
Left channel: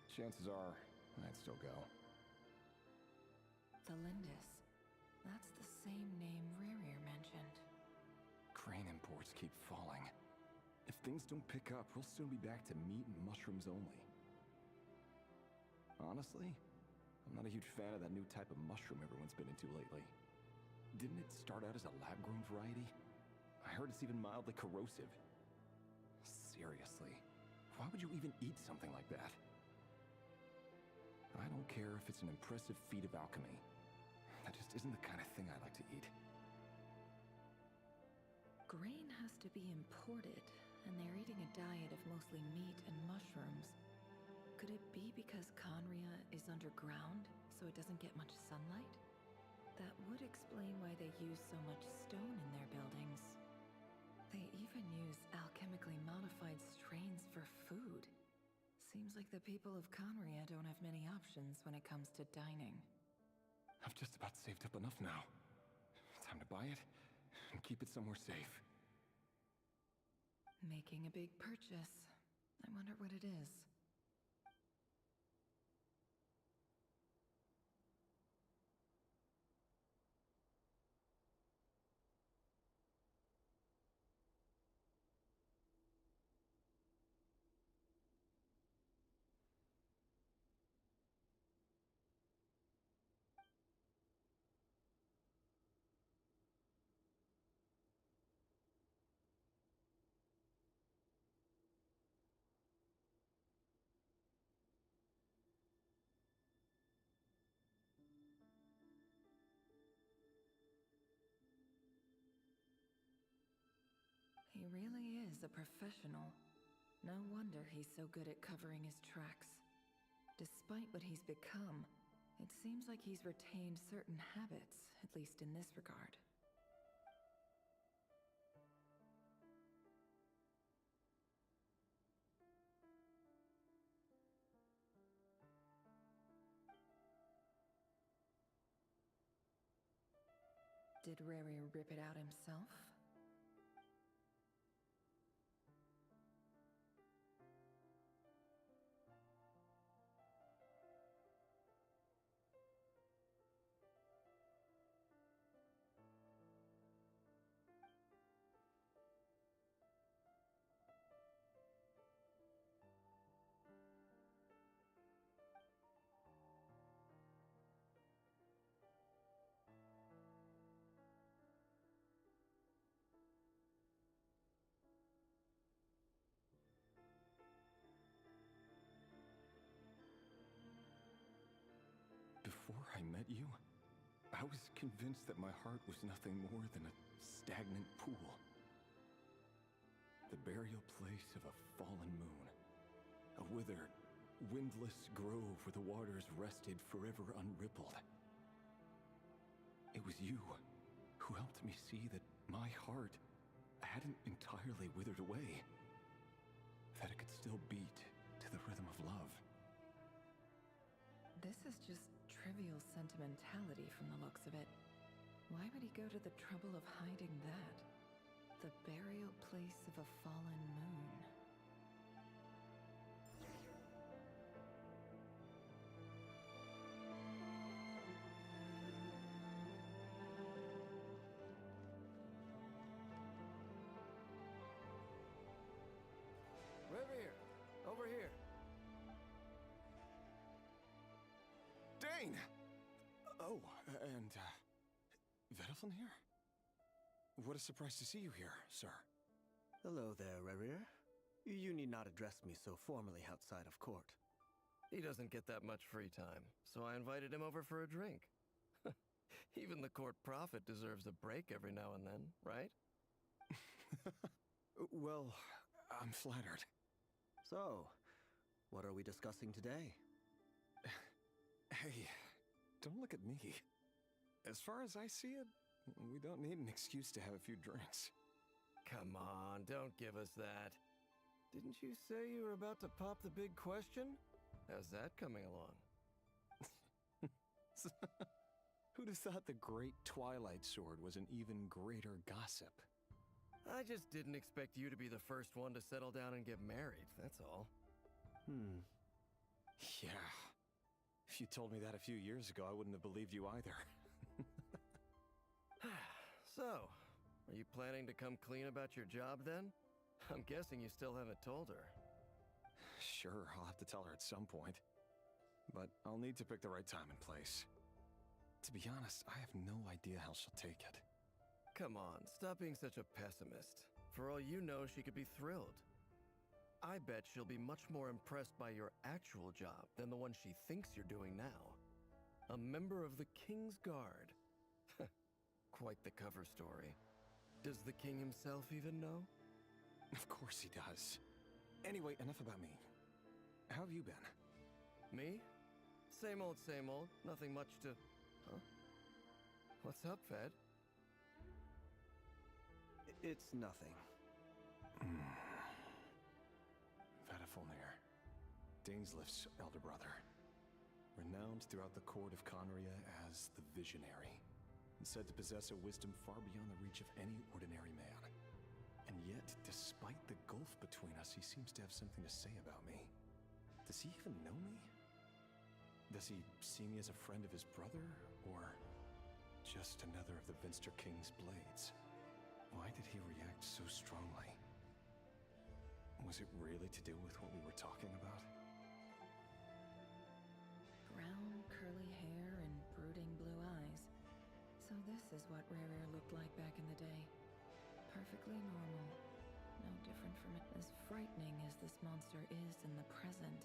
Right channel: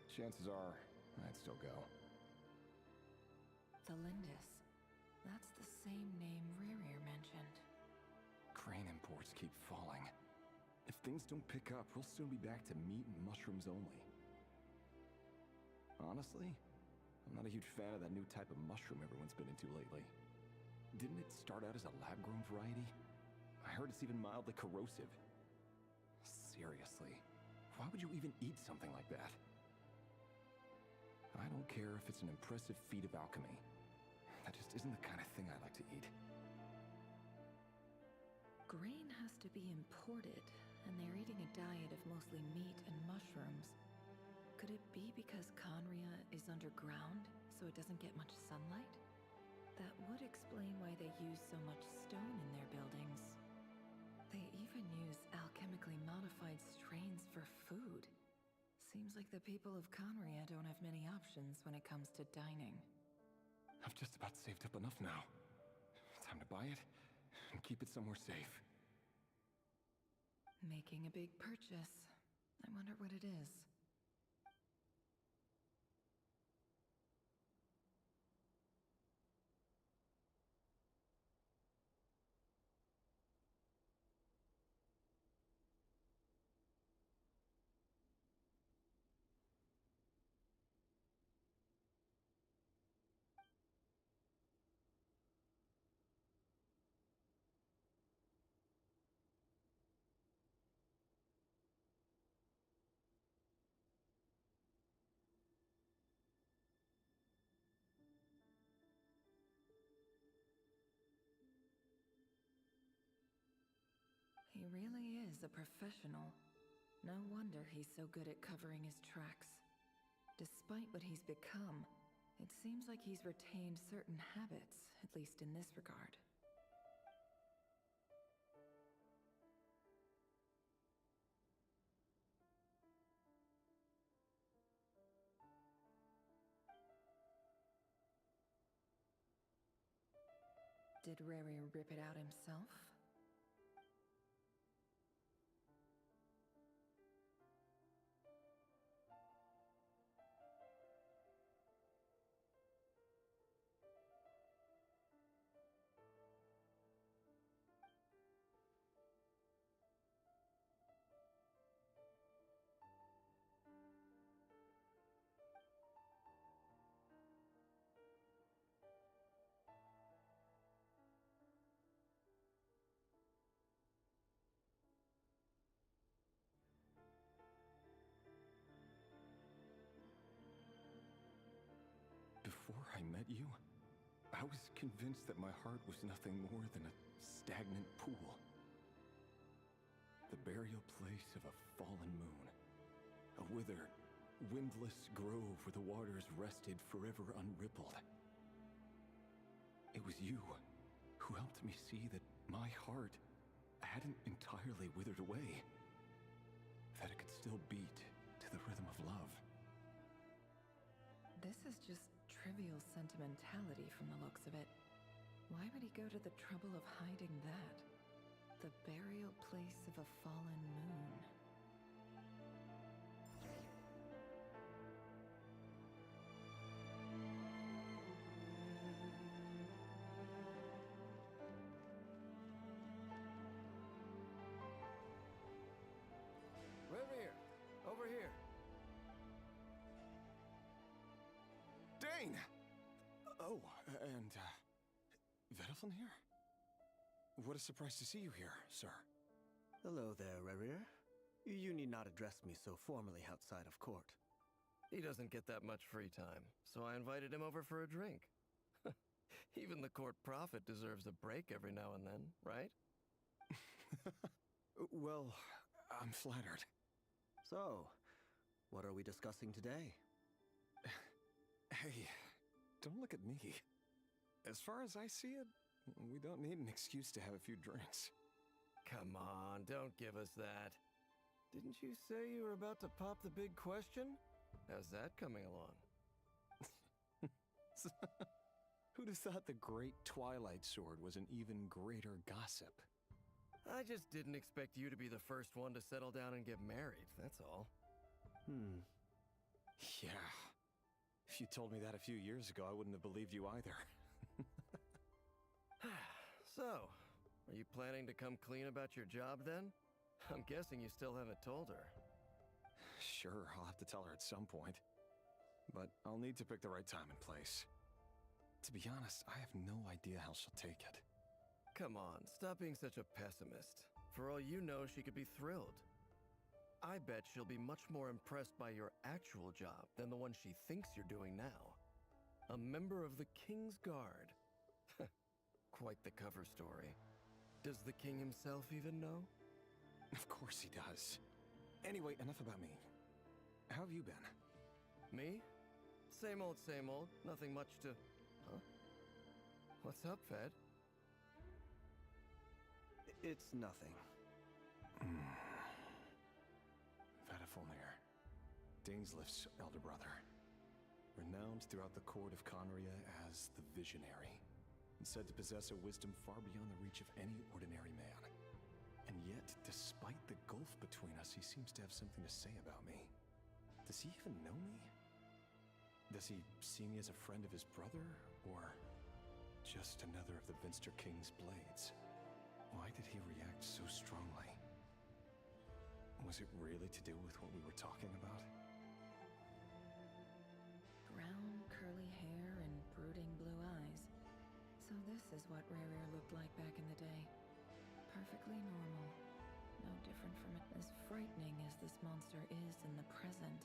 chances are I'd still go. Felindis. That's the same name Rerir mentioned. Crane imports keep falling. If things don't pick up, we'll soon be back to meat and mushrooms only. Honestly, I'm not a huge fan of that new type of mushroom everyone's been into lately. Didn't it start out as a lab-grown variety? I heard it's even mildly corrosive. Seriously, why would you even eat something like that? I don't care if it's an impressive feat of alchemy. That just isn't the kind of thing I like to eat. Grain has to be imported, and they're eating a diet of mostly meat and mushrooms. Could it be because Conria is underground, so it doesn't get much sunlight? That would explain why they use so much stone in their buildings. They even use alchemically modified strains for food. Seems like the people of Conria don't have many options when it comes to dining. I've just about saved up enough now. Time to buy it and keep it somewhere safe. Making a big purchase. I wonder what it is. He really is a professional. No wonder he's so good at covering his tracks. Despite what he's become, it seems like he's retained certain habits, at least in this regard. Did Rary rip it out himself? Before I met you, I was convinced that my heart was nothing more than a stagnant pool. The burial place of a fallen moon. A withered, windless grove where the waters rested forever unrippled. It was you who helped me see that my heart hadn't entirely withered away. That it could still beat to the rhythm of love. This is just trivial sentimentality from the looks of it. Why would he go to the trouble of hiding that? The burial place of a fallen moon. Revere, over here. Dane! Oh, and, Vedalfen here? What a surprise to see you here, sir. Hello there, Revere. You need not address me so formally outside of court. He doesn't get that much free time, so I invited him over for a drink. Even the court prophet deserves a break every now and then, right? Well, I'm flattered. So, what are we discussing today? Hey, don't look at me. As far as I see it, we don't need an excuse to have a few drinks. Come on, don't give us that. Didn't you say you were about to pop the big question? How's that coming along? Who'd have thought the great Twilight Sword was an even greater gossip? I just didn't expect you to be the first one to settle down and get married, that's all. Yeah. If you told me that a few years ago, I wouldn't have believed you either. So, are you planning to come clean about your job then? I'm guessing you still haven't told her. Sure, I'll have to tell her at some point. But I'll need to pick the right time and place. To be honest, I have no idea how she'll take it. Come on, stop being such a pessimist. For all you know, she could be thrilled. I bet she'll be much more impressed by your actual job than the one she thinks you're doing now. A member of the King's Guard. Quite the cover story. Does the king himself even know? Of course he does. Anyway, enough about me. How have you been? Me? Same old, same old. Nothing much to... Huh? What's up, Fed? It's nothing. Vedalfen, Dainsleif's elder brother. Renowned throughout the court of Conria as the Visionary, and said to possess a wisdom far beyond the reach of any ordinary man. And yet, despite the gulf between us, he seems to have something to say about me. Does he even know me? Does he see me as a friend of his brother, or just another of the Vinster King's blades? Why did he react so strongly? Was it really to do with what we were talking about? Brown, curly hair and brooding blue eyes. So this is what Rare looked like back in the day. Perfectly normal. No different from it. As frightening as this monster is in the present,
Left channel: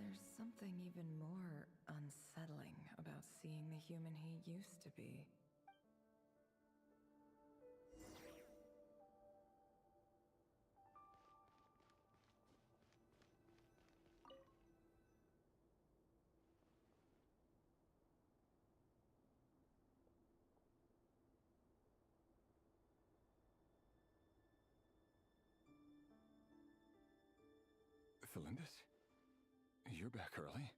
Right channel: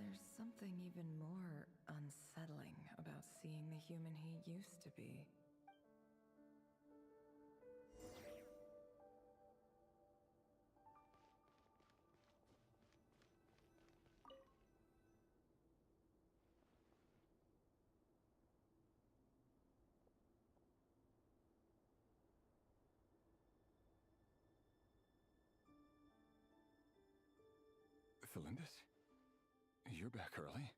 there's something even more unsettling about seeing the human he used to be. Thelindis? You're back early?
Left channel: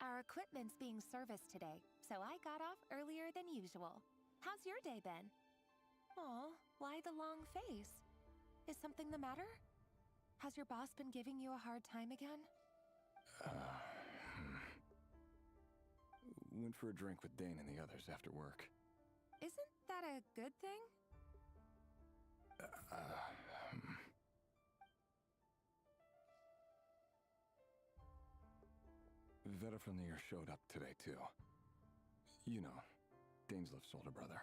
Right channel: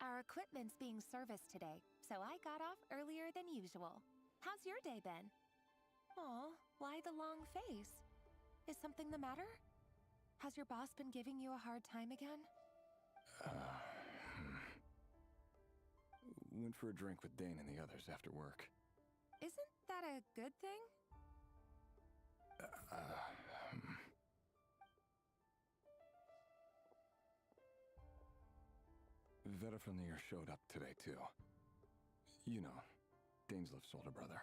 Our equipment's being serviced today, so I got off earlier than usual. How's your day been? Aw, why the long face? Is something the matter? Has your boss been giving you a hard time again? Went for a drink with Dane and the others after work. Isn't that a good thing? Vedifnir showed up today, too. You know, Dainsleif's older brother.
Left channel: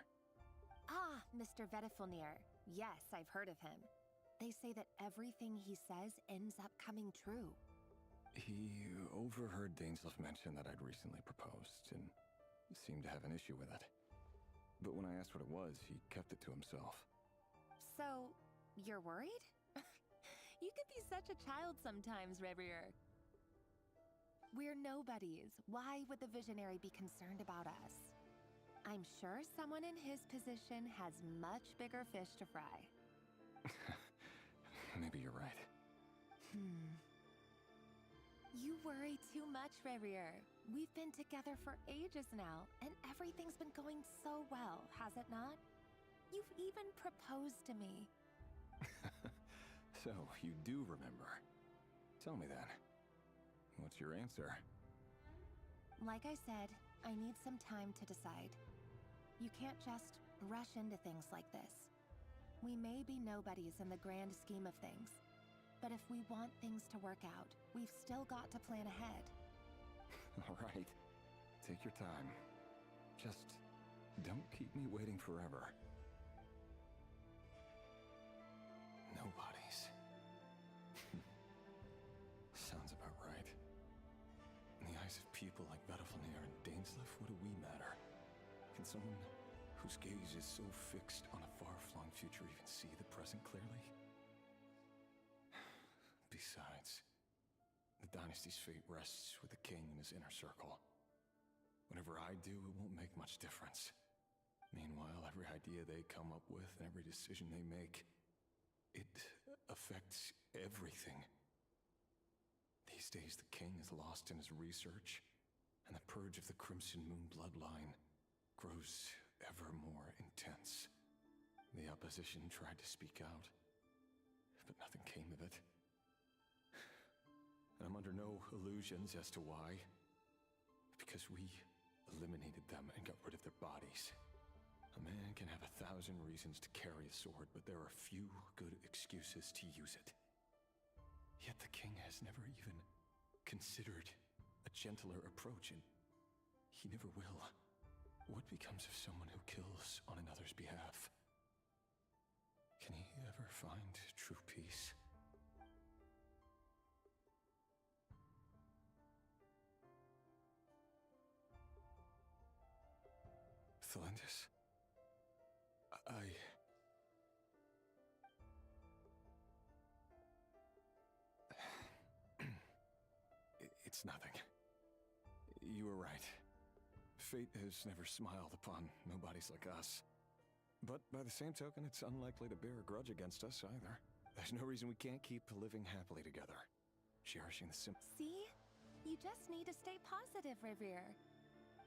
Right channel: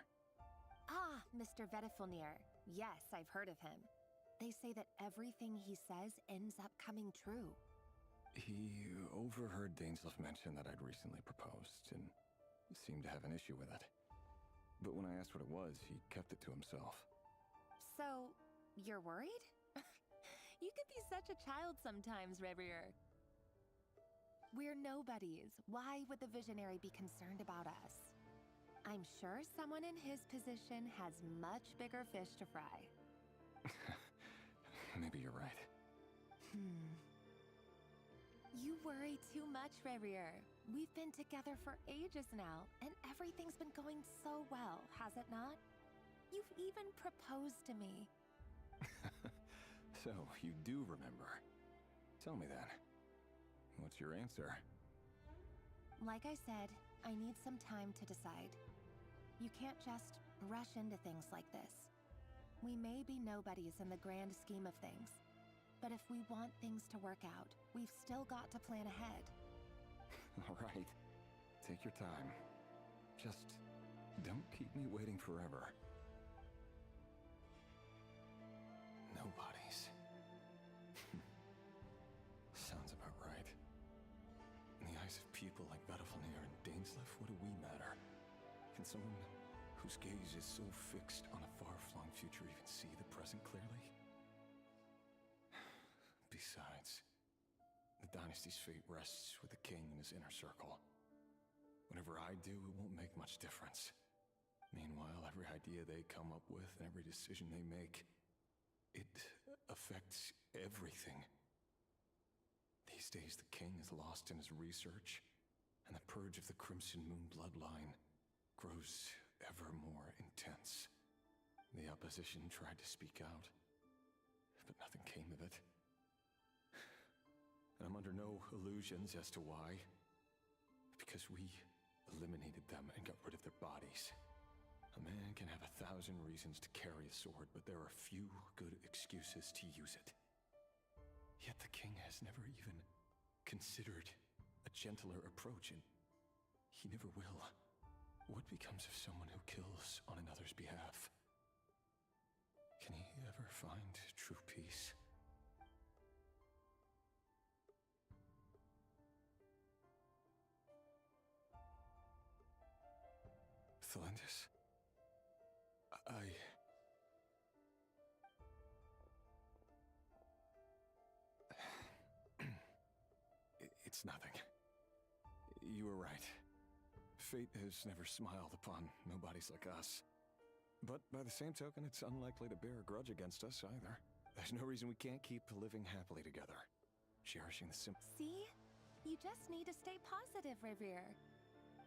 Ah, Mr. Vedifnir. Yes, I've heard of him. They say that everything he says ends up coming true. He overheard Dainsleif mention that I'd recently proposed, and seemed to have an issue with it. But when I asked what it was, he kept it to himself. So, you're worried? You could be such a child sometimes, Revier. We're nobodies. Why would the Visionary be concerned about us? I'm sure someone in his position has much bigger fish to fry. Maybe you're right. You worry too much, Revier. We've been together for ages now, and everything's been going so well, has it not? You've even proposed to me. So, you do remember. Tell me then. What's your answer? Like I said, I need some time to decide. You can't just rush into things like this. We may be nobodies in the grand scheme of things, but if we want things to work out, we've still got to plan ahead. All right. Take your time. Just don't keep me waiting forever. Nobodies. Sounds about right. In the eyes of people like Vedifnir and Dainsleif, what do we matter? Can someone whose gaze is so fixed on a far-flung future even see the present clearly? Besides, the dynasty's fate rests with the king and his inner circle. Whatever I do, it won't make much difference. Meanwhile, every idea they come up with and every decision they make, it affects everything. These days, the king is lost in his research, and the purge of the Crimson Moon bloodline grows ever more intense. The opposition tried to speak out, but nothing came of it. And I'm under no illusions as to why. Because we eliminated them and got rid of their bodies. A man can have 1,000 reasons to carry a sword, but there are few good excuses to use it. Yet the king has never even considered a gentler approach, and he never will. What becomes of someone who kills on another's behalf? Can he ever find true peace? Thelindis? It's nothing. You were right. Fate has never smiled upon nobodies like us. But by the same token, it's unlikely to bear a grudge against us either. There's no reason we can't keep living happily together. Cherishing the simple. See? You just need to stay positive, Revier.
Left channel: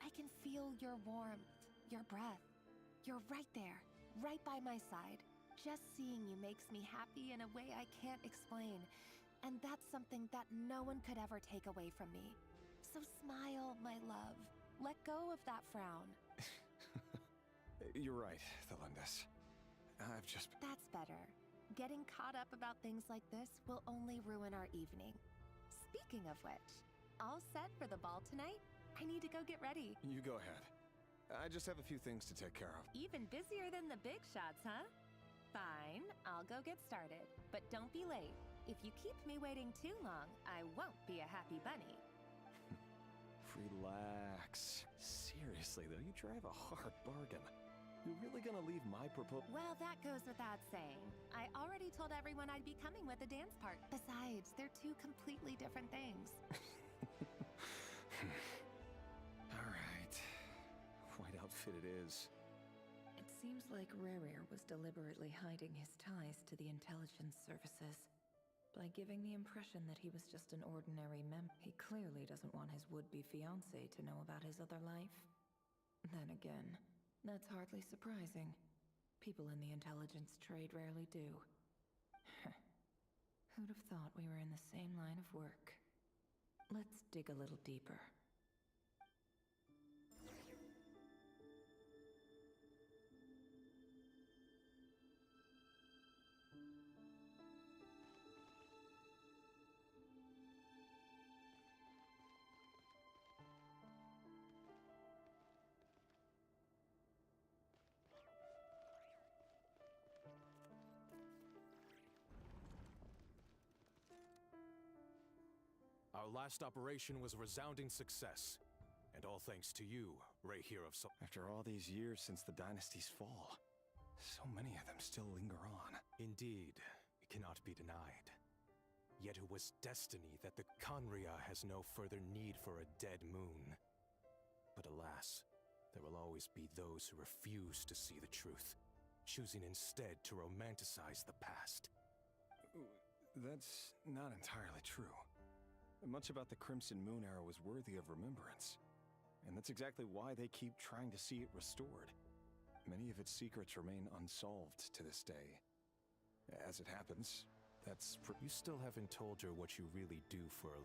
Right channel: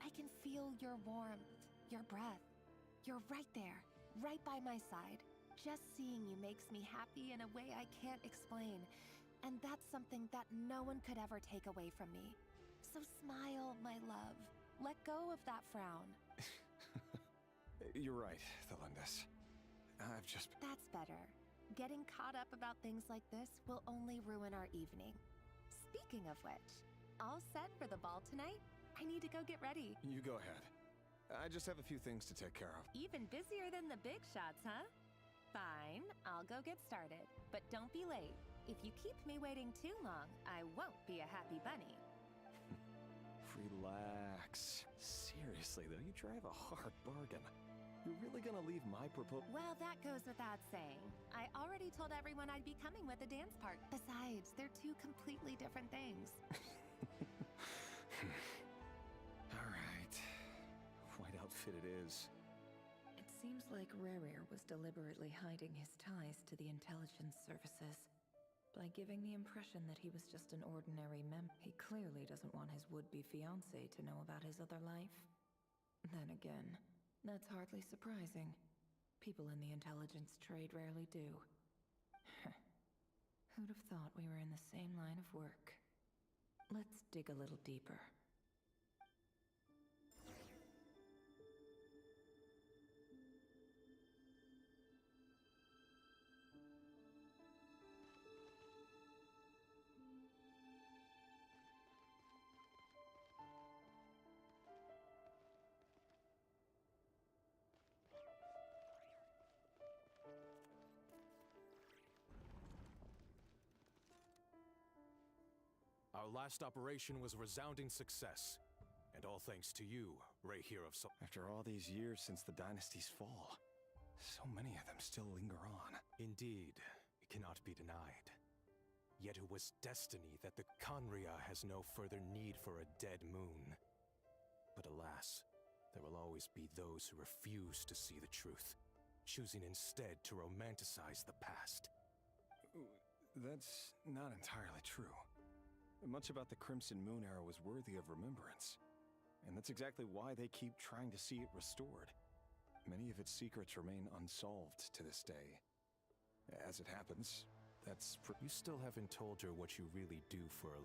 I can feel your warmth, your breath. You're right there, right by my side. Just seeing you makes me happy in a way I can't explain. And that's something that no one could ever take away from me. So smile, my love. Let go of that frown. You're right, Thelindis. I've just... That's better. Getting caught up about things like this will only ruin our evening. Speaking of which, all set for the ball tonight? I need to go get ready. You go ahead. I just have a few things to take care of. Even busier than the big shots, huh? Fine, I'll go get started. But don't be late. If you keep me waiting too long, I won't be a happy bunny. Relax. Seriously, though, you drive a hard bargain. You're really gonna leave my proposal? Well, that goes without saying. I already told everyone I'd be coming with a dance part. Besides, they're two completely different things. All right. White outfit it is. It seems like Rerir was deliberately hiding his ties to the intelligence services. by giving the impression that he was just an ordinary He clearly doesn't want his would-be fiancée to know about his other life. Then again, that's hardly surprising. People in the intelligence trade rarely do. Who'd have thought we were in the same line of work? Let's dig a little deeper. Our last operation was a resounding success. And all thanks to you, Rahier of After all these years since the dynasty's fall, so many of them still linger on. Indeed, it cannot be denied. Yet it was destiny that the Khaenri'ah has no further need for a dead moon. But alas, there will always be those who refuse to see the truth, choosing instead to romanticize the past. That's not entirely true. Much about the Crimson Moon era was worthy of remembrance. And that's exactly why they keep trying to see it restored. Many of its secrets remain unsolved to this day. As it happens, that's You still haven't told her what you really do for a...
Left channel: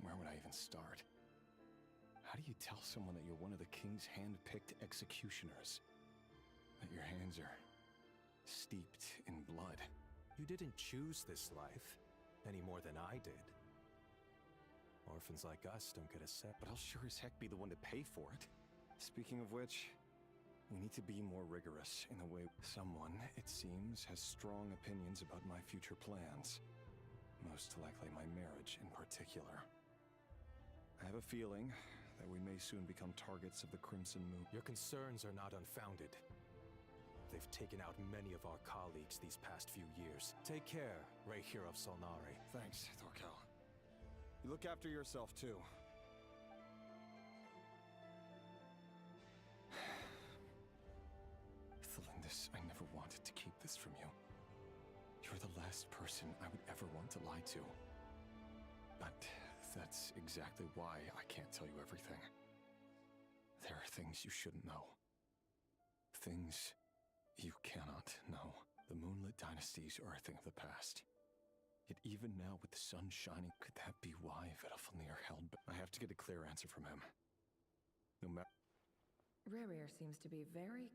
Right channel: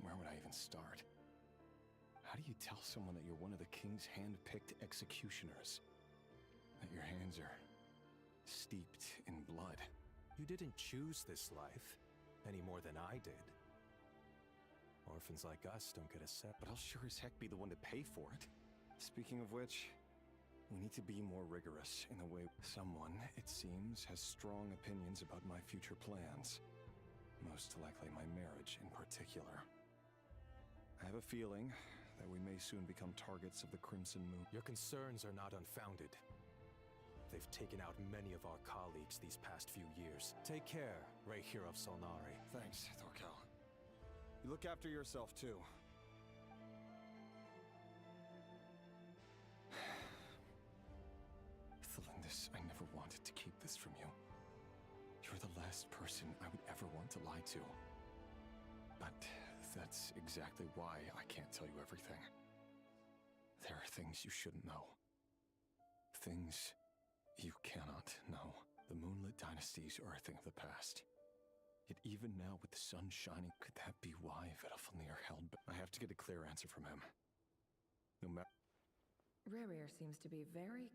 Where would I even start? How do you tell someone that you're one of the king's hand-picked executioners? That your hands are steeped in blood? You didn't choose this life, any more than I did. Orphans like us don't get a set. But I'll sure as heck be the one to pay for it. Speaking of which, we need to be more rigorous in the way someone, it seems, has strong opinions about my future plans. Most likely my marriage in particular. I have a feeling that we may soon become targets of the Crimson Moon. Your concerns are not unfounded. They've taken out many of our colleagues these past few years. Take care, Rahier of Solnari. Thanks, Thorkel. You look after yourself, too. Thelindis, I never wanted to keep this from you. You're the last person I would ever want to lie to. But that's exactly why I can't tell you everything. There are things you shouldn't know. Things you cannot know. The moonlit dynasties are a thing of the past. Yet even now, with the sun shining, could that be why Vedalfnir held back? I have to get a clear answer from him. No matter... Rarir seems to be very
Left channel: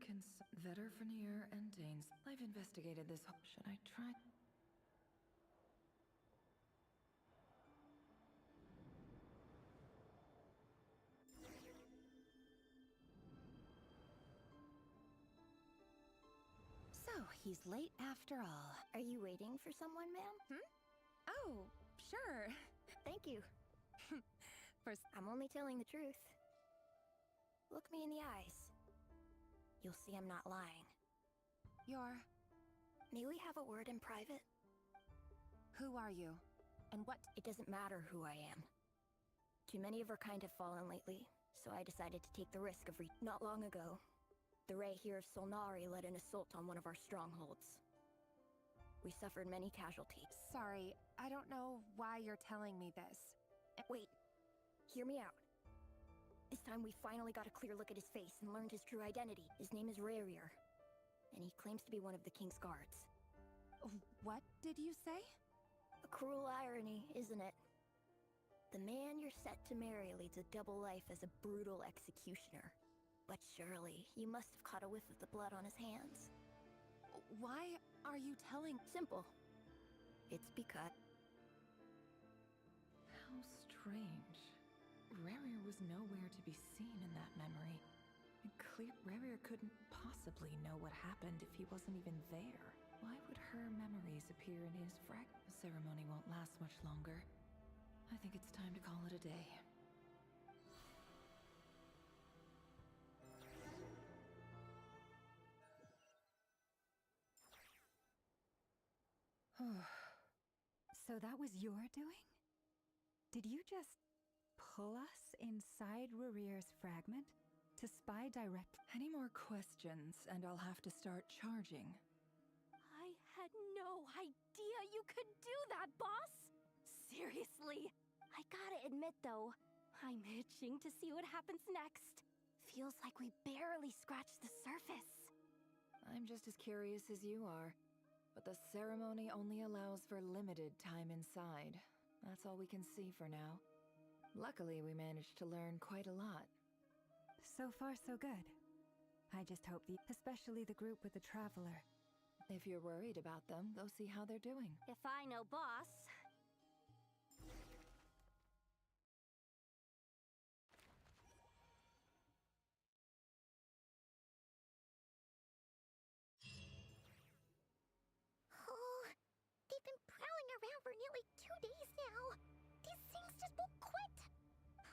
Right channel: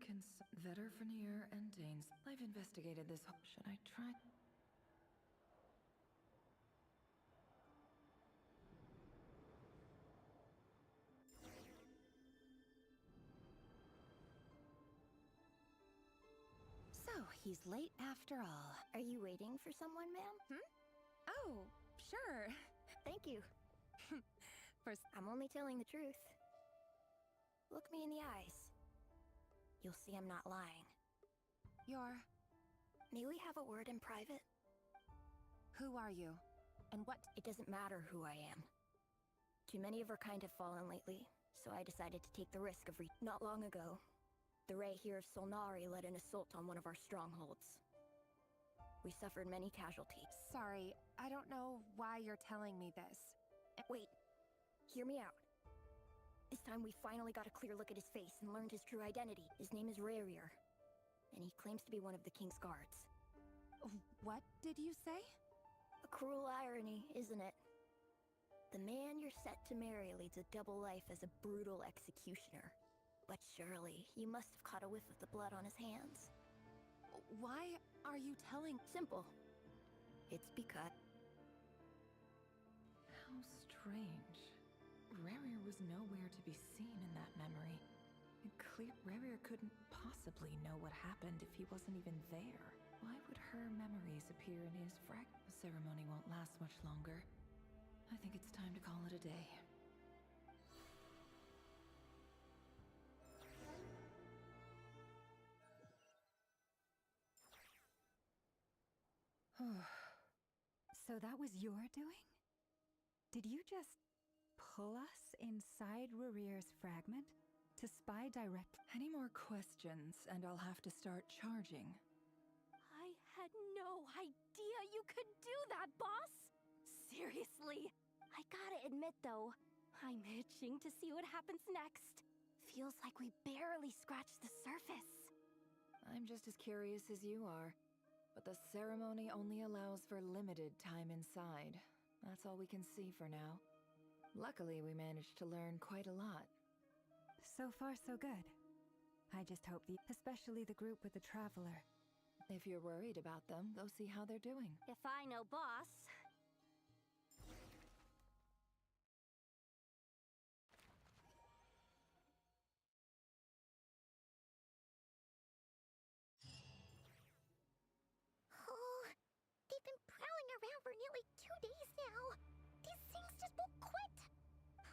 Vedalfnir and Danes. I've investigated this. Should I try? So, he's late after all. Are you waiting for someone, ma'am? Oh, sure. Thank you. First, I'm only telling the truth. Look me in the eyes. You'll see I'm not lying. May we have a word in private? Who are you? And what? It doesn't matter who I am. Too many of our kind have fallen lately, so I decided to take the risk of Not long ago, the Rahier of Solnari led an assault on one of our strongholds. We suffered many casualties. Sorry, I don't know why you're telling me this. Wait, hear me out. This time we finally got a clear look at his face and learned his true identity. His name is Rarir, and he claims to be one of the king's guards. What did you say? A cruel irony, isn't it? The man you're set to marry leads a double life as a brutal executioner. But surely, you must have caught a whiff of the blood on his hands. Why are you telling? Simple. It's because... How strange. Rarir was nowhere to be seen in that memory. Rarir couldn't possibly know what happened if he wasn't even there. Why would her memories appear in his fragment? The ceremony won't last much longer. I think it's time to call it a day. So that was your doing? Did you just pull us inside Rarir's fragment to spy direct? Any more questions, and I'll have to start charging. I had no idea you could do that, boss! Seriously! I gotta admit though, I'm itching to see what happens next. Feels like we barely scratched the surface. I'm just as curious as you are. But the ceremony only allows for limited time inside. That's all we can see for now. Luckily, we managed to learn quite a lot. So far, so good. I just hope especially the group with the Traveler. If you're worried about them, go see how they're doing. If I know boss... Oh, they've been prowling around for nearly 2 days now. These things just won't quit.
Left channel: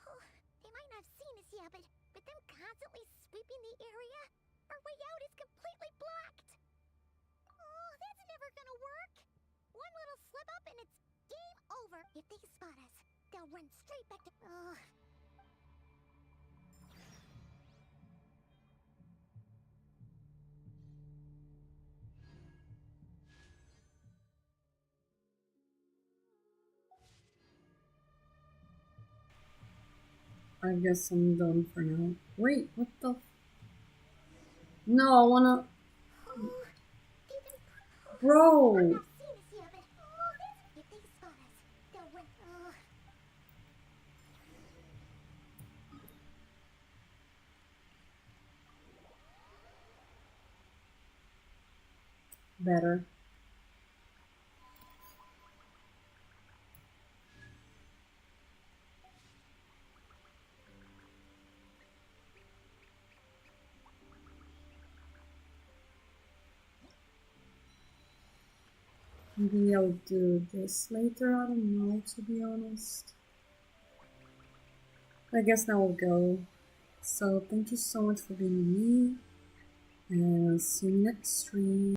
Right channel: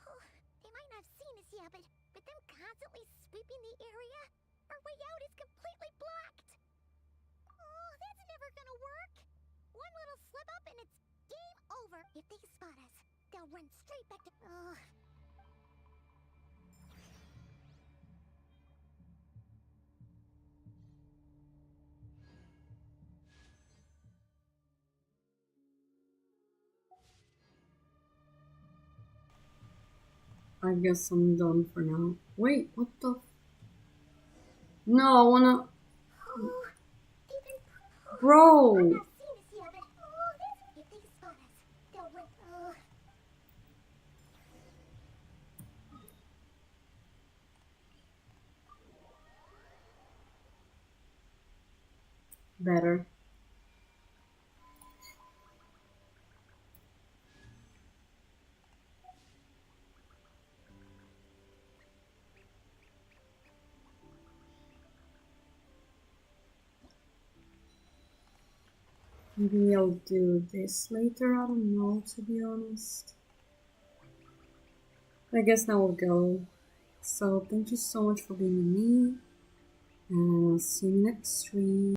Oh, they might not have seen us yet, but with them constantly sweeping the area, our way out is completely blocked. Oh, that's never gonna work. One little slip up and it's game over. If they spot us, they'll run straight back to... Ugh. I guess I'm done for now. Wait, what the? No, I wanna. Bro! Better. Maybe I'll do this later, I don't know, to be honest. I guess now we'll go. So thank you so much for being with me, and I'll see you next stream.